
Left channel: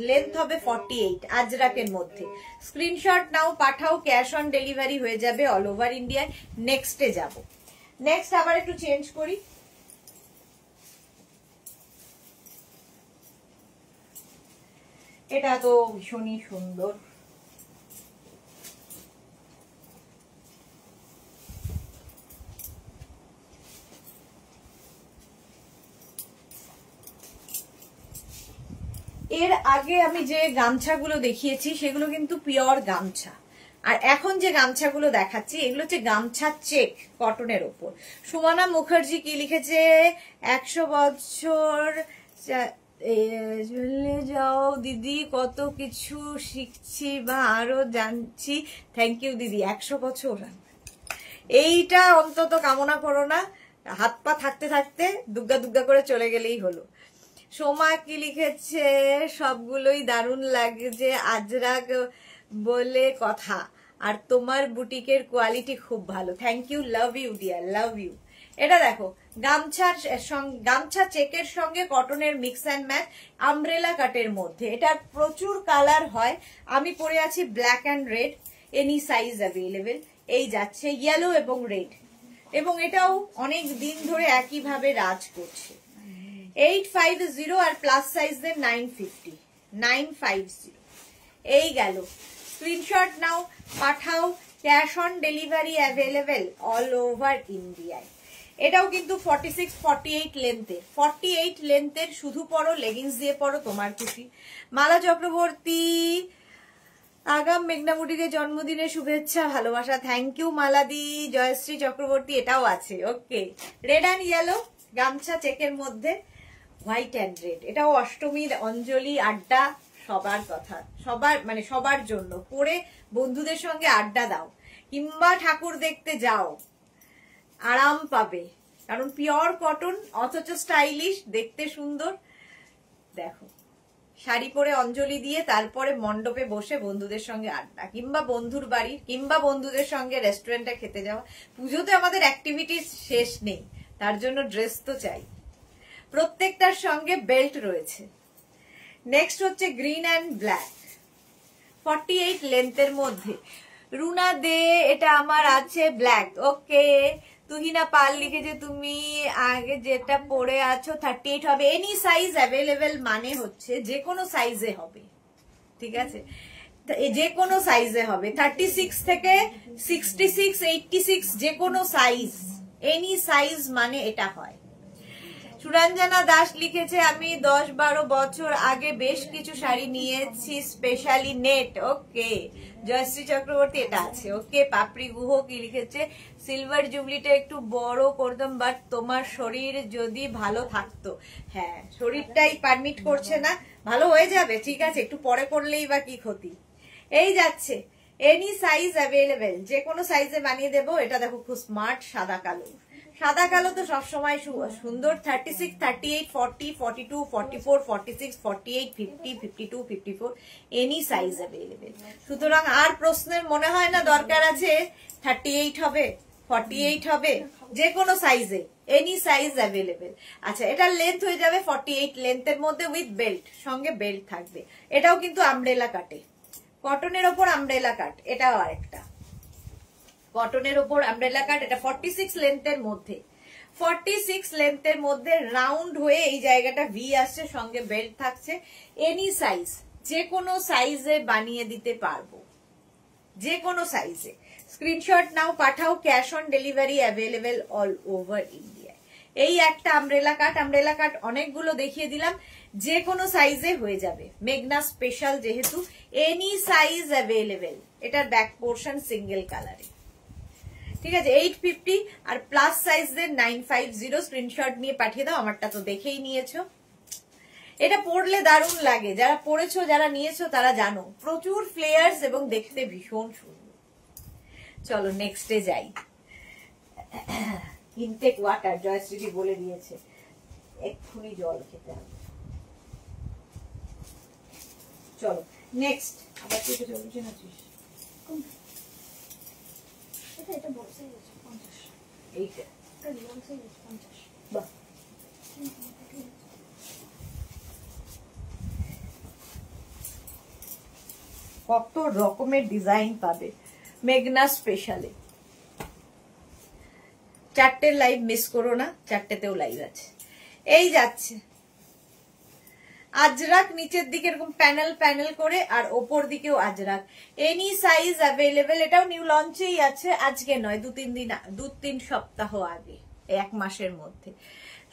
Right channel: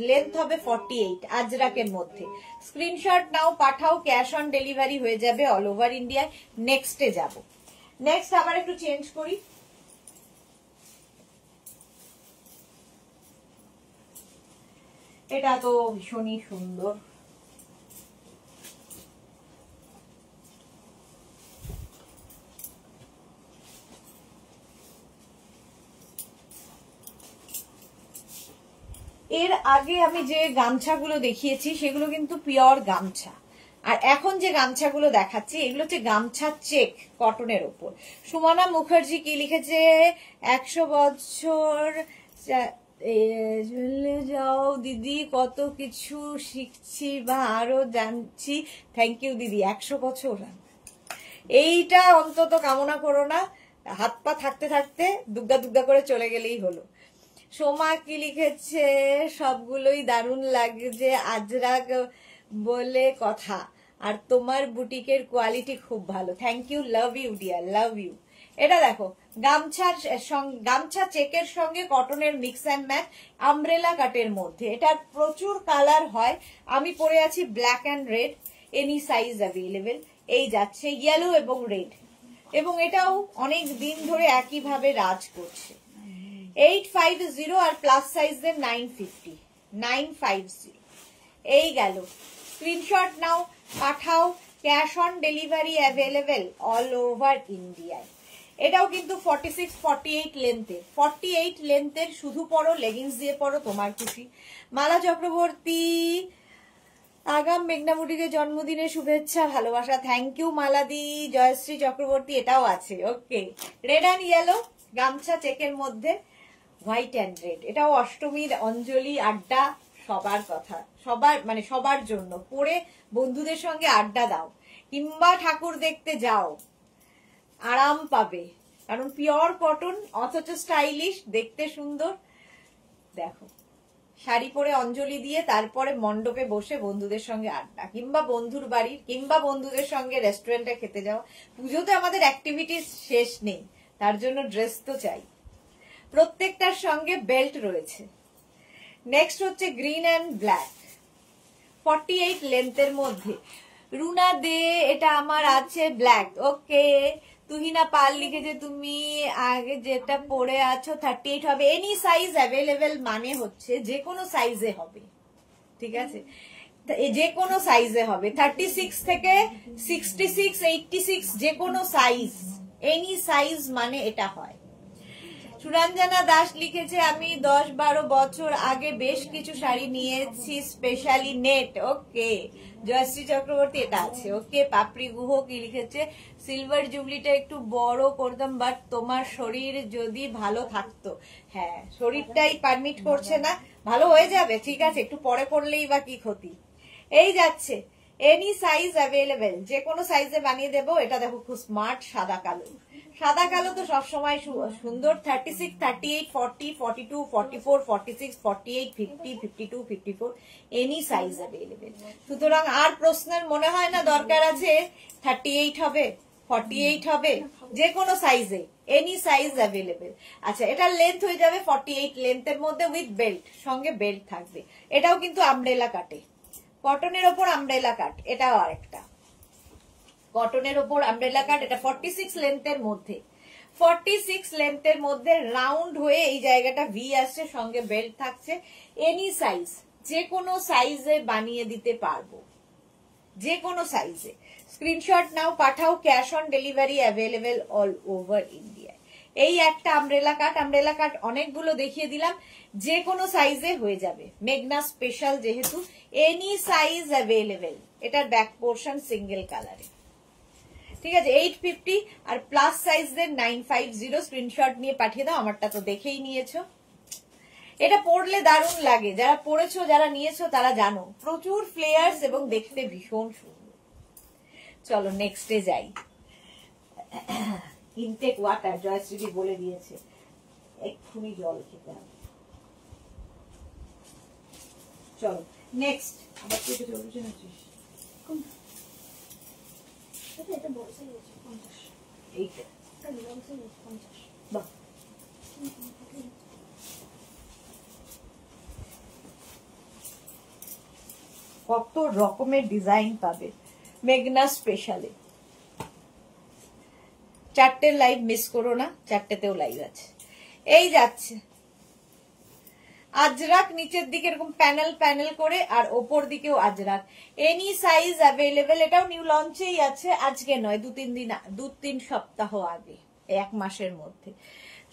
লেন্থ হবে 48 আজরাকের মধ্যে। স্ক্রিনশট নাও, পাঠাও, ক্যাশ অন ডেলিভারি হয়ে যাবে অল ওভার ইন্ডিয়া। নেক্সটে যাব। নেক্সট আবার একটু চেঞ্জ করি, এটা তো ভীষণই সুন্দর। এর আগে আমি যে গামছাগুলো দেখিয়েছি সেগুলো কিন্তু পিওর গামছা, আর এখন যে গামছাগুলো দেখাচ্ছি এগুলো হচ্ছে গামছা চেক কটনের ওপর। সুমনা মুখার্জি কি লিখেছে, 100 বছর চলে যাও দিদি, কত কিছু শিখছি বা আরো জানছি। থ্যাংক ইউ দিদি। 100 বছর এইটা অন্তত কামনা করো না, হাত পা থাকতে থাকতে দুগ্গা দুগ্গা করে চলে গেলেই হলো। সোমা কি লিখেছে, সবগুলোই দারুণ লাগছে আজরাক বলে কথা, আর তোমার বুটিকের কোয়ালিটি খুব ভালো। Thank you, love you dear, love you. এটা দেখো, গামছা চেকের সঙ্গে কটনের মিক্স অ্যান্ড ম্যাচ, আমব্রেলা কাটের মধ্যে। এটার প্রচুর কালার হয়। আমি পরে আছি black and red, any size available. এই যাচ্ছে ইয়েলো এবং রেড, এবং এটাও অনেক দিন ধরে একইভাবে রাজ করছে। 850 আর প্লাস সাইজের 950, 950। এই গেল, স্ক্রিনশট নাও, পাঠাও, cash on delivery available all over ইন্ডিয়ায়। এটাও কিন্তু 46, 48 লেন্থের, 48 লেন্থের। শুধু পরো, লেগিংস দিয়ে পরো, তোমার খুশি। মালা চক্রবর্তী, আগাম মেঘনা বুটিকে জন্মদিনের শুভেচ্ছা, ভালোবাসা। থ্যাংক ইউ মালাদি। জয়শ্রী চক্রবর্তী, এটাও আছে। ওকে, রেড অ্যান্ড ইয়েলো গামছা চেকের মধ্যে, হোয়াইট অ্যান্ড রেড। এটাও অষ্টমীর অঞ্জলি আড্ডা, সবার কথা, সবার মানে সবার জন্য। পরে বন্ধুদের সঙ্গে আড্ডা দাও, কিংবা ঠাকুর দেখতে যাও, আরাম পাবে। কারণ পিওর কটন, অথচ স্টাইলিশ, দেখতে সুন্দর। দেখো, শাড়ি পরে অঞ্জলি দিয়ে তারপরে মণ্ডপে বসে বন্ধুদের সঙ্গে আড্ডা, কিংবা বন্ধুর বাড়ি, কিংবা বন্ধুদের সঙ্গে রেস্টুরেন্টে খেতে যাওয়া। পুজোতে আমাদের অ্যাক্টিভিটিস শেষ নেই, তার জন্য ড্রেস তো চাই। প্রত্যেকটার সঙ্গে বেল্ট রয়েছে। নেক্সট হচ্ছে গ্রিন অ্যান্ড ব্ল্যাক, 48 লেন্থের মধ্যে। রুনা দে, এটা আমার আছে ব্ল্যাক। ওকে, তুহিনা পাল লিখেছে তুমি আগে যেটা পরে আছো 38 হবে। এনি সাইজ অ্যাভেলেবেল মানে হচ্ছে যে কোনো সাইজে হবে, ঠিক আছে? যে কোনো সাইজে হবে, 36 থেকে 66, 86, যে কোনো সাইজ। এনি সাইজ মানে এটা হয়। সুরঞ্জনা দাস লিখেছে আমি 10-12 বছর আগে বেশ কিছু শাড়ি নিয়েছি, স্পেশালি নেট। ওকে, জয়শ্রী চক্রবর্তী, এটা আছে। ওকে, পাপড়ি গুহ কি লিখেছে, সিলভার জুবলিটা একটু বড় করতাম, বাট তোমার শরীর যদি ভালো থাকতো। হ্যাঁ, শরীরটাই পারমিট করছে না। ভালো হয়ে যাবে, ঠিক আছে, একটু পরে করলেই বা কি ক্ষতি। এই যাচ্ছে, এনি সাইজ অ্যাভেলেবেল, যে কোনো সাইজে বানিয়ে দেবো। এটা দেখো, খুব স্মার্ট, সাদা কালো। সাদা কালো তো সবসময় সুন্দর। 36, 38, 40, 42, 44, 46, 48, 50, 52, 54, এনি সাইজ অ্যাভেলেবেল। সুতরাং আর প্রশ্নের মনে হয় না দরকার আছে 38 হবে, 48 হবে, যে কোনো সাইজে, এনি সাইজ অ্যাভেলেবেল। আচ্ছা, এটার লেন্থ হয়ে যাবে 48 লেন্থের মধ্যে উইথ বেল্ট, সঙ্গে বেল্ট থাকবে। এটাও কিন্তু আমব্রেলা কাটে, কটনের ওপর আমব্রেলা কাট। এটাও আরেকটা কটনের ওপর আমব্রেলা কাট। এটা 46 লেন্থের মধ্যে, 46 লেন্থের মধ্যে রাউন্ড হয়ে এই জায়গাটা ভি আসছে, সঙ্গে বেল্ট থাকছে। এনি সাইজ, যে কোনো সাইজে বানিয়ে দিতে পারবো, যে কোনো সাইজে। স্ক্রিনশট নাও, পাঠাও, cash on delivery available all over India. এই একটা আমব্রেলা কাট, আমব্রেলা কাট অনেকগুলো দেখিয়ে দিলাম, যে কোনো সাইজে হয়ে যাবে। মেঘনা স্পেশাল যেহেতু, এনি সাইজ অ্যাভেলেবেল। এটার ব্যাক পোর্শন সিঙ্গেল কালারে, ঠিক আছে। 850 আর প্লাস সাইজের 950। স্ক্রিনশট নিয়ে পাঠিয়ে দাও, আমারটা তো দেখেই নিয়েছো। এটা পরলে দারুণ লাগে, যারা পরেছো, যারা নিয়েছো তারা জানো, প্রচুর ফ্লেয়ার্স এবং দেখতে ভীষণ সুন্দর। চলো নেক্সটে যাই। ইনটেক ওয়াটার, জয়শ্রী বলে দিয়েছে, এক্ষুনি জল খেতে হবে। চলো নেক্সট, আবার চেপে চলছে না। এটা বড় সাইজ আছে 50, এইটা এটা বড় সাইজ আছে 50। বাহ, কত রকমের ডিজাইন পাবে মেঘনা স্পেশালে। 4টে লাইভ মিস করো না, 4টেতেও লাইভ আছে। এই যাচ্ছে আজরাক, নিচের দিকে এরকম প্যানেল প্যানেল করে, আর ওপর দিকেও আজরাক। Any size available. এটাও নিউ লঞ্চেই আছে, আজকে নয়, 2-3 সপ্তাহ আগে, 1 মাসের মধ্যে।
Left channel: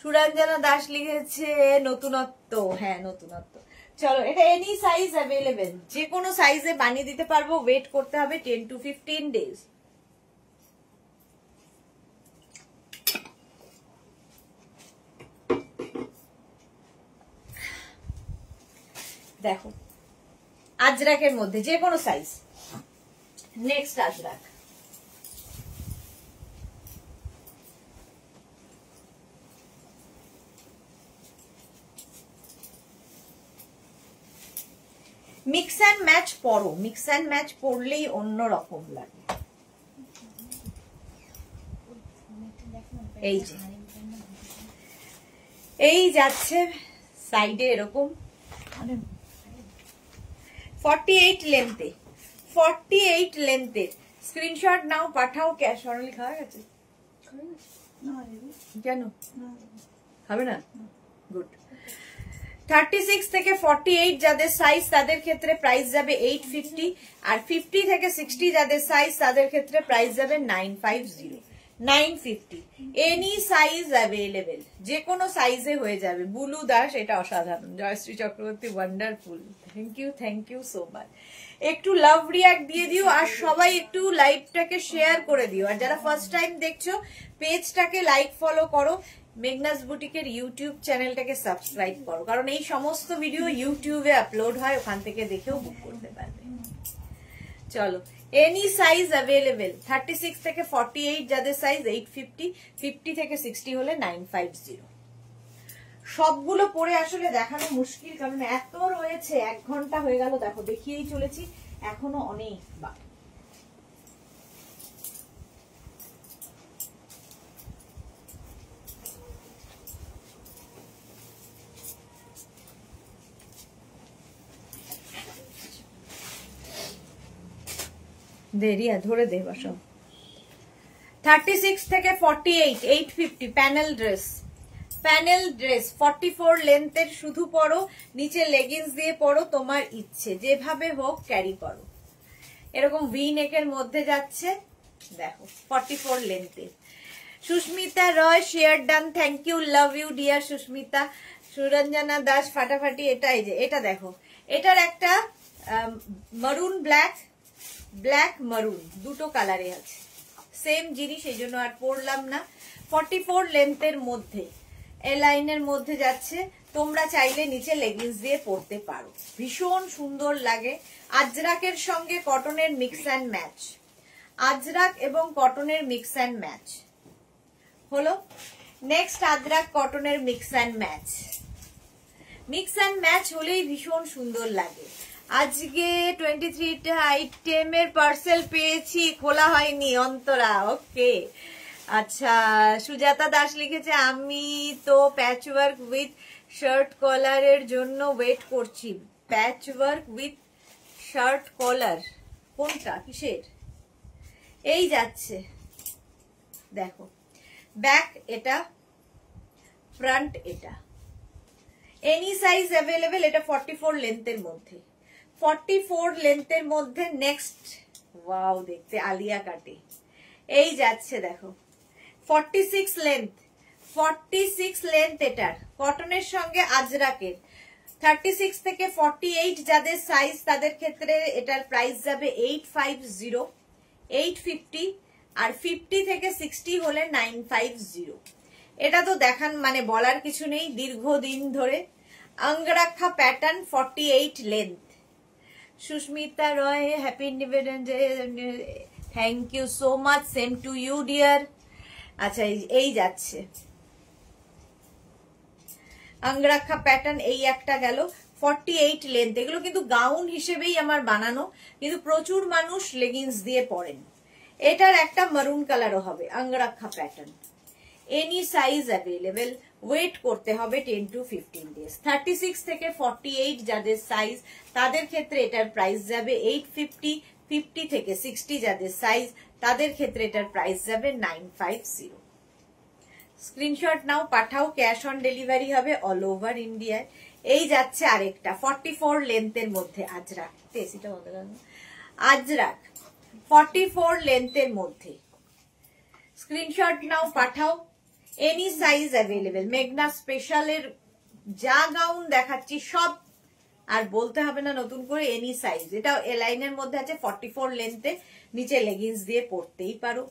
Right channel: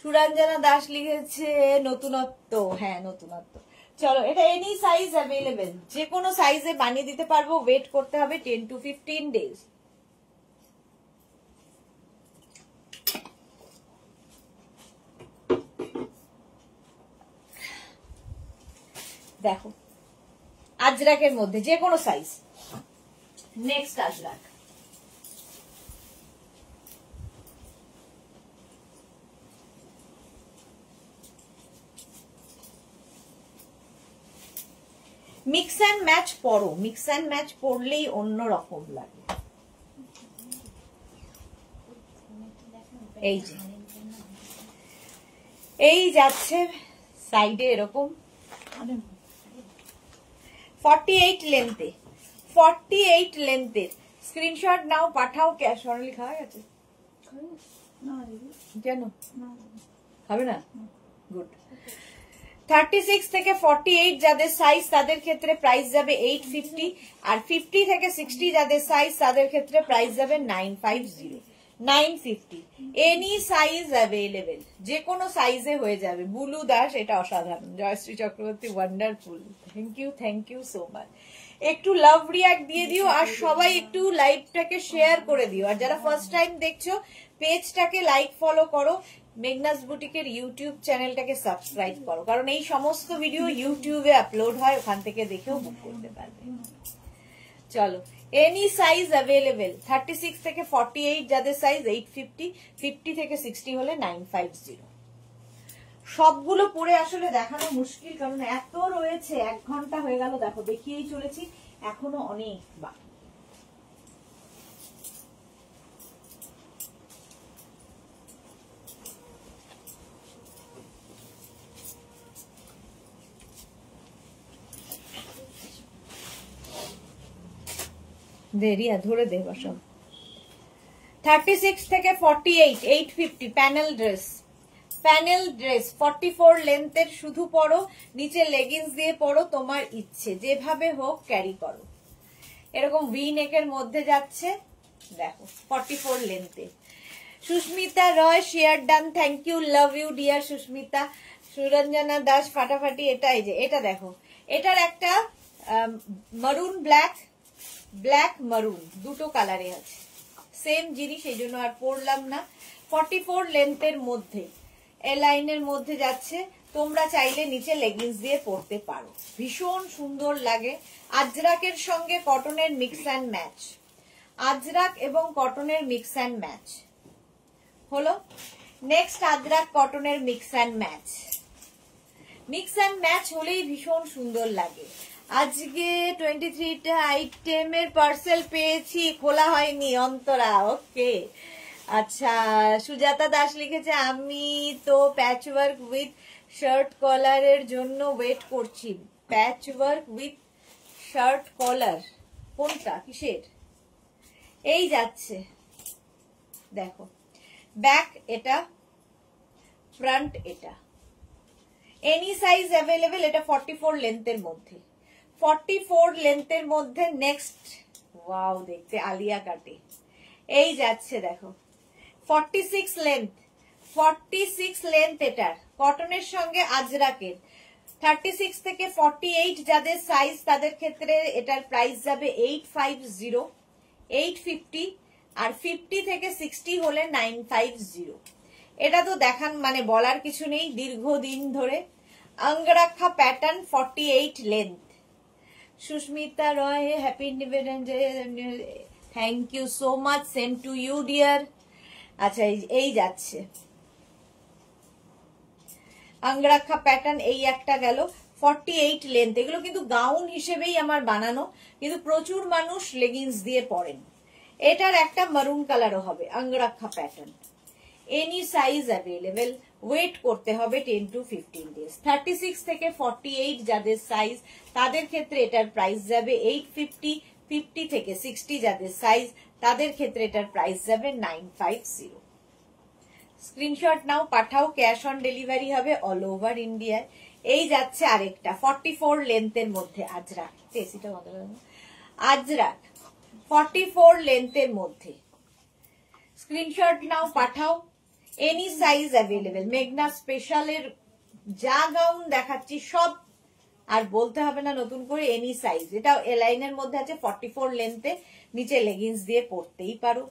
সুরঞ্জনা দাস লিখেছে নতুনত্ব। হ্যাঁ, নতুনত্ব। চলো, এটা এনি সাইজ অ্যাভেলেবেল, যে কোনো সাইজে বানিয়ে দিতে পারবো। ওয়েট করতে হবে 10 to 15 ডেজ। দেখো আজরাকের মধ্যে যে কোনো size. Next Ajrak, mix and match পরো, মিক্স অ্যান্ড ম্যাচ পরলেই অন্য রকম লাগে। এই যে এই যাচ্ছে সাইডে এরকম 48 লেন্থে, 48 লেন্থে স্ক্রিনশট নাও, পাঠাও। ক্যাশ অন ডেলিভারি খাওয়া গেছে? কেন খাবে না? গুড। 36 থেকে 48 যাদের সাইজ তাদের ক্ষেত্রে প্রাইস যাবে 850, আর 50 থেকে 60 যাদের সাইজ তাদের ক্ষেত্রে প্রাইস যাবে 950, 950। এনি সাইজ অ্যাভেলেবেল, যে কোনো সাইজে হয়ে যাবে। বুলু দাস, এটা অসাধারণ। Jayashree Chakraborty, wonderful, thank you so much. একটু লাভ রিয়াক্ট দিয়ে দিও, আর সবাই একটু লাইভটাকে শেয়ার করে দিও। আর যারা ফার্স্ট টাইম দেখছো পেজটাকে লাইক ফলো করো, মেঘনাস বুটিকের ইউটিউব চ্যানেলটাকে সাবস্ক্রাইব করো, কারণ এই সমস্ত ভিডিও ইউটিউবে আপলোড হয়, ওখান থেকে দেখেও বুক করতে পারবে। চলো, এনি সাইজ অ্যাভেলেবেল। 36 থেকে 48 যাদের সাইজ 850, 50 থেকে 60 হলে 950। সবগুলো পরে আসলে দেখানো মুশকিল, কারণ এত রয়েছে। 1 ঘন্টা হয়ে গেল, দেখো দেখিয়েই চলেছি, এখনো অনেক বাকি। দেরিয়া ধরে দে বসো। 36 থেকে 48 850 প্যানেল ড্রেস, প্যানেল ড্রেস 44 লেন্থের। শুধু পরো, নিচে লেগিংস দিয়ে পরো, তোমার ইচ্ছে, যেভাবে হোক ক্যারি করো। এরকম ভি নেকের মধ্যে যাচ্ছে, দেখো 44 লেন্থের। Susmita Roy, share done, thank you, love you dear Susmita. Suranjana Das, ফাটাফাটি। এটাই যে, এটা দেখো, এটার একটা মারুন ব্ল্যাক, ব্ল্যাক মারুন দুটো কালারে আছে, সেম জিনিস, এই জন্য আর পরলাম না। 44 লেন্থের মধ্যে, এ লাইনের মধ্যে যাচ্ছে। তোমরা চাইলে নিচে লেগিংস দিয়ে পরতে পারো, ভীষণ সুন্দর লাগে। আজরাকের সঙ্গে কটনের মিক্স অ্যান্ড ম্যাচ, আজরাক এবং কটনের মিক্স অ্যান্ড ম্যাচ হলো। নেক্সট আজরাক কটনের mix and match, mix and match হলেই ভীষণ সুন্দর লাগে। আজকে 23টা আইটেমের পার্সেল পেয়েছি, খোলা হয়নি। অন্তরা, ওকে, আচ্ছা। সুজাতা দাস লিখেছে, আমি তো প্যাচওয়ার্ক উইথ শার্ট কলারের জন্য ওয়েট করছি। প্যাচওয়ার্ক উইথ শার্ট কলার কোনটা, কিসের? এই যাচ্ছে, দেখো ব্যাক এটা, ফ্রন্ট এটা। Any size available. এটা 44 লেন্থের মধ্যে, 44 লেন্থের মধ্যে। নেক্সট, ওয়াও, দেখতে আলিয়া কাটে। এই যাচ্ছে, দেখো 46 লেন্থ, 46 লেন্থ এটার, কটনের সঙ্গে আজরাকের। 36 থেকে 48 যাদের সাইজ তাদের ক্ষেত্রে এটার প্রাইস যাবে 850, 850, আর 50 থেকে 60 হলে 950। এটা তো দেখান মানে বলার কিছু নেই, দীর্ঘদিন ধরে। Angrakha pattern, 48 length. Susmita Roy, happy independence day, thank you so much, same to you dear. আচ্ছা, এই যাচ্ছে অঙ্গরাক্ষা প্যাটার্ন, এই একটা গেল 48 লেন্থ। এগুলো কিন্তু গাউন হিসেবেই আমার বানানো, কিন্তু প্রচুর মানুষ লেগিংস দিয়ে পরেন। এটার একটা মারুন কালারও হবে, Angrakha pattern. Any size available, wait করতে হবে 10 to 15 ডেজ। 36 থেকে 48 যাদের সাইজ তাদের ক্ষেত্রে এটার প্রাইস যাবে 850, 50 থেকে 60 যাদের সাইজ তাদের ক্ষেত্রে এটার প্রাইস যাবে 950। স্ক্রিনশট নাও, পাঠাও, ক্যাশ অন ডেলিভারি হবে অল ওভার ইন্ডিয়ায়। এই যাচ্ছে আরেকটা 44 লেন্থের মধ্যে আজরাক, আজরাক 44 লেন্থের মধ্যে। স্ক্রিনশট নাও, পাঠাও, এনি সাইজ অ্যাভেলেবেল। মেঘনা স্পেশালের যা গাউন দেখাচ্ছি সব আর বলতে হবে না নতুন করে, এনি সাইজ। এটাও এ লাইনের মধ্যে আছে, 44 লেন্থে, নিচে লেগিংস দিয়ে পরতেই পারো।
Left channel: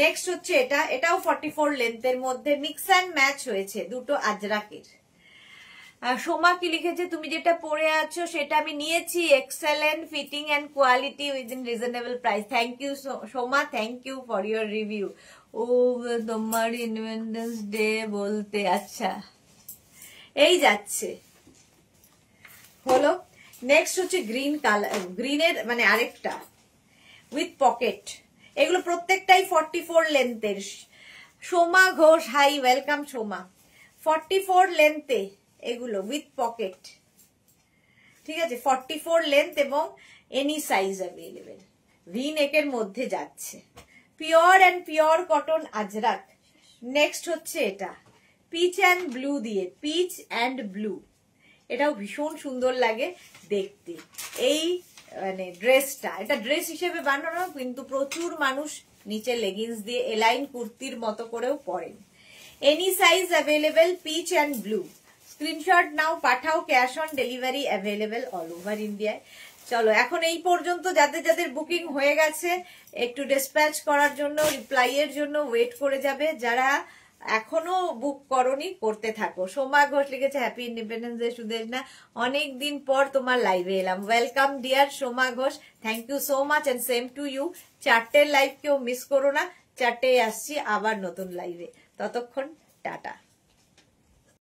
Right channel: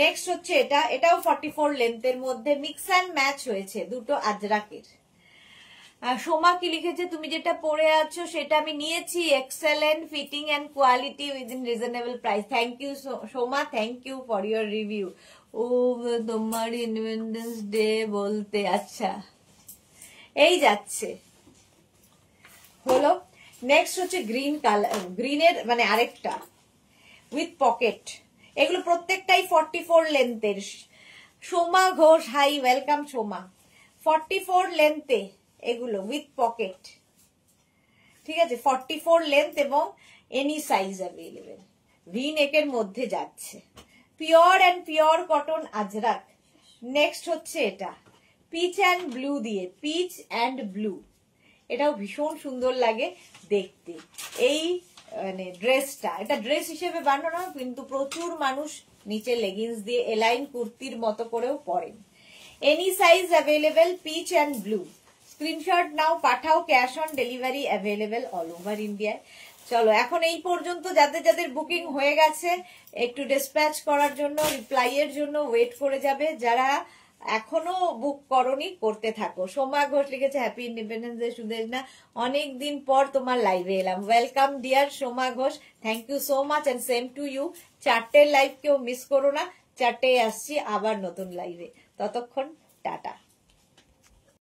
নেক্সট হচ্ছে এটা, এটাও 44 লেন্থের মধ্যে, মিক্স অ্যান্ড ম্যাচ হয়েছে দুটো আজরাকের। সোমা কি লিখেছে, তুমি যেটা পরে আছো সেটা আমি নিয়েছি, excellent fitting and quality within reasonable price. Thank you Soma, thank you for your review. ও তোমার ইন্ডিপেন্ডেন্স ডে বলতে, আচ্ছা এই যাচ্ছে হলো। নেক্সট হচ্ছে গ্রিন কালার, গ্রিনের মানে আরেকটা উইথ পকেট, এগুলো প্রত্যেকটাই 44 লেন্থের। Soma Ghosh, hi welcome Soma. 44 লেন্থে এগুলো উইথ পকেট, ঠিক আছে, 44 লেন্থ এবং এনি সাইজ অ্যাভেলেবেল, ভি নেকের মধ্যে যাচ্ছে, pure and pure cotton Ajrak. Next হচ্ছে এটা পিচ অ্যান্ড ব্লু দিয়ে, পিচ অ্যান্ড ব্লু, এটাও ভীষণ সুন্দর লাগে দেখতে। এই মানে ড্রেসটা, এটা ড্রেস হিসেবে বানানো কিন্তু প্রচুর মানুষ নিচে লেগিংস দিয়ে এলাইন কুর্তির মতো করেও পরেন। Any size available, peach and blue. Screenshot নাও, পাঠাও, cash on delivery available all over ইন্ডিয়ায়। চলো এখন এই পর্যন্ত, যাদের যাদের বুকিং হয়ে গেছে একটু ডিসপ্যাচ করার জন্য, রিপ্লাই এর জন্য ওয়েট করে যাবে। যারা এখনো বুক করনি করতে থাকো। সোমা ঘোষ লিখেছে হ্যাপি ইন্ডিপেন্ডেন্স ডে সুদেশনা, অনেকদিন পর তোমার লাইভে এলাম। Welcome dear Soma Ghosh, thank you so much and same to you. 4টের লাইভ কেউ মিস করো না, 4টে আসছি আবার নতুন লাইভে, ততক্ষণ টাটা।